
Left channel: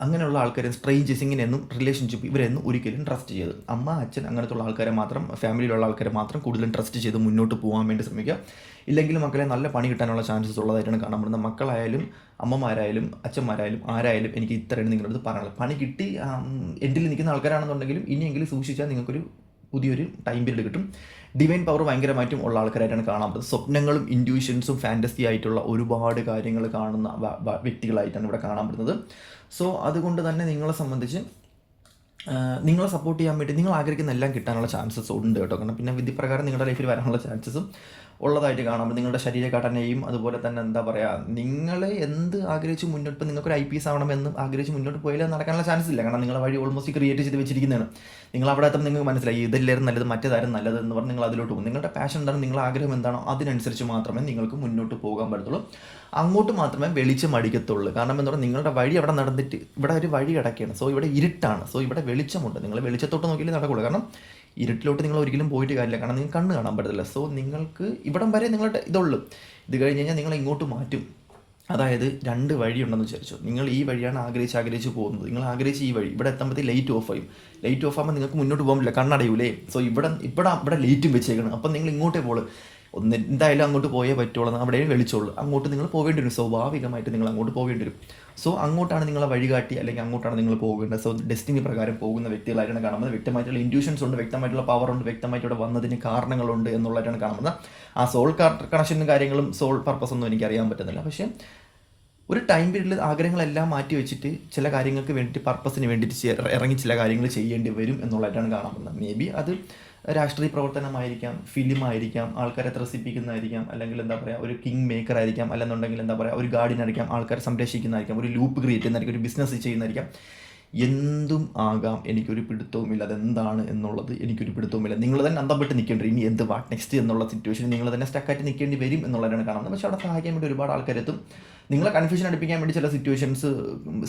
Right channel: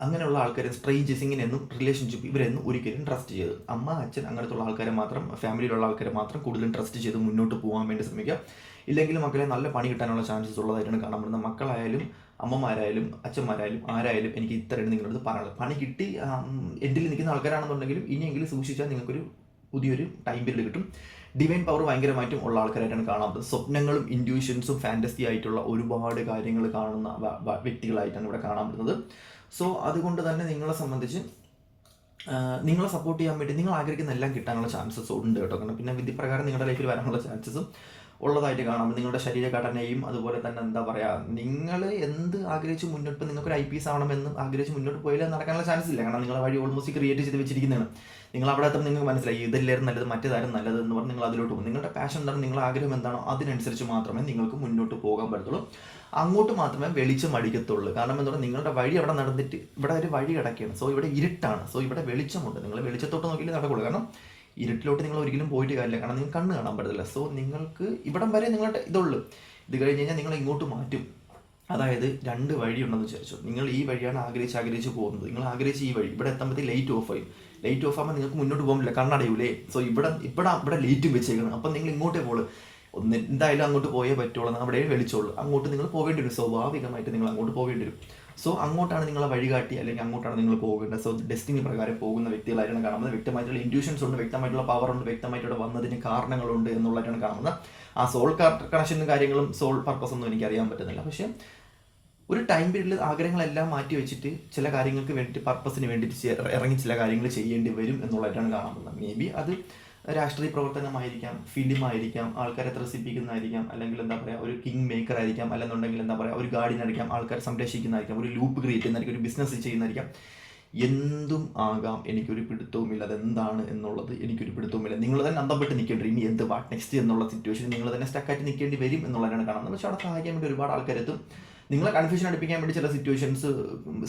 അങ്ങനെയുള്ള ആൾക്കാരെ സ്ട്രേഞ്ചേഴ്സ്, ഇങ്ങനെയൊന്നും റിലേഷൻഷിപ്പ് ഇവരെയൊന്നും ഒരിക്കലും ട്രസ്റ്റ് ചെയ്ത്, അമ്മ അച്ഛൻ അങ്ങനത്തുള്ള ആൾക്കാരെ മാത്രം, ഫാമിലിയിലുള്ള ആൾക്കാരെ മാത്രം കൂടുതലും ട്രസ്റ്റ് ചെയ്ത് മുന്നോട്ട് പോകാൻ വേണ്ടി ശ്രമിക്കുക. ഇല്ലെങ്കിൽ മക്കളെ നല്ല പണി കിട്ടാനുള്ള ചാൻസസ് ഉള്ളതായിട്ടാണ് കാണാൻ പറ്റുന്നത്. മക്കളായാലും അമ്മമാരായാലും അച്ഛന്മാരായാലും ആരായാലും എനിക്ക് ഇത്രയാണ് നിങ്ങളുടെ അടുത്ത് പറയാനുള്ളത്. പണി കിട്ടി എൻഡിൽ നിൽക്കുന്ന ആൾക്കാരാണെന്നുണ്ടെങ്കിലും ഇനിയെങ്കിലും സൂക്ഷിച്ചാൽ നിങ്ങൾക്കൊരു പുതിയൊരു ടൈം പീരീഡ് കിട്ടും. ഡിവൈൻ പവർ ഭയങ്കരമായിട്ടും ഉള്ള ആൾക്കാരായിട്ടാണ് കാണാൻ പറ്റുന്നത്. സ്വപ്നങ്ങളും ഇൻറ്റ്യൂഷൻസും ഫാൻറ്റസി ആയിട്ടുള്ള ഒരുപാട് കാര്യങ്ങൾ കാണുന്ന വ്യക്തികളായിട്ടാണ് ഇവിടെ കാണാൻ പറ്റുന്നത്. സോ അതുകൊണ്ട് തന്നെ നിങ്ങളെ സംബന്ധിച്ച് നിങ്ങളെ സപ്പോർട്ട് ചെയ്യാൻ വേണ്ടി നിങ്ങൾ ആഗ്രഹിക്കുന്ന എല്ലാം കിട്ടാനുള്ള ചാൻസസ് ഉണ്ട് കേട്ടോ. കാരണം പിന്നെ വിധിപ്രകാരം നിങ്ങളുടെ ലൈഫിൽ വരാനുള്ള ചാൻസസും ഉള്ളതായിട്ട് കാണാം. നിങ്ങളുടെ ശരീരഘടനയും അതുപോലെ തന്നെ എന്താ പറയുക, നിങ്ങൾ എന്ത് ആഗ്രഹിച്ച് മുന്നോട്ട്, നിങ്ങൾക്കൊരു IPS ആവണമെന്ന് ആഗ്രഹിച്ച് മുന്നോട്ട് പോയാൽ നടക്കാനുള്ള ചാൻസ് ഇല്ല. കാരണം നിങ്ങളെ വഴി ഓൾമോസ്റ്റ് ക്രിയേറ്റ് ചെയ്ത് വെച്ചിരിക്കുന്നതാണ്. നിങ്ങൾ അവിടെ എത്തുമ്പോൾ നിങ്ങൾക്ക് മനസ്സിലായി ഇതെല്ലാവരും നല്ലത്, മറ്റേതാരും നല്ലത് എന്ന് പറഞ്ഞ് നിങ്ങൾ അതിലോട്ട് പോകും. നിങ്ങളുടെ പാഷൻ എന്താണ്, നിങ്ങളുടെ ആഗ്രഹം എന്താണോ അതിനനുസരിച്ച് മാത്രമേ നിങ്ങൾക്ക് മുന്നോട്ട് പോകാൻ പറ്റത്തുള്ളൂ. അങ്ങോട്ട് മാത്രമേ വെളിച്ചം അടിക്കത്തുള്ളൂ. കാരണം എന്താ പറയുക, നിങ്ങളുടെ വഴി അവിടെ നടന്നിട്ട് ഇവിടെ ഒരു വഴി കിടക്കുകയാണ്. സോ ഇവിടെ ഇരുട്ടാണ്. സോ ഇവിടെ വെളിച്ചമുണ്ട്. നിങ്ങൾ വെളിച്ചത്തോട്ട് നോക്കിയാലേ നടക്കുള്ളൂ. കാരണം ഇരുട്ടിലോട്ട് നിങ്ങൾ ഒരിക്കലും പോയിട്ട് കാര്യമില്ല. കാരണം നിങ്ങൾക്ക് കണ്ണ് കാണാൻ പറ്റത്തില്ല. സോ നിങ്ങൾക്ക് ഇവിടം വരെ നിങ്ങളുടെ ഇതുള്ളൂ. ഇത് കഴിഞ്ഞ് കഴിഞ്ഞാൽ നിങ്ങൾ ഇങ്ങോട്ട് മാറ്റും. അതായത് 2 വഴിയുണ്ടെന്ന് വിചാരിച്ചു. നിങ്ങൾ ഈ വഴിയാണ് ആഗ്രഹിച്ച് പോകുന്നത്. നിങ്ങൾ ആഗ്രഹിച്ച ഈ വഴി ഇവിടെ എത്തുമ്പോഴത്തേക്ക് ലൈറ്റ് ഓഫ് ആയും. ലൈറ്റ് ഓഫ് ആകുമ്പോൾ നിങ്ങൾക്ക് മുന്നോട്ട് പോകാൻ പറ്റില്ല, കണ്ണടയൂലേ. സോ ഇവിടെ ലൈറ്റും വെച്ചേക്കണം. അപ്പം നിങ്ങൾ ഇങ്ങോട്ടേ പോകുള്ളൂ. എന്തായാലും അങ്ങോട്ട് പോയേ പറ്റുള്ളൂ, അവിടെ വെളിച്ചോളൂ. അങ്ങോട്ട് നിങ്ങൾ പോകേണ്ടി വരും, സ്വാഭാവികമായിട്ട് നിങ്ങൾ അങ്ങോട്ട് പോകേണ്ടി വരും. സോ അങ്ങോട്ടാണ് നിങ്ങളെ വഴികാട്ടി, അല്ലെങ്കിൽ അങ്ങോട്ടാണ് നിങ്ങൾ പോകേണ്ടത്. സോ ഡെസ്റ്റിനി പ്രകാരം പോകുന്ന വ്യക്തികളായിട്ടാണ് കാണുന്നത്. വ്യക്തമായിട്ടുള്ള ഇൻഡ്യൂഷൻസ് ഉണ്ട്, വ്യക്തമായിട്ടുള്ള പവർ ഉണ്ട്, വ്യക്തമായിട്ട് ഇവിടെ വന്നതിന് കാരണങ്ങളുണ്ട് എന്നുള്ളതായിട്ടാണ് കാണുന്നത്. ആ സോൾ കണക്ഷനും കാര്യങ്ങളും സോൾ പർപ്പസ് ഒന്നും എനിക്ക് അറിയാൻ പറ്റുന്നില്ല. പക്ഷേ ഒരു ടൈം പീരീഡിൽ ആഗ്രഹങ്ങളെല്ലാം മാറ്റി വെച്ചിട്ട് ചില കാര്യങ്ങൾക്ക് വേണ്ടിയിട്ട്, പർപ്പസിന് വേണ്ടിയിട്ട് ഇറങ്ങി ചില കാര്യങ്ങൾ ചെയ്യേണ്ടി വരും എന്നുള്ളതായിട്ടാണ് കാണുന്നത്. മേ ബി അത് രാഷ്ട്രീയ പ്രവർത്തനമായിരിക്കാം, ഫിലിമായിരിക്കാം, ആൾക്കാരെ ത്രസിപ്പിക്കുന്നതായിരിക്കാം, അല്ലെങ്കിൽ എന്താ പറയുക ഒരു കിങ് മേക്കർ ആയിരിക്കാം, അല്ലെന്നുണ്ടെങ്കിൽ എന്താ പറയുക ഒരു ഗാർഡിയനായിരിക്കാം, ആൾക്കാരെ സംരക്ഷിക്കുന്നതായിരിക്കാം, ഒരു ലൂപ്പ് ക്രിയേറ്റ് ചെയ്യുന്നതായിരിക്കും, ഒരു ബിസിനസ് ചെയ്യുന്നതായിരിക്കാം. എന്തും ആകാം, എനിക്കൊരു പിടുത്തവുമില്ല അതെന്താണ് എന്നുള്ളത്. എനിക്കൊരു പിടുത്തവുമില്ല. നിങ്ങൾ തന്നെ അന്തപ്പെട്ട് നിൽക്കേണ്ടി വരും. ഇനി എന്ത് വാട്ട് നെക്സ്റ്റ് എന്നുള്ള സിറ്റുവേഷനിൽ നിങ്ങൾ തന്നെ സ്റ്റക്കായിട്ട് നിൽക്കേണ്ടി വരും എന്നുള്ളതാണ് കാണുന്നത്. പക്ഷേ അവിടെ സഹായിക്കാൻ വേണ്ടി ഒരുപാട് ആൾക്കാരെത്തും. നിങ്ങളെ കൺഫ്യൂഷൻ അടുപ്പിക്കാൻ വേണ്ടി ചില സിറ്റുവേഷൻസ്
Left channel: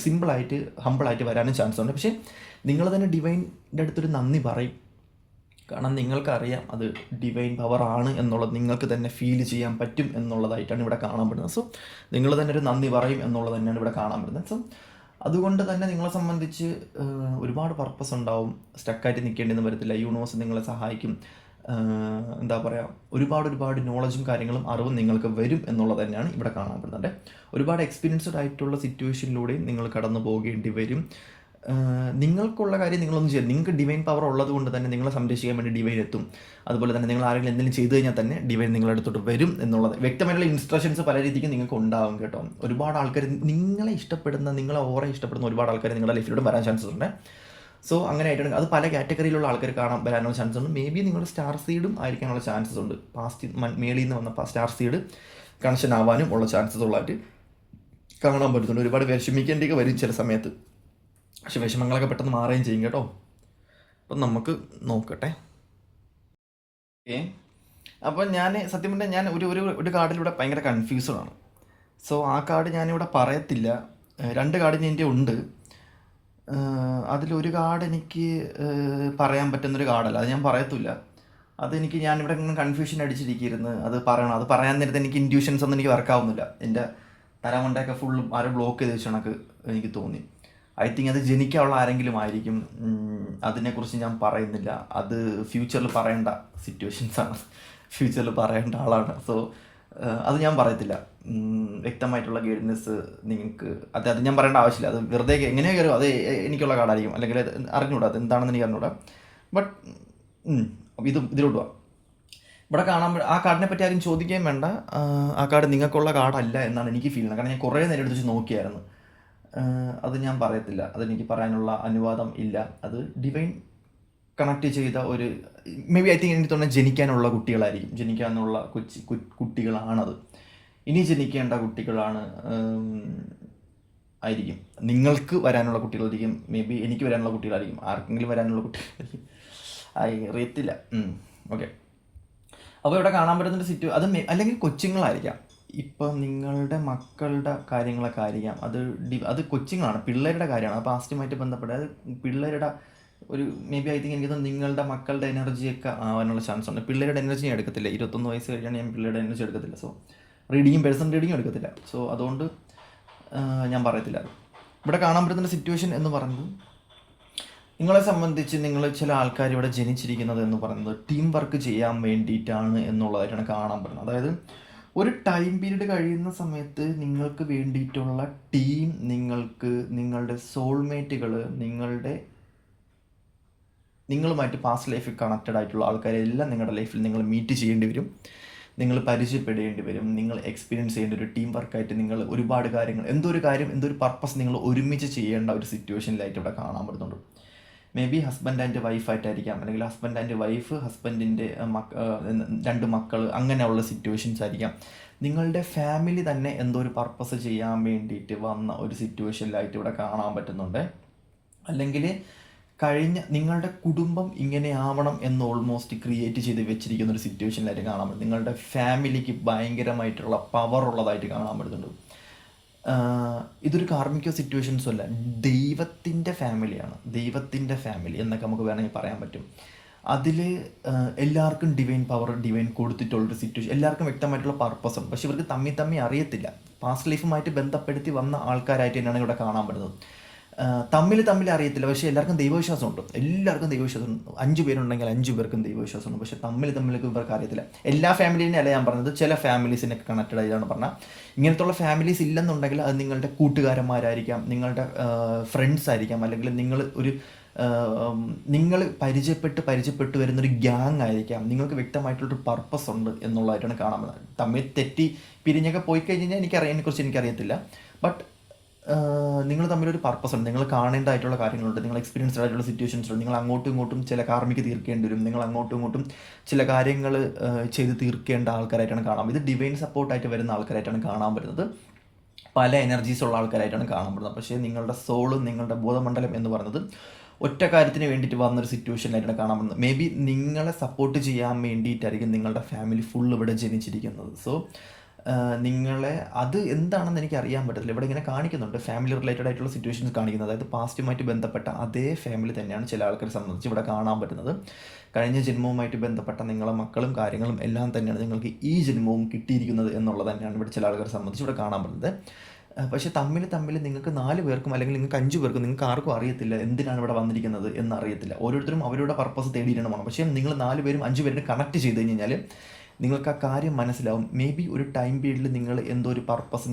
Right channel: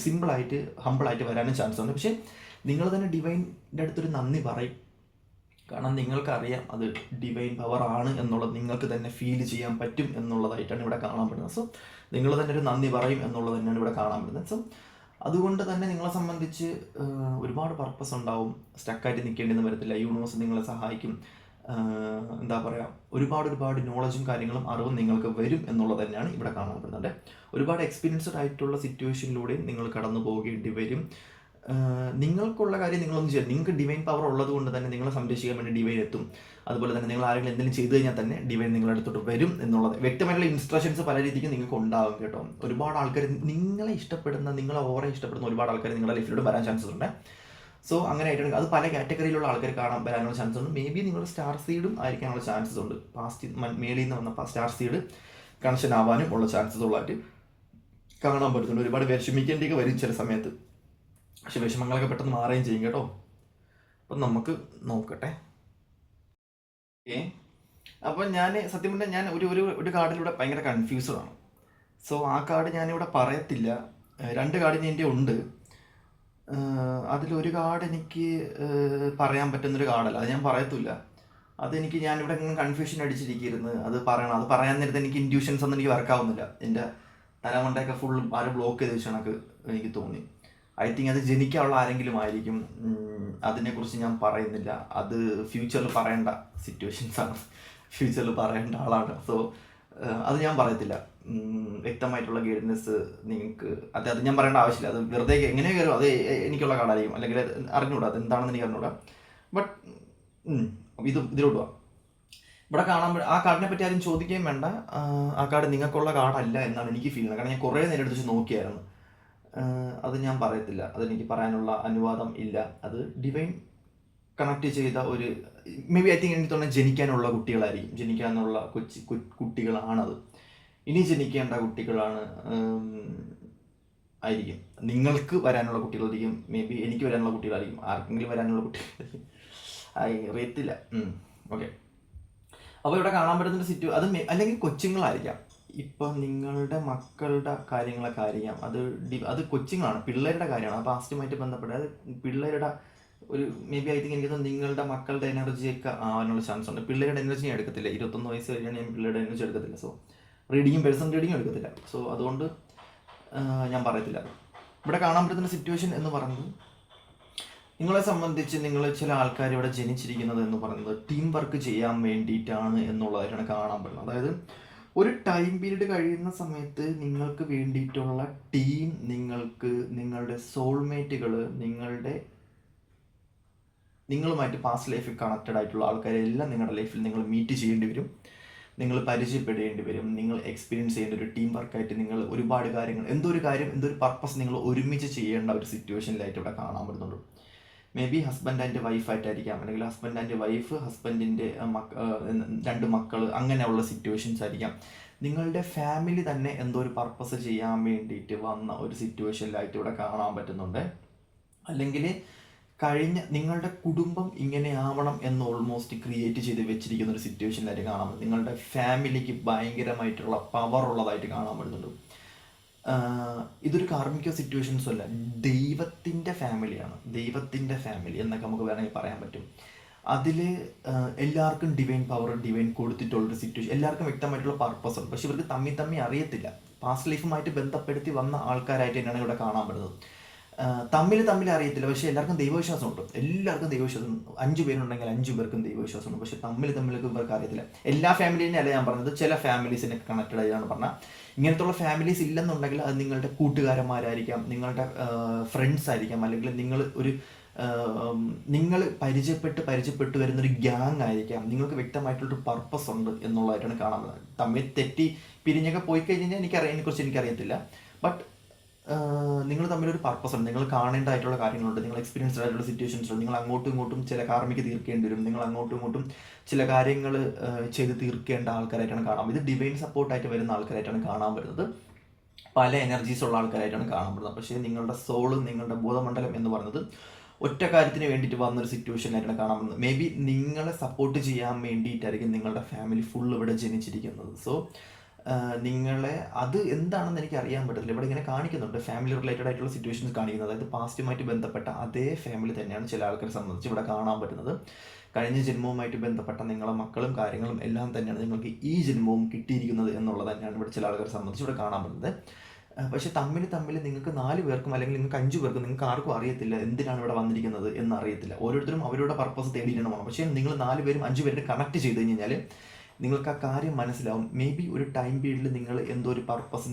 സിമ്പിളായിട്ട് ഹമ്പിളായിട്ട് വരാനും ചാൻസ് ഉണ്ട്. പക്ഷേ നിങ്ങൾ തന്നെ ഡിവൈൻ്റെ അടുത്തൊരു നന്ദി പറയും. കാരണം നിങ്ങൾക്കറിയാം അത് ഡിവൈൻ പവർ ആണ് എന്നുള്ളത്, നിങ്ങൾക്ക് തന്നെ ഫീൽ ചെയ്യാൻ പറ്റും എന്നുള്ളതായിട്ടാണ് ഇവിടെ കാണാൻ പറ്റുന്നത്. സോ നിങ്ങൾ തന്നെ ഒരു നന്ദി പറയും എന്നുള്ളത് തന്നെയാണ് ഇവിടെ കാണാൻ പറ്റുന്നത്. സോ അതുകൊണ്ട് തന്നെ നിങ്ങളെ സംബന്ധിച്ച് ഒരുപാട് പർപ്പസ് ഉണ്ടാവും. സ്റ്റക്കായിട്ട് നിൽക്കേണ്ടിയൊന്നും വരത്തില്ല. യൂണിവേഴ്സ് നിങ്ങളെ സഹായിക്കും. എന്താ പറയുക, ഒരുപാട് നോളജും കാര്യങ്ങളും അറിവും നിങ്ങൾക്ക് വരും എന്നുള്ളത് തന്നെയാണ് ഇവിടെ കാണാൻ പറ്റുന്നത്. ഒരുപാട് എക്സ്പീരിയൻസ്ഡ് ആയിട്ടുള്ള സിറ്റുവേഷനിലൂടെയും നിങ്ങൾ കടന്നു പോകേണ്ടി വരും. നിങ്ങൾക്കുള്ള കാര്യം നിങ്ങളൊന്നും ചെയ്യാം. നിങ്ങൾക്ക് ഡിവൈൻ പവർ ഉള്ളത് കൊണ്ട് തന്നെ നിങ്ങളെ സംരക്ഷിക്കാൻ വേണ്ടി ഡിവൈൻ എത്തും. അതുപോലെ തന്നെ നിങ്ങൾ ആരെങ്കിലും എന്തെങ്കിലും ചെയ്തു കഴിഞ്ഞാൽ തന്നെ ഡിവൈൻ നിങ്ങളുടെ അടുത്തോട്ട് വരും എന്നുള്ളത് വ്യക്തമായിട്ടുള്ള ഇൻസ്ട്രക്ഷൻസ് പല രീതിക്ക് നിങ്ങൾക്ക് ഉണ്ടാകും കേട്ടോ. ഒരുപാട് ആൾക്കാർ നിങ്ങളെ ഇഷ്ടപ്പെടുന്ന, നിങ്ങളെ ഓറെ ഇഷ്ടപ്പെടുന്ന ഒരുപാട് ആൾക്കാർ നിങ്ങളുടെ ലൈഫിലൂടെ വരാൻ ചാൻസസ് ഉണ്ട്. സോ അങ്ങനെ ആയിട്ടാണ് അത് പല കാറ്റഗറിയിലുള്ള ആൾക്കാർ വരാനുള്ള ചാൻസ് ഉണ്ട്. മേ ബി നിങ്ങൾ സ്റ്റാർ സീഡും ആയിരിക്കാനുള്ള ചാൻസസ് ഉണ്ട്. പാസ്റ്റ് മേളിൽ നിന്ന് വന്ന സ്റ്റാർ സീഡ് കണക്ഷൻ ആവാനും ഉള്ള ചാൻസസ് ഉള്ളതായിട്ട് കാണാൻ പറ്റുന്നുണ്ട്. ഒരുപാട് വിഷമിക്കേണ്ടിയൊക്കെ വരും ചില സമയത്ത്. പക്ഷെ വിഷമങ്ങളൊക്കെ പെട്ടെന്ന് മാറുകയും ചെയ്യും കേട്ടോ. അപ്പം നമുക്ക് നോക്കട്ടെ. ഓക്കെ, അപ്പോൾ ഞാൻ സത്യം പറഞ്ഞാൽ ഞാൻ ഒരു കാർഡിലൂടെ ഭയങ്കര കൺഫ്യൂസ്ഡ് ആണ്. സോ ആ കാർഡ് ഞാനിവിടെ പറയത്തില്ല. 2 കാർഡിന് എൻ്റെ ഉണ്ട്. അതിലൊരു കാർഡ് എനിക്ക് പറയാൻ പറ്റുന്നൊരു കാർഡല്ല, അത് ഞാൻ പറയത്തില്ല. അതെനിക്ക് ഞാനിവിടെ ഇങ്ങനെ കൺഫ്യൂഷൻ അടിച്ചിരിക്കുന്നു. അത് പറയാൻ നേരത്തെ എനിക്ക് ഇൻഡ്യൂഷൻസ് ഒന്നും എനിക്ക് വർക്കാവുന്നില്ല. എൻ്റെ തലമണ്ടയൊക്കെ ഫുൾ ആരും ബ്ലോക്ക് ചെയ്ത് വെച്ച കണക്ക് എനിക്ക് തോന്നി. ഐ തിങ്ക് അത് ജനിക്കാനുള്ള ആരെങ്കിലും ആയിരിക്കും. അതിനെക്കുറിച്ച് ഞാൻ പറയുന്നില്ല. അത് ഫ്യൂച്ചറിൽ പറയേണ്ട സിറ്റുവേഷൻസാണ്, ഫ്യൂച്ചറിൽ പറയേണ്ട ആളാണ്. സോ അത് ഞാൻ പറയത്തില്ല. വ്യക്തമായിട്ടുള്ള ഗൈഡൻസ് നിങ്ങൾക്ക് അത് ഞാൻ പറയേണ്ട ആവശ്യമില്ല. അത് വെറുതെ എങ്ങനെയോ കയറും, അത് എനിക്കുള്ള കാർഡായിരിക്കും, അല്ലെങ്കിൽ അറിഞ്ഞൂടാ അത് എന്താണെന്ന് എനിക്ക് അറിഞ്ഞൂടാ. ബട്ട് ഇതിലോട്ട് പോവാം. ഇവിടെ കാണാൻ ആ കാർഡിനെ പറ്റി ആരും ചോദിക്കുകയും വേണ്ട. ആ കാർഡ് നിങ്ങൾക്കുള്ള കാർഡല്ല എന്നാണ് എനിക്ക് ഫീൽ ചെയ്യുന്നത്. കാരണം ഞാൻ കുറേ നേരം എടുത്ത് നോക്കിയായിരുന്നു. അത് ഞാൻ പറയത്തില്ല, അതെനിക്ക് പറയാനുള്ള അനുവാദം ഇല്ല. അത് ഡിവൈൻ കണക്ട് ചെയ്ത ഒരു മേ ബി ഐ തിങ്ക് എനിക്ക് തോന്നുന്നത് ജനിക്കാനുള്ള കുട്ടികളായിരിക്കും. ജനിക്കാനുള്ള കുട്ടികളാണത്. ഇനി ജനിക്കേണ്ട കുട്ടികളാണ് ആയിരിക്കും. നിങ്ങൾക്ക് വരാനുള്ള കുട്ടികളായിരിക്കും. മേ ബി എനിക്ക് വരാനുള്ള കുട്ടികളായിരിക്കും. ആർക്കെങ്കിലും വരാനുള്ള കുട്ടികൾ അറിയത്തില്ല. ഓക്കെ, അപ്പോൾ ഇവിടെ കാണാൻ പറ്റുന്നൊരു അത് അല്ലെങ്കിൽ കൊച്ചുങ്ങളായിരിക്കാം. ഇപ്പം നിങ്ങളുടെ മക്കളുടെ കാര്യങ്ങളൊക്കെ ആയിരിക്കാം. അത് കൊച്ചുങ്ങളാണ്, പിള്ളേരുടെ കാര്യമാണ്. അപ്പോൾ പാസ്റ്റുമായിട്ട് ബന്ധപ്പെട്ട് അത് പിള്ളേരുടെ ഒരു മേ ബി ഐ തിങ്ക് എനിക്ക് നിങ്ങളുടെ മക്കളുടെ എനർജിയൊക്കെ ആവാനുള്ള ചാൻസ് ഉണ്ട്. പിള്ളേരുടെ എനർജി ഞാൻ എടുക്കത്തില്ല. 21 വയസ്സ് കഴിഞ്ഞാൽ ഞാൻ പിള്ളേരുടെ എനർജി എടുക്കത്തില്ല. സോ പേഴ്സൺ റീഡിങ്ങും എടുക്കത്തില്ല. സോ അതുകൊണ്ട് ഞാൻ പറയത്തില്ല. ഇവിടെ കാണാൻ പറ്റുന്ന സിറ്റുവേഷൻ എന്ന് പറയുന്നത് നിങ്ങളെ സംബന്ധിച്ച് നിങ്ങൾ ചില ആൾക്കാർ ഇവിടെ ജനിച്ചിരിക്കുന്നത് എന്ന് പറയുന്നത് ടീം വർക്ക് ചെയ്യാൻ വേണ്ടിയിട്ടാണ് എന്നുള്ളതായിട്ടാണ് കാണാൻ പറ്റുന്നത്. അതായത് ഒരു ടൈം പീരീഡ് കഴിയുന്ന സമയത്ത് നിങ്ങൾക്ക് വേണ്ടിയിട്ടുള്ള ടീം, നിങ്ങളുടെ സോൾമേറ്റുകൾ, നിങ്ങളുമായിട്ട് പാസ്റ്റ് ലൈഫിൽ കണക്റ്റഡ് ആയിട്ടുള്ള ആൾക്കാരെല്ലാം നിങ്ങളുടെ ലൈഫിൽ നിങ്ങൾ മീറ്റ് ചെയ്യേണ്ടി വരും, നിങ്ങൾ പരിചയപ്പെടേണ്ടി വരും, നിങ്ങൾ എക്സ്പീരിയൻസ് ചെയ്യേണ്ട ഒരു ടീം വർക്കായിട്ട് നിങ്ങൾ ഒരുപാട് കാര്യങ്ങൾ, എന്തൊരു പർപ്പസ് നിങ്ങൾ ഒരുമിച്ച് ചെയ്യേണ്ട ഒരു സിറ്റുവേഷനിലായിട്ട് ഇവിടെ കാണാൻ പറ്റുന്നുണ്ട്. മേ ബി ഹസ്ബൻഡ് ആൻഡ് വൈഫായിട്ടായിരിക്കാം, അല്ലെങ്കിൽ ഹസ്ബൻഡ് ആൻഡ് വൈഫ്, ഹസ്ബൻഡിൻ്റെ 2 മക്കൾ, അങ്ങനെയുള്ള സിറ്റുവേഷൻസ് ആയിരിക്കാം. നിങ്ങളുടെ ഫാമിലി തന്നെ എന്തോ ഒരു പർപ്പസ് ചെയ്യാൻ വേണ്ടിയിട്ട് വന്ന ഒരു സിറ്റുവേഷനിലായിട്ട് ഇവിടെ കാണാൻ പറ്റുന്നുണ്ട്. അല്ലെങ്കിൽ നിങ്ങളുടെ കുടുംബം ഇങ്ങനെ ആവണം എന്ന് ഓൾമോസ്റ്റ് ക്രിയേറ്റ് ചെയ്ത് വെച്ചിരിക്കുന്ന ഒരു സിറ്റുവേഷനിലായിട്ട് കാണാൻ പറ്റും. നിങ്ങളുടെ ഫാമിലിക്ക് ഭയങ്കരമായിട്ടുള്ള പവർ ഉള്ളതായിട്ട് കാണാൻ പറ്റുന്നുണ്ട്. ഇതൊരു കാർമിക്കോ സിറ്റുവേഷൻസും അല്ല, ദൈവത്തിൻ്റെ ഫാമിലിയാണ്. ദൈവത്തിൻ്റെ ഫാമിലി എന്നൊക്കെ നമുക്ക് വേണമെങ്കിൽ പറയാൻ പറ്റും. അതിൽ എല്ലാവർക്കും ഡിവൈൻ പവർ ഡിവൈൻ കൊടുത്തിട്ടുള്ളൊരു സിറ്റുവേഷൻ, എല്ലാവർക്കും വ്യക്തമായിട്ടുള്ള പർപ്പസും. പക്ഷെ ഇവർക്ക് തമ്മി അറിയത്തില്ല. പാസ്റ്റ് ലൈഫുമായിട്ട് ബന്ധപ്പെടുത്തി വന്ന ആൾക്കാരായിട്ട് തന്നെയാണ് ഇവിടെ കാണാൻ പറ്റുന്നത്. തമ്മിൽ അറിയത്തില്ല, പക്ഷേ എല്ലാവർക്കും ദൈവവിശ്വാസമുണ്ട്. എല്ലാവർക്കും ദൈവവിശ്വാസം. 5 പേരുണ്ടെങ്കിൽ 5 പേർക്കും ദൈവവിശ്വാസമുണ്ട്. പക്ഷേ തമ്മിലൊക്കെ ഇവർക്ക് അറിയത്തില്ല. എല്ലാ ഫാമിലീനെ അല്ല ഞാൻ പറഞ്ഞത്, ചില ഫാമിലീസിനൊക്കെ കണക്റ്റഡ് ആയിട്ടാണ് പറഞ്ഞാൽ. ഇങ്ങനത്തുള്ള ഫാമിലീസ് ഇല്ലെന്നുണ്ടെങ്കിൽ അത് നിങ്ങളുടെ കൂട്ടുകാരന്മാരായിരിക്കാം, നിങ്ങളുടെ ഫ്രണ്ട്സ് ആയിരിക്കാം, അല്ലെങ്കിൽ നിങ്ങൾ പരിചയപ്പെട്ട് വരുന്നൊരു ഗ്യാങ് ആയിരിക്കാം. നിങ്ങൾക്ക് വ്യക്തമായിട്ടുള്ളൊരു പർപ്പസ് ഉണ്ട് എന്നുള്ളതായിട്ടാണ് കാണാൻ പറ്റുന്നത്. തമ്മിൽ തെറ്റി പിരിഞ്ഞൊക്കെ പോയി കഴിഞ്ഞാൽ ഇതിനെക്കുറിച്ച് എനിക്കറിയത്തില്ല. ബട്ട് നിങ്ങൾ തമ്മിലൊരു പർപ്പസ് ഉണ്ട്, നിങ്ങൾ കാണേണ്ടതായിട്ടുള്ള കാര്യങ്ങളുണ്ട്, നിങ്ങൾ എക്സ്പീരിയൻസ്ഡ് ആയിട്ടുള്ള സിറ്റുവേഷൻസ് ഉണ്ട്, നിങ്ങൾ അങ്ങോട്ടും ഇങ്ങോട്ടും ചില കാർമിക്ക് തീർക്കേണ്ടി വരും, നിങ്ങൾ അങ്ങോട്ടും ഇങ്ങോട്ടും ചില കാര്യങ്ങൾ ചെയ്ത് തീർക്കേണ്ട ആൾക്കാരായിട്ടാണ് കാണാം. ഇത് ഡിവൈൻ സപ്പോർട്ടായിട്ട് വരുന്ന ആൾക്കാരായിട്ടാണ് കാണാൻ പറ്റുന്നത്. പല എനർജീസ് ഉള്ള ആൾക്കാരായിട്ടാണ് കാണാൻ പറ്റുന്നത്. പക്ഷേ നിങ്ങളുടെ സോളും നിങ്ങളുടെ ബോധമണ്ഡലം എന്ന് പറയുന്നത് ഒറ്റ കാര്യത്തിന് വേണ്ടിയിട്ട് വന്നൊരു സിറ്റുവേഷനിലായിട്ടാണ് കാണാൻ പറ്റുന്നത്. മേ ബി നിങ്ങളെ സപ്പോർട്ട് ചെയ്യാൻ വേണ്ടിയിട്ടായിരിക്കും നിങ്ങളുടെ ഫാമിലി ഫുൾ ഇവിടെ ജനിച്ചിരിക്കുന്നത്. സോ നിങ്ങളെ അത് എന്താണെന്ന് എനിക്ക് അറിയാൻ പറ്റത്തില്ല. ഇവിടെ ഇങ്ങനെ കാണിക്കുന്നുണ്ട്, ഫാമിലി റിലേറ്റഡ് ആയിട്ടുള്ള സിറ്റുവേഷൻസ് കാണിക്കുന്നത്. അതായത് പാസ്റ്റുമായിട്ട് ബന്ധപ്പെട്ട അതേ ഫാമിലി തന്നെയാണ് ചില ആൾക്കാരെ സംബന്ധിച്ച് ഇവിടെ കാണാൻ പറ്റുന്നത്. കഴിഞ്ഞ ജന്മവുമായിട്ട് ബന്ധപ്പെട്ട നിങ്ങളെ മക്കളും കാര്യങ്ങളും എല്ലാം തന്നെയാണ് നിങ്ങൾക്ക് ഈ ജന്മവും കിട്ടിയിരിക്കുന്നത് എന്നുള്ളത് തന്നെയാണ് ഇവിടെ ചില ആൾക്കാരെ സംബന്ധിച്ച് ഇവിടെ കാണാൻ പറ്റുന്നത്. പക്ഷേ തമ്മിൽ നിങ്ങൾക്ക് 4 പേർക്കും അല്ലെങ്കിൽ നിങ്ങൾക്ക് 5 പേർക്കും നിങ്ങൾക്ക് ആർക്കും അറിയത്തില്ല എന്തിനാണ് ഇവിടെ വന്നിരിക്കുന്നത് എന്നറിയത്തില്ല. ഓരോരുത്തരും അവരുടെ പർപ്പസ് തേടിയിട്ടാണ് പോകണം. പക്ഷേ നിങ്ങൾ 4 പേരും 5 പേരും കണക്ട് ചെയ്ത് കഴിഞ്ഞാൽ നിങ്ങൾക്ക് ആ കാര്യം മനസ്സിലാവും. മേ ബി ഒരു ടൈം പീരീഡിൽ നിങ്ങൾ എന്തോ ഒരു പർപ്പസ്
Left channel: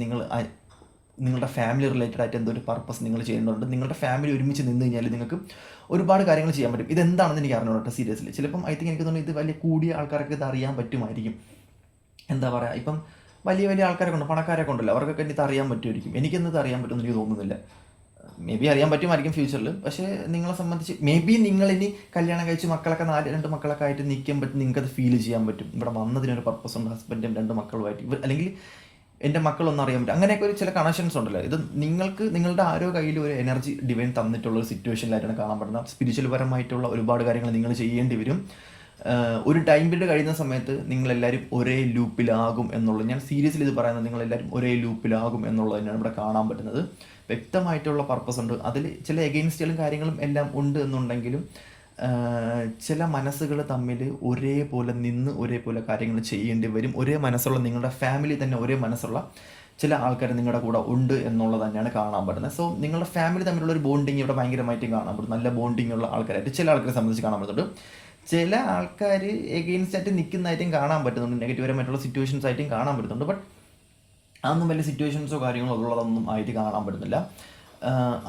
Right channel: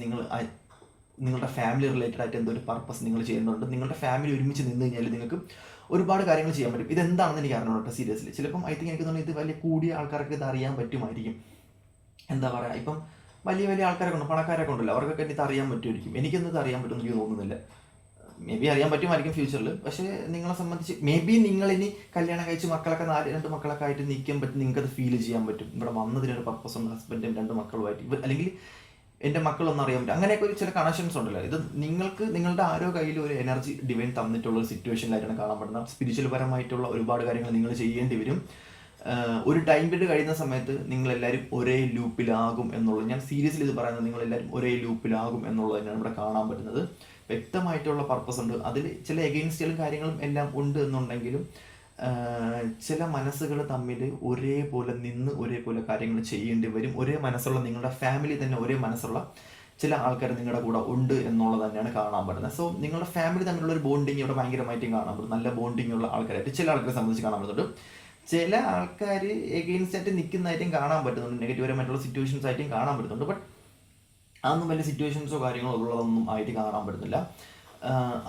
നിങ്ങളുടെ ഫാമിലി റിലേറ്റഡ് ആയിട്ട് എന്തോ ഒരു പർപ്പസ് നിങ്ങൾ ചെയ്യുന്നുണ്ട്. നിങ്ങളുടെ ഫാമിലി ഒരുമിച്ച് നിന്ന് കഴിഞ്ഞാൽ നിങ്ങൾക്ക് ഒരുപാട് കാര്യങ്ങൾ ചെയ്യാൻ പറ്റും. ഇതെന്താണെന്ന് എനിക്ക് അറിഞ്ഞോട്ടെ സീരിയസ്ലി. ചിലപ്പം എനിക്ക് തോന്നുന്നു ഇത് വലിയ കൂടിയ ആൾക്കാർക്ക് ഇത് അറിയാൻ പറ്റുമായിരിക്കും. എന്താ പറയുക, ഇപ്പം വലിയ ആൾക്കാരൊക്കെ ഉണ്ട്, പണക്കാരൊക്കെ ഉണ്ടല്ലോ, അവർക്കൊക്കെ ഇത് അറിയാൻ പറ്റുമായിരിക്കും. എനിക്കൊന്നും ഇത് അറിയാൻ പറ്റുമെന്ന് എനിക്ക് തോന്നുന്നില്ല. മേ ബി അറിയാൻ പറ്റുമായിരിക്കും ഫ്യൂച്ചറിൽ. പക്ഷേ നിങ്ങളെ സംബന്ധിച്ച് മേ ബി നിങ്ങളിനി കല്യാണം കഴിച്ച് മക്കളൊക്കെ 2 മക്കളൊക്കെ ആയിട്ട് നിൽക്കാൻ പറ്റും, നിങ്ങൾക്കത് ഫീൽ ചെയ്യാൻ പറ്റും. ഇവിടെ വന്നതിനൊരു പർപ്പസ് ഉണ്ട്, ഹസ്ബൻഡും 2 മക്കളുമായിട്ട്, അല്ലെങ്കിൽ എൻ്റെ മക്കളൊന്നും അറിയാൻ പറ്റും. അങ്ങനെയൊക്കെ ഒരു ചില കണക്ഷൻസ് ഉണ്ടല്ലോ. ഇത് നിങ്ങൾക്ക് നിങ്ങളുടെ ആരോ കയ്യിൽ ഒരു എനർജി ഡിവൈൻ തന്നിട്ടുള്ള ഒരു സിറ്റുവേഷനിലായിട്ടാണ് കാണാൻ പറ്റുന്നത്. സ്പിരിച്വൽ പരമായിട്ടുള്ള ഒരുപാട് കാര്യങ്ങൾ നിങ്ങൾ ചെയ്യേണ്ടി വരും. ഒരു ടൈം പീരീഡ് കഴിയുന്ന സമയത്ത് നിങ്ങളെല്ലാവരും ഒരേ ലൂപ്പിലാകും എന്നുള്ളത്, ഞാൻ സീരിയസ്ലി ഇത് പറയുന്നത്, നിങ്ങളെല്ലാവരും ഒരേ ലൂപ്പിലാകും എന്നുള്ളത് തന്നെയാണ് ഇവിടെ കാണാൻ പറ്റുന്നത്. വ്യക്തമായിട്ടുള്ള പർപ്പസ് ഉണ്ട്. അതിൽ ചില എഗെയിൻസ്റ്റുകളും കാര്യങ്ങളും എല്ലാം ഉണ്ട് എന്നുണ്ടെങ്കിലും ചില മനസ്സുകൾ തമ്മിൽ ഒരേപോലെ നിന്ന് ഒരേപോലെ കാര്യങ്ങൾ ചെയ്യേണ്ടി വരും. ഒരേ മനസ്സുള്ള നിങ്ങളുടെ ഫാമിലി തന്നെ ഒരേ മനസ്സുള്ള ചില ആൾക്കാർ നിങ്ങളുടെ കൂടെ ഉണ്ട് എന്നുള്ളത് തന്നെയാണ് കാണാൻ പറ്റുന്നത്. സോ നിങ്ങളുടെ ഫാമിലി തമ്മിലുള്ള ഒരു ബോണ്ടിങ് ഇവിടെ ഭയങ്കരമായിട്ടും കാണാൻ പറ്റും. നല്ല ബോണ്ടിങ് ഉള്ള ആൾക്കാരായിട്ട് ചില ആൾക്കാരെ സംബന്ധിച്ച് കാണാൻ പറ്റുന്നുണ്ട്. ചില ആൾക്കാർ എഗെയിൻസ്റ്റ് ആയിട്ട് നിൽക്കുന്നതായിട്ടും കാണാൻ പറ്റുന്നുണ്ട്, നെഗറ്റീവരമായിട്ടുള്ള സിറ്റുവേഷൻസ് ആയിട്ടും കാണാൻ പറ്റുന്നുണ്ട്. ബട്ട് അതൊന്നും വലിയ സിറ്റുവേഷൻസോ കാര്യങ്ങളോ ഉള്ളതൊന്നും ആയിട്ട് കാണാൻ പറ്റുന്നില്ല.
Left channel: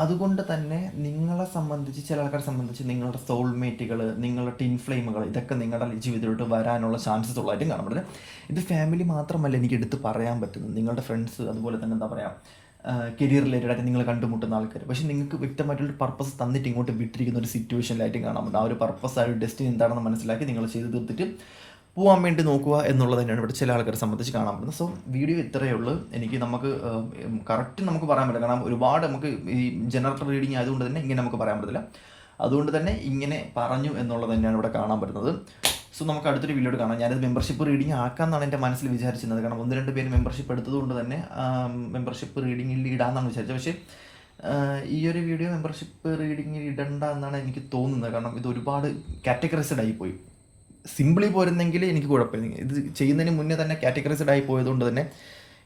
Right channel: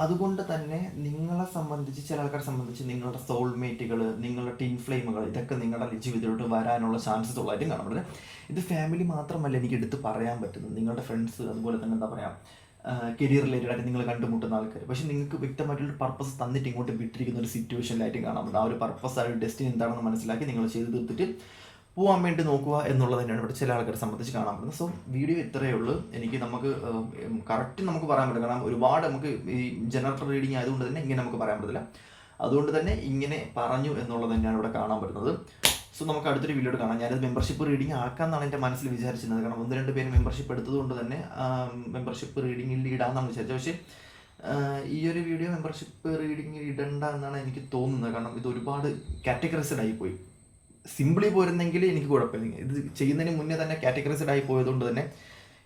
അതുകൊണ്ട് തന്നെ നിങ്ങളെ സംബന്ധിച്ച് ചില ആൾക്കാരെ സംബന്ധിച്ച് നിങ്ങളുടെ സോൾമേറ്റുകൾ, നിങ്ങളുടെ ടിൻ ഫ്ലെയിമുകൾ, ഇതൊക്കെ നിങ്ങളുടെ ജീവിതത്തിലോട്ട് വരാനുള്ള ചാൻസസ് ഉള്ളതായിട്ടും കാണാൻ പറ്റുന്നത്. ഇത് ഫാമിലി മാത്രമല്ല എനിക്ക് എടുത്ത് പറയാൻ പറ്റുന്നത്, നിങ്ങളുടെ ഫ്രണ്ട്സ്, അതുപോലെ തന്നെ എന്താ പറയുക, കരിയർ റിലേറ്റഡ് ആയിട്ട് നിങ്ങൾ കണ്ടുമുട്ടുന്ന ആൾക്കാർ. പക്ഷേ നിങ്ങൾക്ക് വ്യക്തമായിട്ടുള്ള പർപ്പസ് തന്നിട്ട് ഇങ്ങോട്ട് വിട്ടിരിക്കുന്ന ഒരു സിറ്റുവേഷനിലായിട്ടും കാണാൻ പറ്റും. ആ ഒരു പർപ്പസ്, ആ ഒരു ഡെസ്റ്റിനി എന്താണെന്ന് മനസ്സിലാക്കി നിങ്ങൾ ചെയ്ത് തീർത്തിട്ട് പോകാൻ വേണ്ടി നോക്കുക എന്നുള്ളത് തന്നെയാണ് ഇവിടെ ചില ആൾക്കാരെ സംബന്ധിച്ച് കാണാൻ പറ്റുന്നത്. സോ വീഡിയോ ഇത്രയേ ഉള്ളൂ. നമുക്ക് കറക്റ്റ് നമുക്ക് പറയാൻ പറ്റില്ല, കാരണം ഒരുപാട് നമുക്ക് ഈ ജനറൽ റീഡിങ് ആയതുകൊണ്ട് തന്നെ ഇങ്ങനെ നമുക്ക് പറയാൻ പറ്റില്ല. അതുകൊണ്ട് തന്നെ ഇങ്ങനെ പറഞ്ഞു എന്നുള്ളത് തന്നെയാണ് ഇവിടെ കാണാൻ പറ്റുന്നത്. സോ നമുക്ക് അടുത്തൊരു വീഡിയോ കാണാം. ഞാനത് മെമ്പർഷിപ്പ് റീഡിങ് ആക്കാമെന്നാണ് എൻ്റെ മനസ്സിൽ വിചാരിച്ചിരുന്നത്. കാരണം 1-2 പേര് മെമ്പർഷിപ്പ് എടുത്തതുകൊണ്ട് തന്നെ മെമ്പർഷിപ്പ് റീഡിങ്ങിൽ ഇടാമെന്നാണ് വിചാരിച്ചത്. പക്ഷേ ഈ ഒരു വീഡിയോ മെമ്പർഷിപ്പ് റീഡിങ്ങിൽ ഇടണ്ട എന്നാണ് എനിക്ക് തോന്നുന്നത്. കാരണം ഇത് ഒരുപാട് കാറ്റഗറൈസ്ഡ് ആയിപ്പോയി. സിമ്പിളി പോരുന്നെങ്കിൽ എനിക്ക് കുഴപ്പമില്ല. ഇത് ചെയ്യുന്നതിന് മുന്നേ തന്നെ കാറ്റഗറൈസ്ഡ് ആയി പോയതുകൊണ്ട് തന്നെ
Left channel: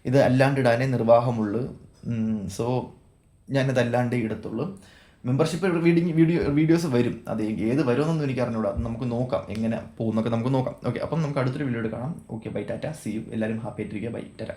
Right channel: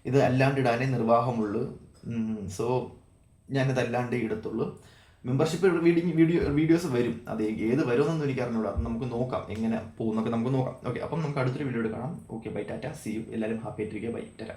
ഇത് അല്ലാണ്ട് ഇടാനേ നിർവാഹമുള്ളൂ. സോ ഞാനിത് അല്ലാണ്ടേ ഇടത്തുള്ളൂ. മെമ്പർഷിപ്പ് വീഡിയോസ് വരും. അത് ഏത് വരുമെന്നൊന്നും എനിക്ക് അറിഞ്ഞൂടാ. നമുക്ക് നോക്കാം എങ്ങനെ പോകുന്നൊക്കെ നമുക്ക് നോക്കാം. ഓക്കെ, അപ്പം നമുക്ക് അടുത്തൊരു വീഡിയോ കാണാം. Okay, bye, tata, see you. എല്ലാവരും ഹാപ്പി ആയിട്ടിരിക്കുക. ബൈ, ടാറ്റ.